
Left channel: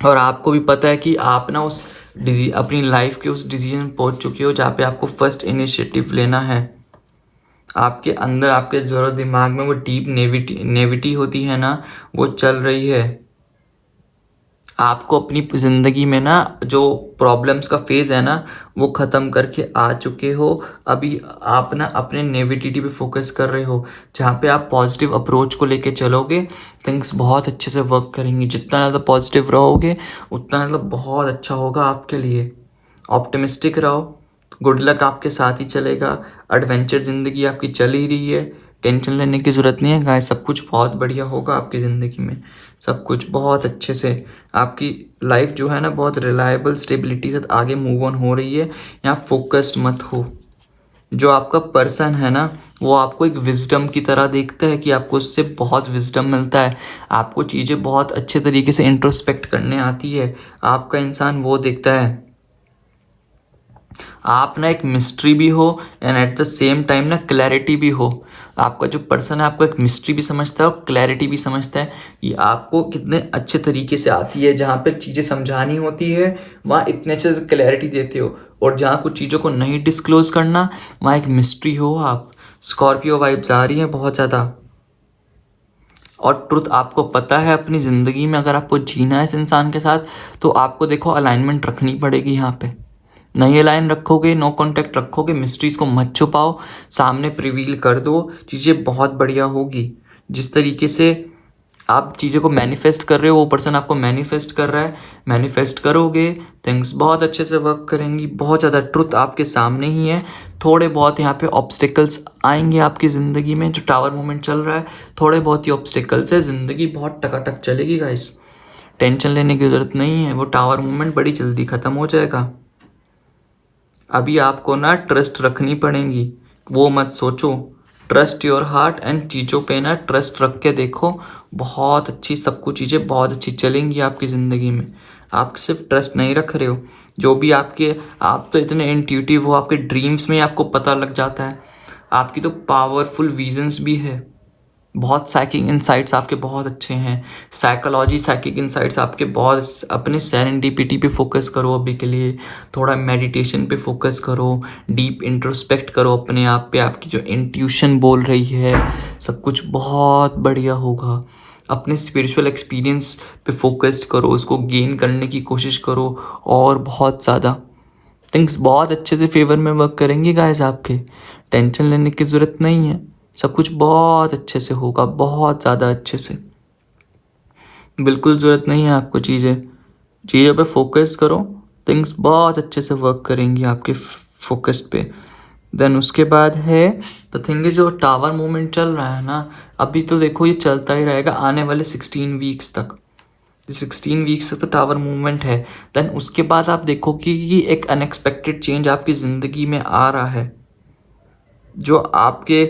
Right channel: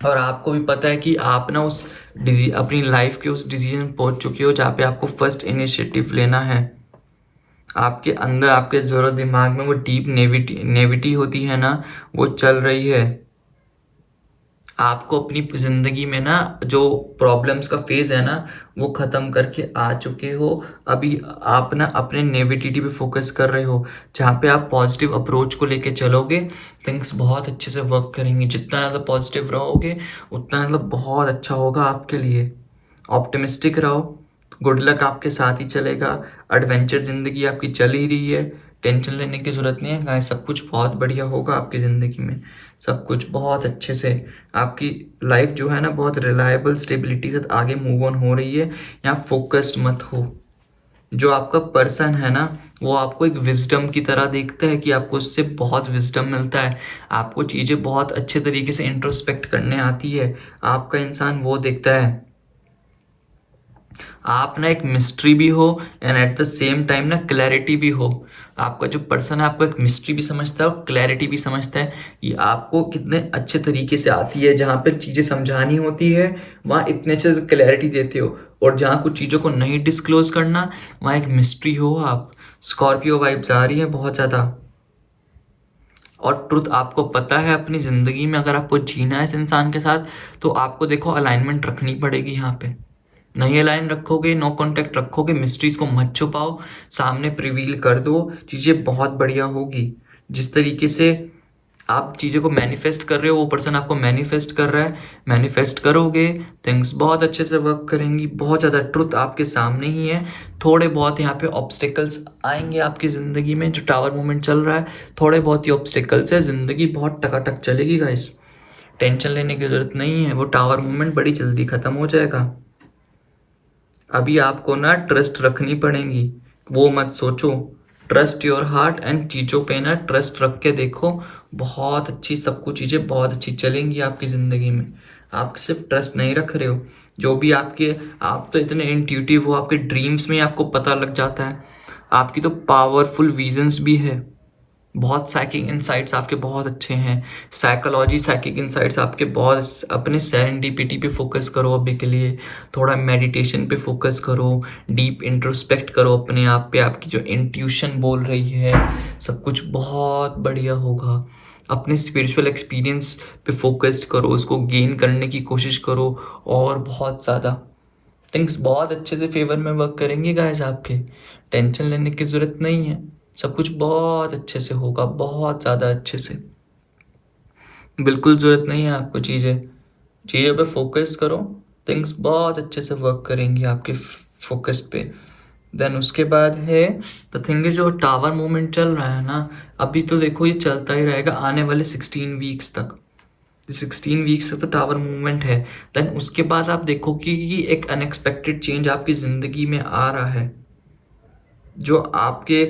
और आपको भी पता है कि आप ना उस अपनी लाइफ के उस डिसीजन पहुंच चुके हो जहाँ पे आपको फर्स्ट इनिशिएटिव लेना है। आपके अंदर, आपके ज़रूर दिमाग में वो डीप नेविटी होती है ना, वो चल रही है। आपको अपनी ज़िंदगी में ना जो प्रॉब्लम्स का फेज़ है ना, वो ख़त्म करके आ चुके हो। अभी आप ना अपने नेगेटिविटी पे फोकस कर रहे हो। जहाँ पे आप पॉजिटिव अप्रोच को लेके चलोगे, थिंग्स बहुत अच्छे से वर्क करेंगे। जितना ज़्यादा पॉजिटिव रहोगे उतना मतलब बहुत अच्छा होगा आपके लिए। ऑप्टिमिस्टिक रहो, गुड लक आपके साथ ही चलेगा। एडवेंचर ज़िंदगी आपकी चल ही रही है, टेंशन लेने की ज़रूरत नहीं है गाइस। सब कुछ बहुत बढ़िया होगा आपकी ज़िंदगी में, सब कुछ बहुत अच्छे से। आपकी लाइफ जो है ना बहुत रिलायबल स्टेबिलिटी से आगे मूव ऑन हो रही है। यहाँ फोकस्ड मत हो। जो आपका पर्सन है ना, वो आपको एक विजडम की तरह देखता है कि आपको उससे बहुत विजडम मिलता है। आपको चीज़ें बहुत अच्छे तरीके से इंट्रोस्पेक्ट करने आती है। आपका इंसान वो देखता है। आप ना एक मिस्ट्री भी हो and at the same time ना क्लैरिटी भी हो। आपका जो पर्सन है आपको एक मिस्ट्री भी समझता है और क्लैरिटी भी समझता है कि आपको कितने अच्छे तरीके से आती है। जहाँ पे चीज़ें समझानी होती है वहाँ इतने अच्छे से क्लैरिटी देते हो, और जहाँ कुछ चीज़ों को नहीं डिस्क्लोज करना वहाँ एक मिस्ट्री हो आप। स्कॉर्पियो वाइब्स आ रही हैं बहुत ज़्यादा। और ट्रुथ आपको पता है अपनी ज़िंदगी में, अगर आपको जीना है इस इंसान के साथ तो आपको देखो अलाइनमेंट रखनी पड़ेगी। यहाँ पे नई लाइन रखोगे, नो कांटेक्ट रखोगे, मिस्ट्रीज को मत छुपाओ, सामने प्रिवील कर दो, चीज़ें बहुत बढ़िया होगी। जिस तरीके से आप चीज़ों को मैनिफेस्ट कर रहे हो वो पर्सन आपको मैनिफेस्ट कर रहा है। मैनिफेस्ट करोगे, थिंग्स बहुत अच्छे से वर्क करेंगी। बहुत ज़्यादा ट्रुथ आपके सामने ही है। थोड़े बहुत यहाँ पे ऑब्स्टिकल्स आएंगे आपकी ज़िंदगी में। जो टावर मूवमेंट चल रहा है, थोड़े बहुत ही ऑब्स्टिकल्स है। ज़िंदगी बहुत टकाटक चलेगी गाइस, टेंशन लेने की ज़रूरत नहीं है। वो टावर मूवमेंट बड़ी जल्दी ख़त्म हो जाएगा। अभी आपको ना ट्रस्ट रखनी पड़ेगी, वो मत सोचो। ट्रस्ट योर हार्ट एंड चीज़ों पे ना ट्रस्ट रख के देखो, बहुत अच्छी सब कुछ चीज़ें बहुत अच्छी चलेंगी आपकी ज़िंदगी में। आप सिर्फ ट्रस्ट नहीं रख रहे हो, जो भी आपके, आप तो इतने इंट्यूटिव हो, आपके ड्रीम्स में आपको पता लग जाता है। आपकी तो पावरफुल विजन्स भी है। बहुत साइकिक इंसाइट्स आपके बहुत अच्छे हैं। साइकोलॉजी साइकिक इंसाइट्स आपके बहुत। अपने सेरेंडिपिटी पे फोकस करो अभी के लिए, थोड़ा मेडिटेशन पे फोकस करो, डीप इंट्रोस्पेक्ट करो अपने आप पे। आपकी जो इंट्यूशन बोल रही है सब कुछ बहुत बढ़िया होगा। अपने स्पिरिचुअल एक्सपीरियंस पे फोकस्ड करो, उसको गेन करने की कोशिश करो, और बहुत ज़्यादा थिंग्स बहुत अच्छे से फेवर में वर्क करेंगे गाइस आपके। टेंशन लेने की ज़रूरत नहीं है, सब कुछ बहुत अच्छे से होगा, बहुत ज़्यादा अच्छे से। बिल्कुल ज़रूरत नहीं है आपको चीज़ों पे फोकस करो, थिंग्स बहुत अच्छे से वर्क करेंगी आपके फोकस पे। देन उसके बाद है द थिंग इज, जो टावर मूवमेंट चल रहा है ना, अभी तो देखो ये चलता ही रहेगा आने वाले 16 वीक्स तक। 16 वीक्स तक तो टावर मूवमेंट है। देन उसके बाद आप देखो कि एक अनएक्सपेक्टेड चेंज आपकी ज़िंदगी में आ रहा है। जो आपके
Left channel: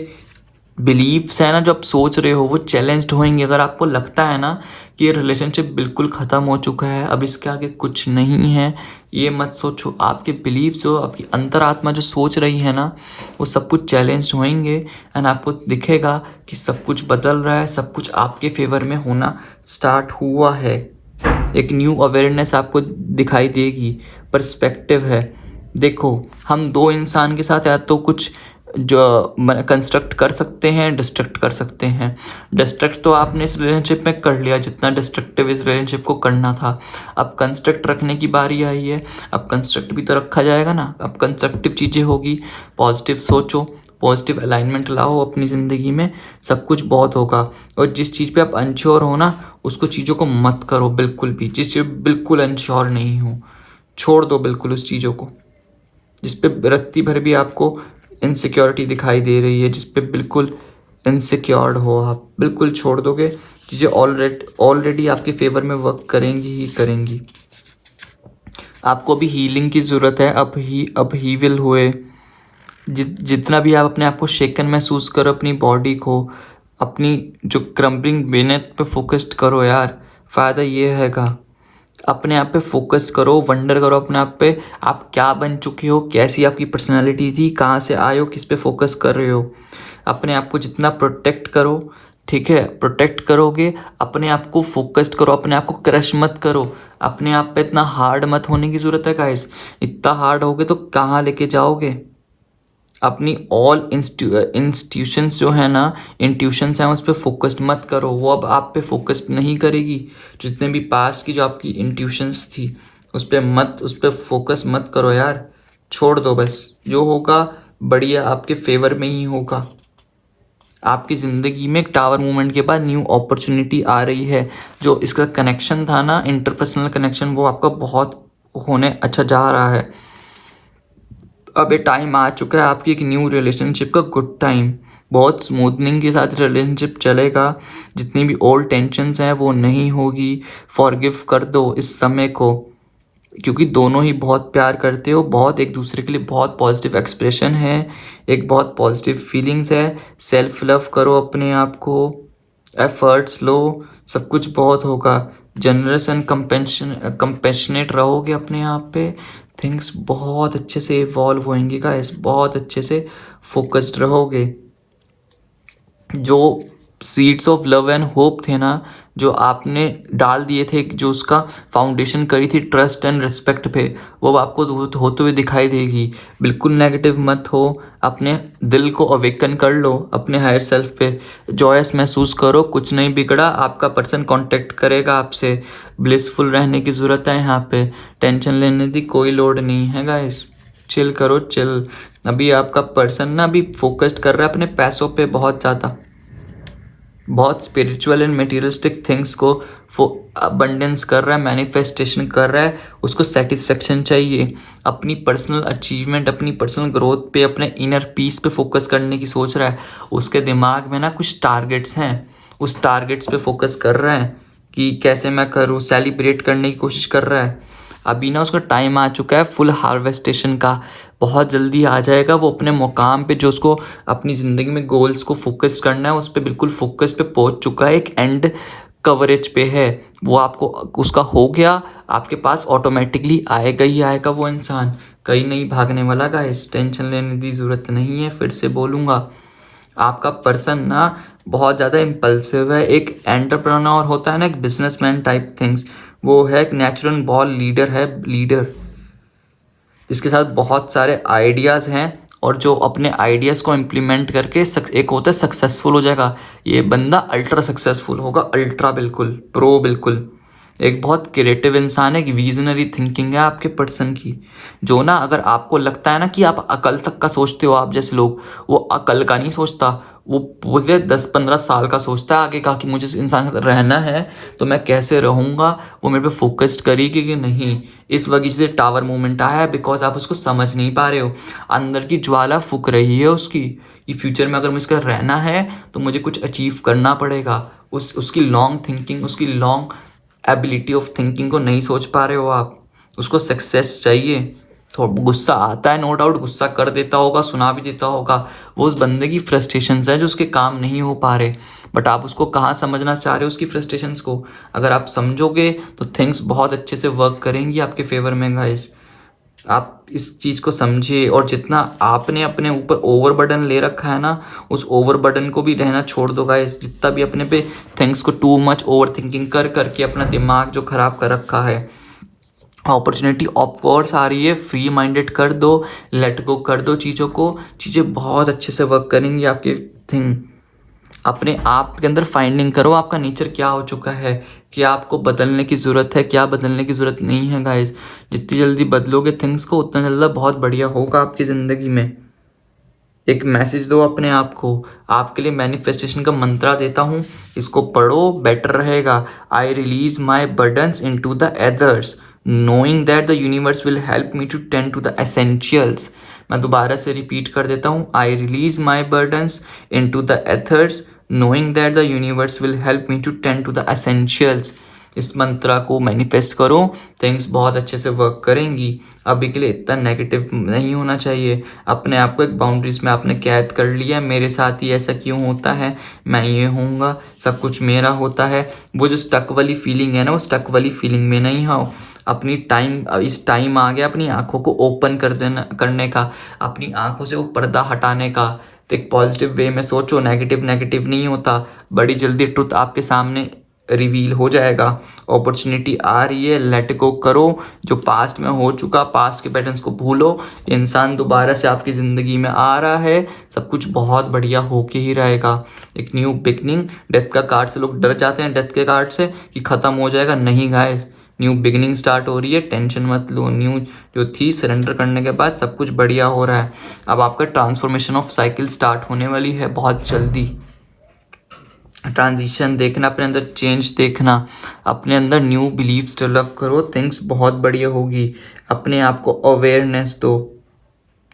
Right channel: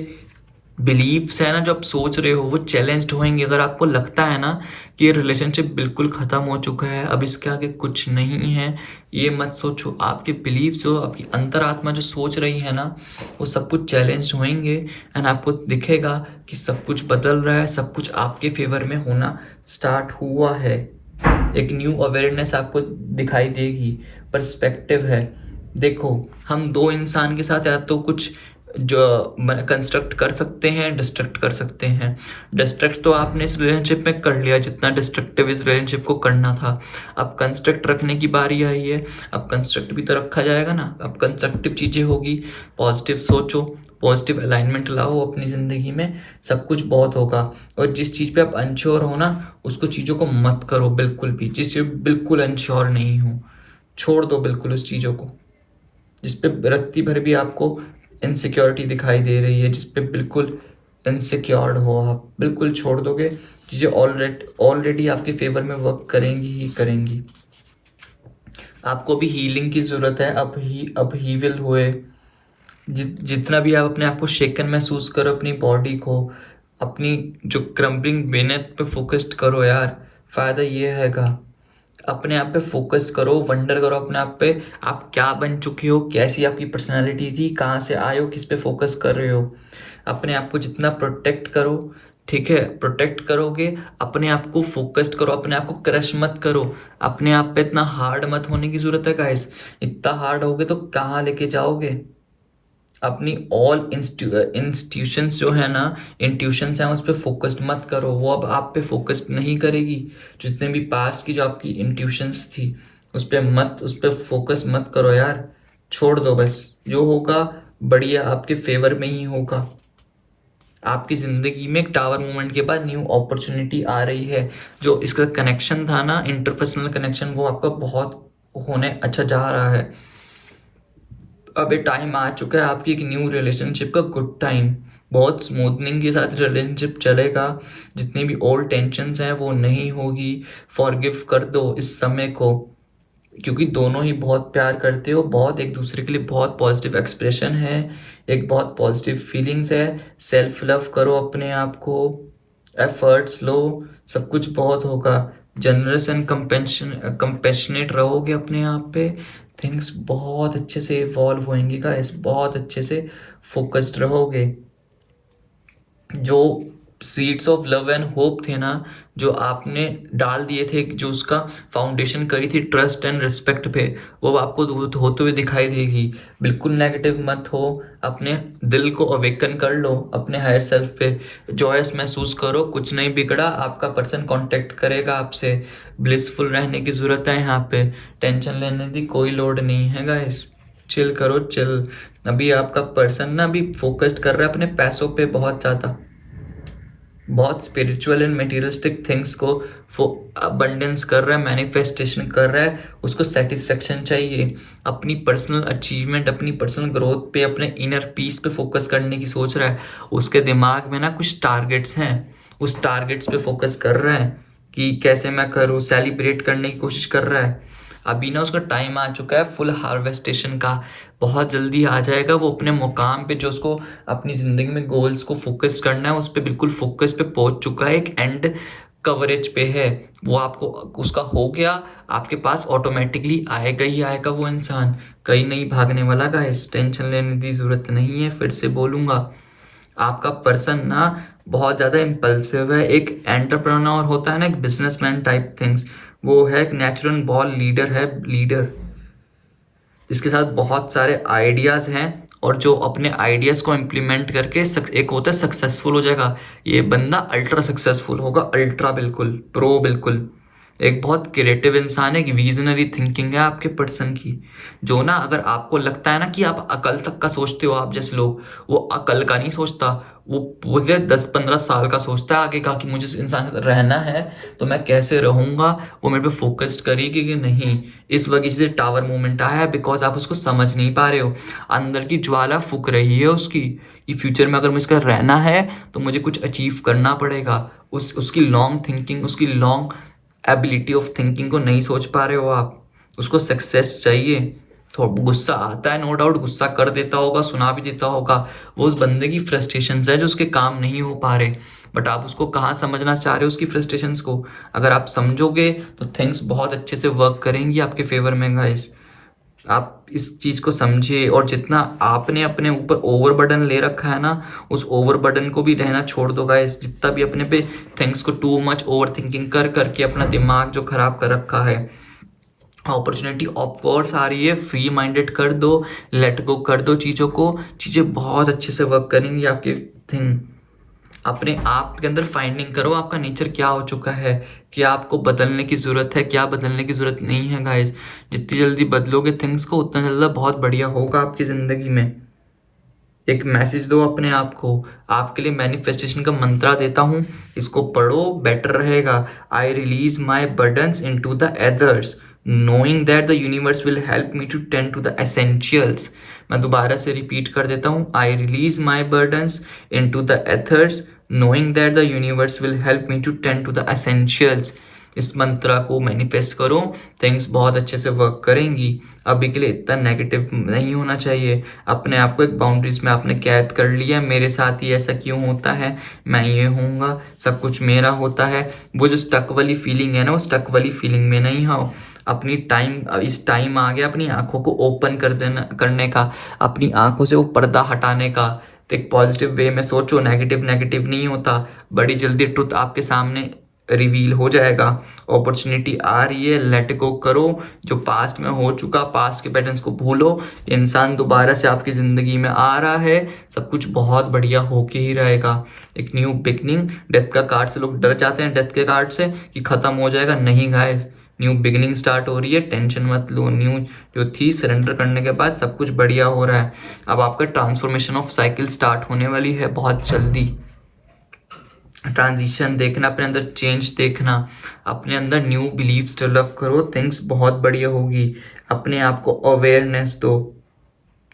बिलीव्स है ना, जो आप सोच रहे हो वो चैलेंज्ड होंगे। अगर आपको लगता है ना कि ये रिलेशनशिप बिल्कुल ख़त्म हो चुका है, अब इसके आगे कुछ नहीं है, ये मत सोचो। आपके बिलीव्स जो आपकी अंतरात्मा जो सोच रही है ना, वो सब कुछ चैलेंज्ड होंगे। एंड आपको दिखेगा कि सब कुछ बदल रहा है, सब कुछ आपके फेवर में होना स्टार्ट हुआ है। एक न्यू अवेयरनेस आपको दिखाई देगी, पर्सपेक्टिव है। देखो, हम दो इंसान के साथ या तो कुछ जो कंस्ट्रक्ट कर सकते हैं, डिस्ट्रक्ट कर सकते हैं। डिस्ट्रक्ट तो आपने इस रिलेशनशिप में कर लिया जितना डिस्ट्रक्टिव इस रिलेशनशिप को करना था। अब कंस्ट्रक्ट रखने की बारी आई है। अब कंस्ट्रक्ट भी तो रखा जाएगा ना। अब कंस्ट्रक्टिव चीज़ें होगी, पॉजिटिव सोचो, पॉजिटिव अलाइनमेंट लाओ अपनी ज़िंदगी में, सब कुछ बहुत होगा। और जिस चीज़ पे आप अनश्योर हो ना, उसको चीज़ों को मत करो बिल्कुल भी। जिस चीज़ बिल्कुल अनश्योर नहीं हो, छोड़ दो बिल्कुल उस चीज़ों को। जिस पे रत्ती भर भी आपको इनसिक्योरिटी दिखाई दे रही है, जिस पे बिल्कुल इनसिक्योर्ड हो आप, बिल्कुल छोड़ दोगे। चीज़ें ऑलरेडी आपके फेवर में वर्क करेंगी ही करेंगी। आपको भी हीलिंग की ज़रूरत है। अब ही विल हुए। जितना भी आप अपने आप को शेकन महसूस करो, अपनी बॉडी को, अपनी जो क्रम्बलिंग बेनेट पे फोकस्ड करो यार। फ़ायदा ये हैगा, अपने आप पे फोकस करो, वंडर करो अपने आप पे, आप क्या बन चुके हो, कैसी आपकी पर्सनालिटी थी, कहाँ से आए हो, किस पे फोकस कर रहे हो। अपने आप को जितना प्रोटेक्ट करो, ठीक है, प्रोटेक्ट करोगे, अपने आप को फोकस्ड करो, अपने आप को क्रश मत करो। अपने आप पे इतना हार्ड मत होने की ज़रूरत है गाइस। इतना हार्ड होगे तो कहाँ लेके जाओगे। अपनी ऑल इंस्टीट्यूशंस जो है ना, इंट्यूशंस हैं, उस पर फोकस्ड मत करो। वो अब आप पे फोकस्ड नहीं करेगी। जितने भी पास की जो आपकी इंट्यूशंस थी, उस पर फोकस मत करो यार। छोड़ दो बस। जो होगा बढ़िया आपके फेवर में ही होगा। आपकी ज़िंदगी में एक टावर मूवमेंट के बाद न्यू अपॉर्चुनिटी आ रही है। जो इसका कनेक्शन था ना, इंटरपर्सनल कनेक्शन, वो आपका बहुत होने अच्छा जा रहा है। अब ये टाइम आ चुका है आपकी एक न्यू रिलेशनशिप का, गुड टाइम। बहुत स्मूथनिंग के साथ रिलेशनशिप चलेगा। जितनी भी ओल्ड टेंशन्स हैं वो नहीं होगी। फॉरगिव कर दो इस समय को, क्योंकि दोनों ही बहुत प्यार करते हो, बहुत एक दूसरे के लिए बहुत पॉजिटिव एक्सप्रेशन है, एक बहुत पॉजिटिव फीलिंग्स है। सेल्फ लव करो अपने आप को, एफर्ट्स लो, सब कुछ बहुत होगा। जनरस एंड कंपेशनेट रहोगे अपने आप पे, थिंग्स बहुत अच्छे से इवॉल्व होंगी गाइस। बहुत अच्छे से फोकस्ड रहोगे। जो seeds of love and hope थे ना, जो आपने डाल दिए थे, जो उसका फाउंडेशन करी थी ट्रस्ट एंड रिस्पेक्ट पे, वो अब आपको होते हुए दिखाई देगी। बिल्कुल नेगेटिव मत हो। अपने दिल को अवेकन कर लो अपने हायर सेल्फ पे। जॉयस महसूस करो, कुछ नहीं बिगड़ा। आपका पर्सन कांटेक्ट करेगा आपसे। ब्लिसफुल रहने की ज़रूरत है यहाँ पे। टेंशन लेने की कोई लोड नहीं है गाइस। चिल करो, चिल। अभी आपका पर्सन ना अभी फोकस्ड कर रहा है अपने पैसों पे बहुत ज़्यादा। बहुत स्पिरिचुअल एंड मटेरियलिस्टिक थिंग्स को अबंडेंस कर रहा है, मैनिफेस्टेशन कर रहा है। उसको सेटिस्फेक्शन चाहिए। अपनी पर्सनल अचीवमेंट, अपनी पर्सनल ग्रोथ पे, अपने इनर पीस पे फोकस करने की सोच रहा है। उसके दिमाग में ना कुछ टारगेट्स हैं, उस टारगेट्स पे फोकस कर रहा है कि कैसे मैं करूँ, सेलिब्रेट करने की कोशिश कर रहा है। अभी ना उसका टाइम आ चुका है फुल हार्वेस्टेशन का। बहुत जल्दी आ जाएगा वो अपने मुकाम पे, जो उसको अपनी ज़िंदगी में गोल्स को फोकस करना है, उस पर बिल्कुल फोकस पे पहुंच चुका है। एक एंड कवरेज पे है वो। आपको उसका हो गया, आपके पास ऑटोमेटिकली आएगा ही आएगा वो इंसान। कहीं नहीं भागने वाला गाइस। टेंशन लेने की ज़रूरत नहीं है। फिर से बोलूँगा, आपका पर्सन ना बहुत ज़्यादा इम्पल्सिव है। एक एंटरप्रेन्योर होता है ना, एक बिजनेसमैन टाइप थिंग्स, वो है एक नेचुरल बॉर्न लीडर है। लीडर जिसके साथ बहुत सारे आइडियाज़ हैं, और जो अपने आइडियाज़ को इम्प्लीमेंट करके एक होता है सक्सेसफुल हो जाएगा। ये बंदा अल्ट्रा सक्सेसफुल होगा, अल्ट्रा बिल्कुल प्रो बिल्कुल। एक बहुत क्रिएटिव इंसान है, एक विजनरी थिंकिंग है आपके पर्सन की। जो ना, अगर आपको लगता है ना कि आप अकल तक का सोचते हो, आप जैसे लोग, वो अकल का नहीं सोचता। वो पूरे 10-15 साल का सोचता है आगे का, कि मुझे इस इंसान के साथ रहना है तो मैं कैसे रहूँगा। वो मेरे पे फोकस्ड करेगी कि नहीं। इस वजह से टावर मूवमेंट आया है, बिकॉज आप उसको समझ नहीं पा रहे हो। अंदर की ज्वाला फूक रही है उसकी, कि फ्यूचर में अगर मुझे रहना है तो मुझे कुछ अचीव करना पड़ेगा। उसकी लॉन्ग थिंकिंग, उसकी लॉन्ग एबिलिटी ऑफ थिंकिंग को नहीं सोच पा रहे हो आप। उसको सक्सेस चाहिए। थोड़ा गुस्सा आता है, नो डाउट गुस्सा कर देता होगा, सुना भी देता होगा। वो उस बंदे की फ्रस्ट्रेशंस है जो उसके काम नहीं हो पा रहे। बट आप उसको कहाँ समझना चाह रहे हो उसकी फ्रस्ट्रेशंस को। अगर आप समझोगे तो थिंग्स बहुत अच्छे से वर्क करेंगी आपके फेवर में गाइस। आप इस चीज़ को समझिए। और जितना आपने अपने ऊपर ओवर बर्डन ले रखा है ना, उस ओवर बर्डन को भी रहना छोड़ दो गाइस। जितना भी अपने पे थिंग्स को टू मच ओवर थिंकिंग कर करके अपना दिमाग जो खराब कर रखा है, अपॉर्चुनिटी ऑफ कोर्स आ रही है, फ्री माइंडेड कर दो, लेट गो कर दो चीज़ों को, चीज़ें बहुत अच्छे से वर्क करेंगी आपकी थिंग। अपने आप के अंदर फाइंडिंग करो आपका नेचर क्या हो चुका है, क्या आपको बदलने की ज़रूरत है, क्या बदलने की ज़रूरत नहीं है गाइस। जितनी जल्दी बदलोगे थिंग्स को उतना जल्दी बहुत बढ़िया होगा आपकी ज़िंदगी में। एक मैसेज दो अपने आप को, आपके लिए मैनिफेस्टेशन का मंत्रा देता हूँ, इसको पढ़ो, बेटर रहेगा। I release my burdens into the others knowing that the universe will help me to tend to the essentials. मैं दोबारा से रिपीट कर देता हूँ, I release my burdens into the others knowing that the universe will help me to tend to the essentials. इस मंत्रा को मैनिफेस्ट करो, थिंग्स बहुत अच्छे से वर्क करेंगी। अभी के लिए इतना नेगेटिव नहीं होना चाहिए। अपने आप को एक बाउंड्रीज में आपने कैद कर लिया, मेरे साथ ही ऐसा क्यों होता है, मैं ये होऊंगा, सब कुछ मेरा होता है। वो जो स्टक वाली फीलिंग है ना, वो स्टक वाली फीलिंग में नहीं आओ। अपनी टाइम, इस टाइम आ गया अपनी आंखों को ओपन कर देना, करने का, अपनी आंखों से वो पर्दा हटाने का। तो एक पॉजिटिव वे में सोचो, नेगेटिव नेगेटिव नहीं होता। बड़ी जल्दी ट्रुथ आपके सामने रिवील हो जाएगा। अपॉर्चुनिटी आ रही है, लेट गो करो। जो पास्ट में हो चुका, पास्ट के पैटर्न्स को भूलो। इंसान दोबारा से आपकी ज़िंदगी में आ रहा है, सब कुछ बहुत बढ़िया होके ही रहेगा। एक न्यू बिगनिंग, डेथ का कार्ड से लोग डर जाते हैं, डेथ के कार्ड से कि ख़त्म हो जाएगा, नहीं गाइस, न्यू बिगनिंग स्टार्ट हो रही है, टेंशन मत लो। न्यू जो थी सरेंडर करने के बाद सब कुछ बढ़िया हो रहा है। अब आपका ट्रांसफॉर्मेशन ऑफ साइकिल स्टार्ट होने वाली है बहुत जल्दी। ट्रांजिशन देखना, अपने अंदर चेंज देखना, अपने अंदर न्यू बिलीव्स डेवलप करो, थिंग्स बहुत बढ़िया होगी। अपने आप को अवेयरनेस दो।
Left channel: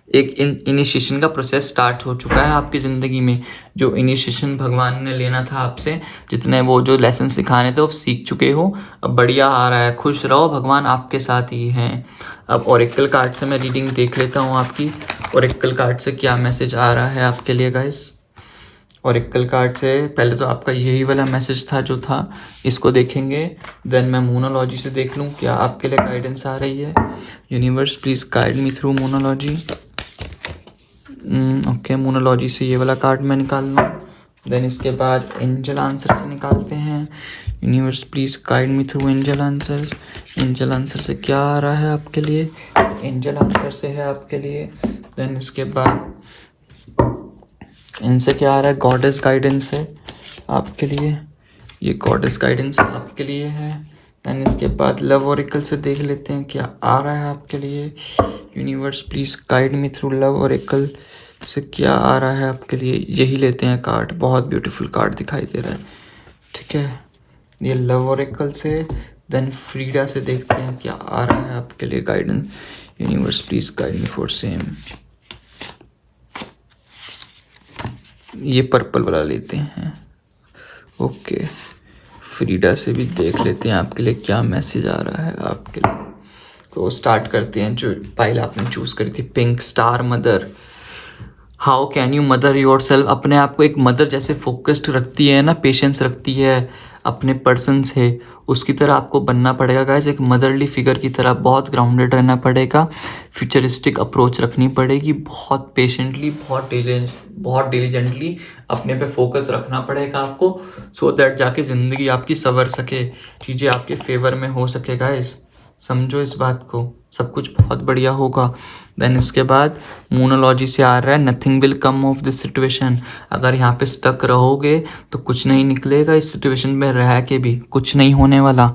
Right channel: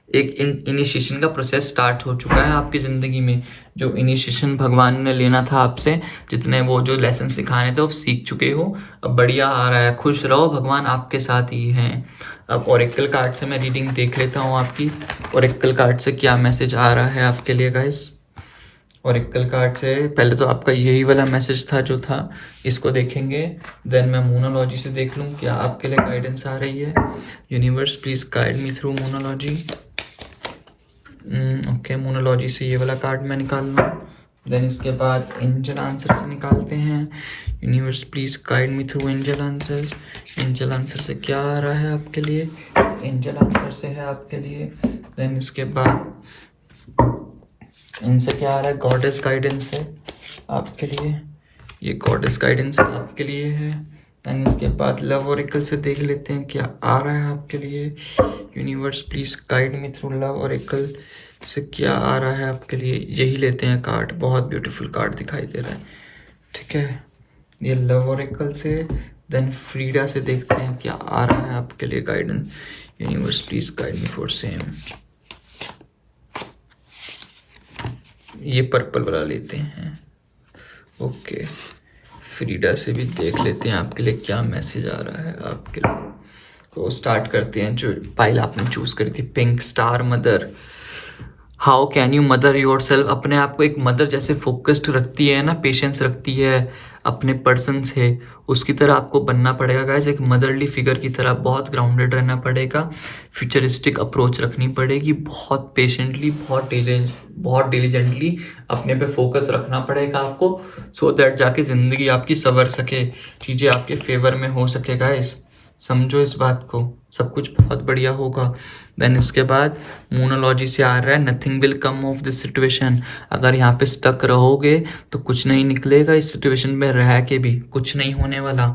एक इनिशिएशन का प्रोसेस स्टार्ट हो चुका है आपकी ज़िंदगी में। जो इनिशिएशन भगवान ने लेना था आपसे, जितने वो जो लेसन सिखाने थे वो सीख चुके हो, अब बढ़िया आ रहा है, खुश रहो, भगवान आपके साथ ही हैं। अब ओरेकल कार्ड से मैं रीडिंग देख लेता हूँ आपकी। ओरेकल कार्ड से क्या मैसेज आ रहा है आपके लिए गाइस। ओरेकल कार्ड से पहले तो आपका यही वाला मैसेज था जो था, इसको देखेंगे, देन मैं मोनोलॉजी से देख लूँ क्या आपके लिए गाइडेंस आ रही है। Universe please guide me through मोनोलॉजी। ओके, मोनोलॉजी से ये वाला कार्ड मैं निकाल लूँ, देन इसके बाद एंजल आंसर से निकालते हैं। Universe please guide me through angel answers. Angel answer से क्या आ रहा है आपके लिए, एंजल आंसर से है आपके लिए। देन इसके बाद इनसे क्या आ रहा है, गॉडेस गाइडेंस है आपके लिए, ये गॉडेस गाइडेंस आपके लिए है। देन इसके बाद लव ओरेकल से देख लेते हैं क्या आ रहा है आपके लिए। Universe please guide me through love Oracle से क्या आ रहा है आपके लिए। यही लेते हैं कार्ड, बहुत ब्यूटीफुल कार्ड दिखाई दे रहा है, ठीक है, ये लव ओरेकल से। देन फ्रीडा से देखते हैं क्या आ रहा है आपके लिए guidance. Universe please guide me for same, ये पर्पल वाला लेते हैं। ओके, फ्रीडा से भी देख लेते हैं आपके लिए क्या मैसेज आ रहा है आपके लिए। तो स्टार्ट करते हैं, जो फाइल आपने चूज़ करी थी, pink star mother. How can you mother your self. अपने आप को एक मदर जैसे फोकस्ड रखती है ना, पेशेंस रखती है अपने पर्सन से, उसकी तरह आपको बनना पड़ेगा गाइस। एक मदरली फिगर की तरह बहुत ग्राउंडेड रहना पड़ेगा, फ्यूचरिस्टिक अप्रोच रखनी पड़ेगी, बहुत पेशेंटली, बहुत डिलीजेंटली अपने पे फोकस रखना पड़ेगा आपको, सो दैट जाके ज़िंदगी आपकी संवर सके, चीज़ें आपके फेवर में हो सके गाइस। समझो इस बात को, सब कुछ बहुत बढ़िया होगा। देन इसके बाद मोनोलॉजी से आ रहा है, nothing will come of this situation. अगर यहाँ पे स्टक रहोगे तो कुछ नहीं निकलेगा, इस सिचुएशन में रह के भी कुछ नहीं होने वाला।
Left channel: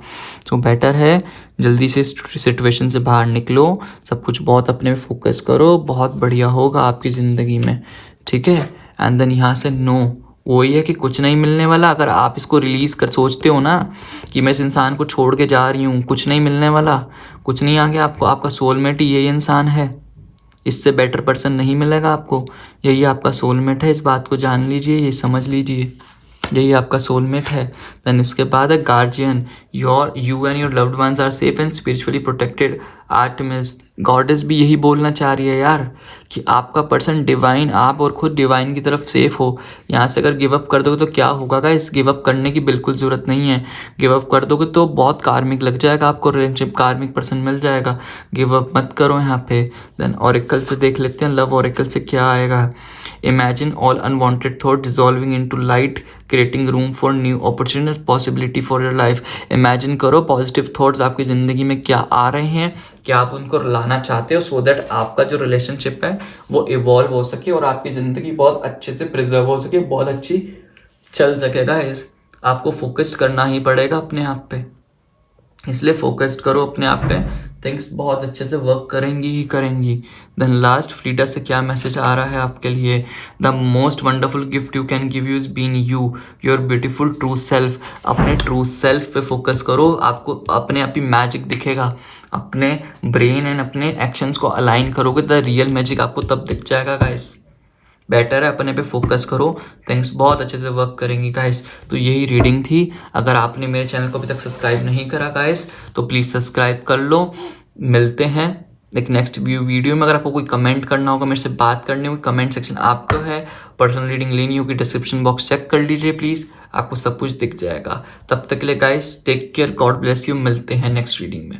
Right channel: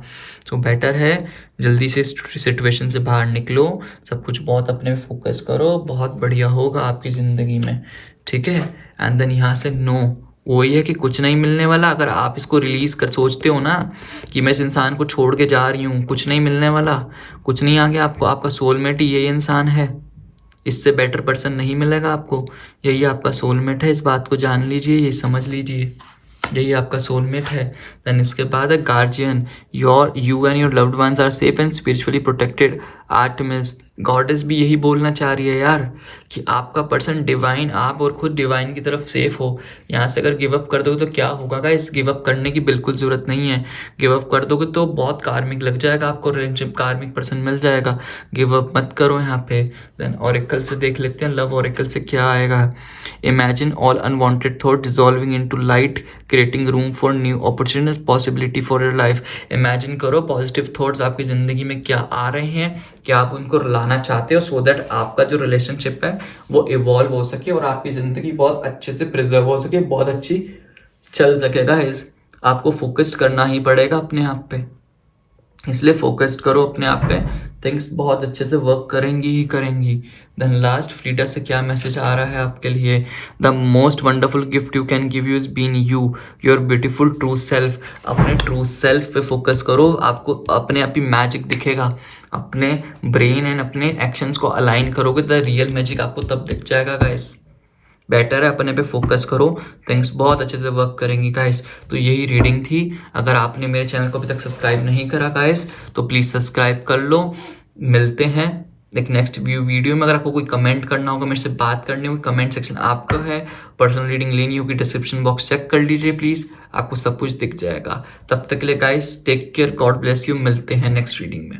तो बेटर है जल्दी से सिचुएशन से बाहर निकलो, सब कुछ बहुत अपने फोकस करो, बहुत बढ़िया होगा आपकी ज़िंदगी में, ठीक है। एंड देन यहाँ से नो, वही है कि कुछ नहीं मिलने वाला। अगर आप इसको रिलीज़ कर सोचते हो ना कि मैं इस इंसान को छोड़ के जा रही हूँ, कुछ नहीं मिलने वाला, कुछ नहीं आ गया आपको। आपका सोलमेट ही यही इंसान है, इससे बेटर पर्सन नहीं मिलेगा आपको, यही आपका सोलमेट है। इस बात को जान लीजिए, ये समझ लीजिए, यही आपका सोलमेट है। देन इसके बाद है guardian, you and your loved ones are safe and spiritually protected. Artemis, goddess भी यही बोलना चाह रही है यार, कि आपका पर्सन डिवाइन, आप और खुद डिवाइन की तरफ सेफ हो। यहाँ से अगर गिव अप कर दोगे तो क्या होगा गाइस, गिव अप करने की बिल्कुल ज़रूरत नहीं है। गिव अप कर दोगे तो बहुत कार्मिक लग जाएगा आपको, रिलेशनशिप कार्मिक पर्सन मिल जाएगा, गिव अप मत करो यहाँ पे। देन ओरेकल से देख लेते हैं, लव ओरेकल से क्या आएगा। Imagine all unwanted thought dissolving into light, creating room for new opportunities, possibility for your life. Imagine करो पॉजिटिव थॉट्स आपकी ज़िंदगी में क्या आ रहे हैं, क्या आप उनको लाना चाहते हो, सो दैट आपका जो रिलेशनशिप है वो इवॉल्व हो सके और आपकी ज़िंदगी बहुत अच्छे से प्रिजर्व हो सके, बहुत अच्छी चल सकेगा। आपको फोकस्ड करना ही पड़ेगा अपने आप पे, इसलिए फोकस्ड करो अपने आप पे, थिंग्स बहुत अच्छे से वर्क करेंगी ही करेंगी। देन लास्ट, फ्रीडा से क्या मैसेज आ रहा है आपके लिए? The most wonderful gift you can give you is been you, your beautiful true self. अपने ट्रू सेल्फ पे फोकस करो, आपको अपने आप ही मैजिक दिखेगा। अपने ब्रेन एंड अपने एक्शंस को अलाइन करोगे द रियल मैजिक आपको तब दिख जाएगा गाइस। बेटर है अपने पे फोकस करो, थिंग्स बहुत अच्छे से वर्क करेंगी गाइस। तो यही रीडिंग थी। अगर आपने मेरे चैनल को अभी तक सब्सक्राइब नहीं करा गाइस तो प्लीज़ सब्सक्राइब कर लो। मिलते हैं एक नेक्स्ट वीडियो में। अगर आपको कोई कमेंट करना होगा, मेरे से बात करनी होगी, कमेंट सेक्शन आपका है। पर्सनल रीडिंग लेनी होगी, डिस्क्रिप्शन बॉक्स चेक कर लीजिए प्लीज़, आपको सब कुछ दिख जाएगा। तब तक के लिए guys take care, God bless you. मिलते हैं नेक्स्ट रीडिंग में।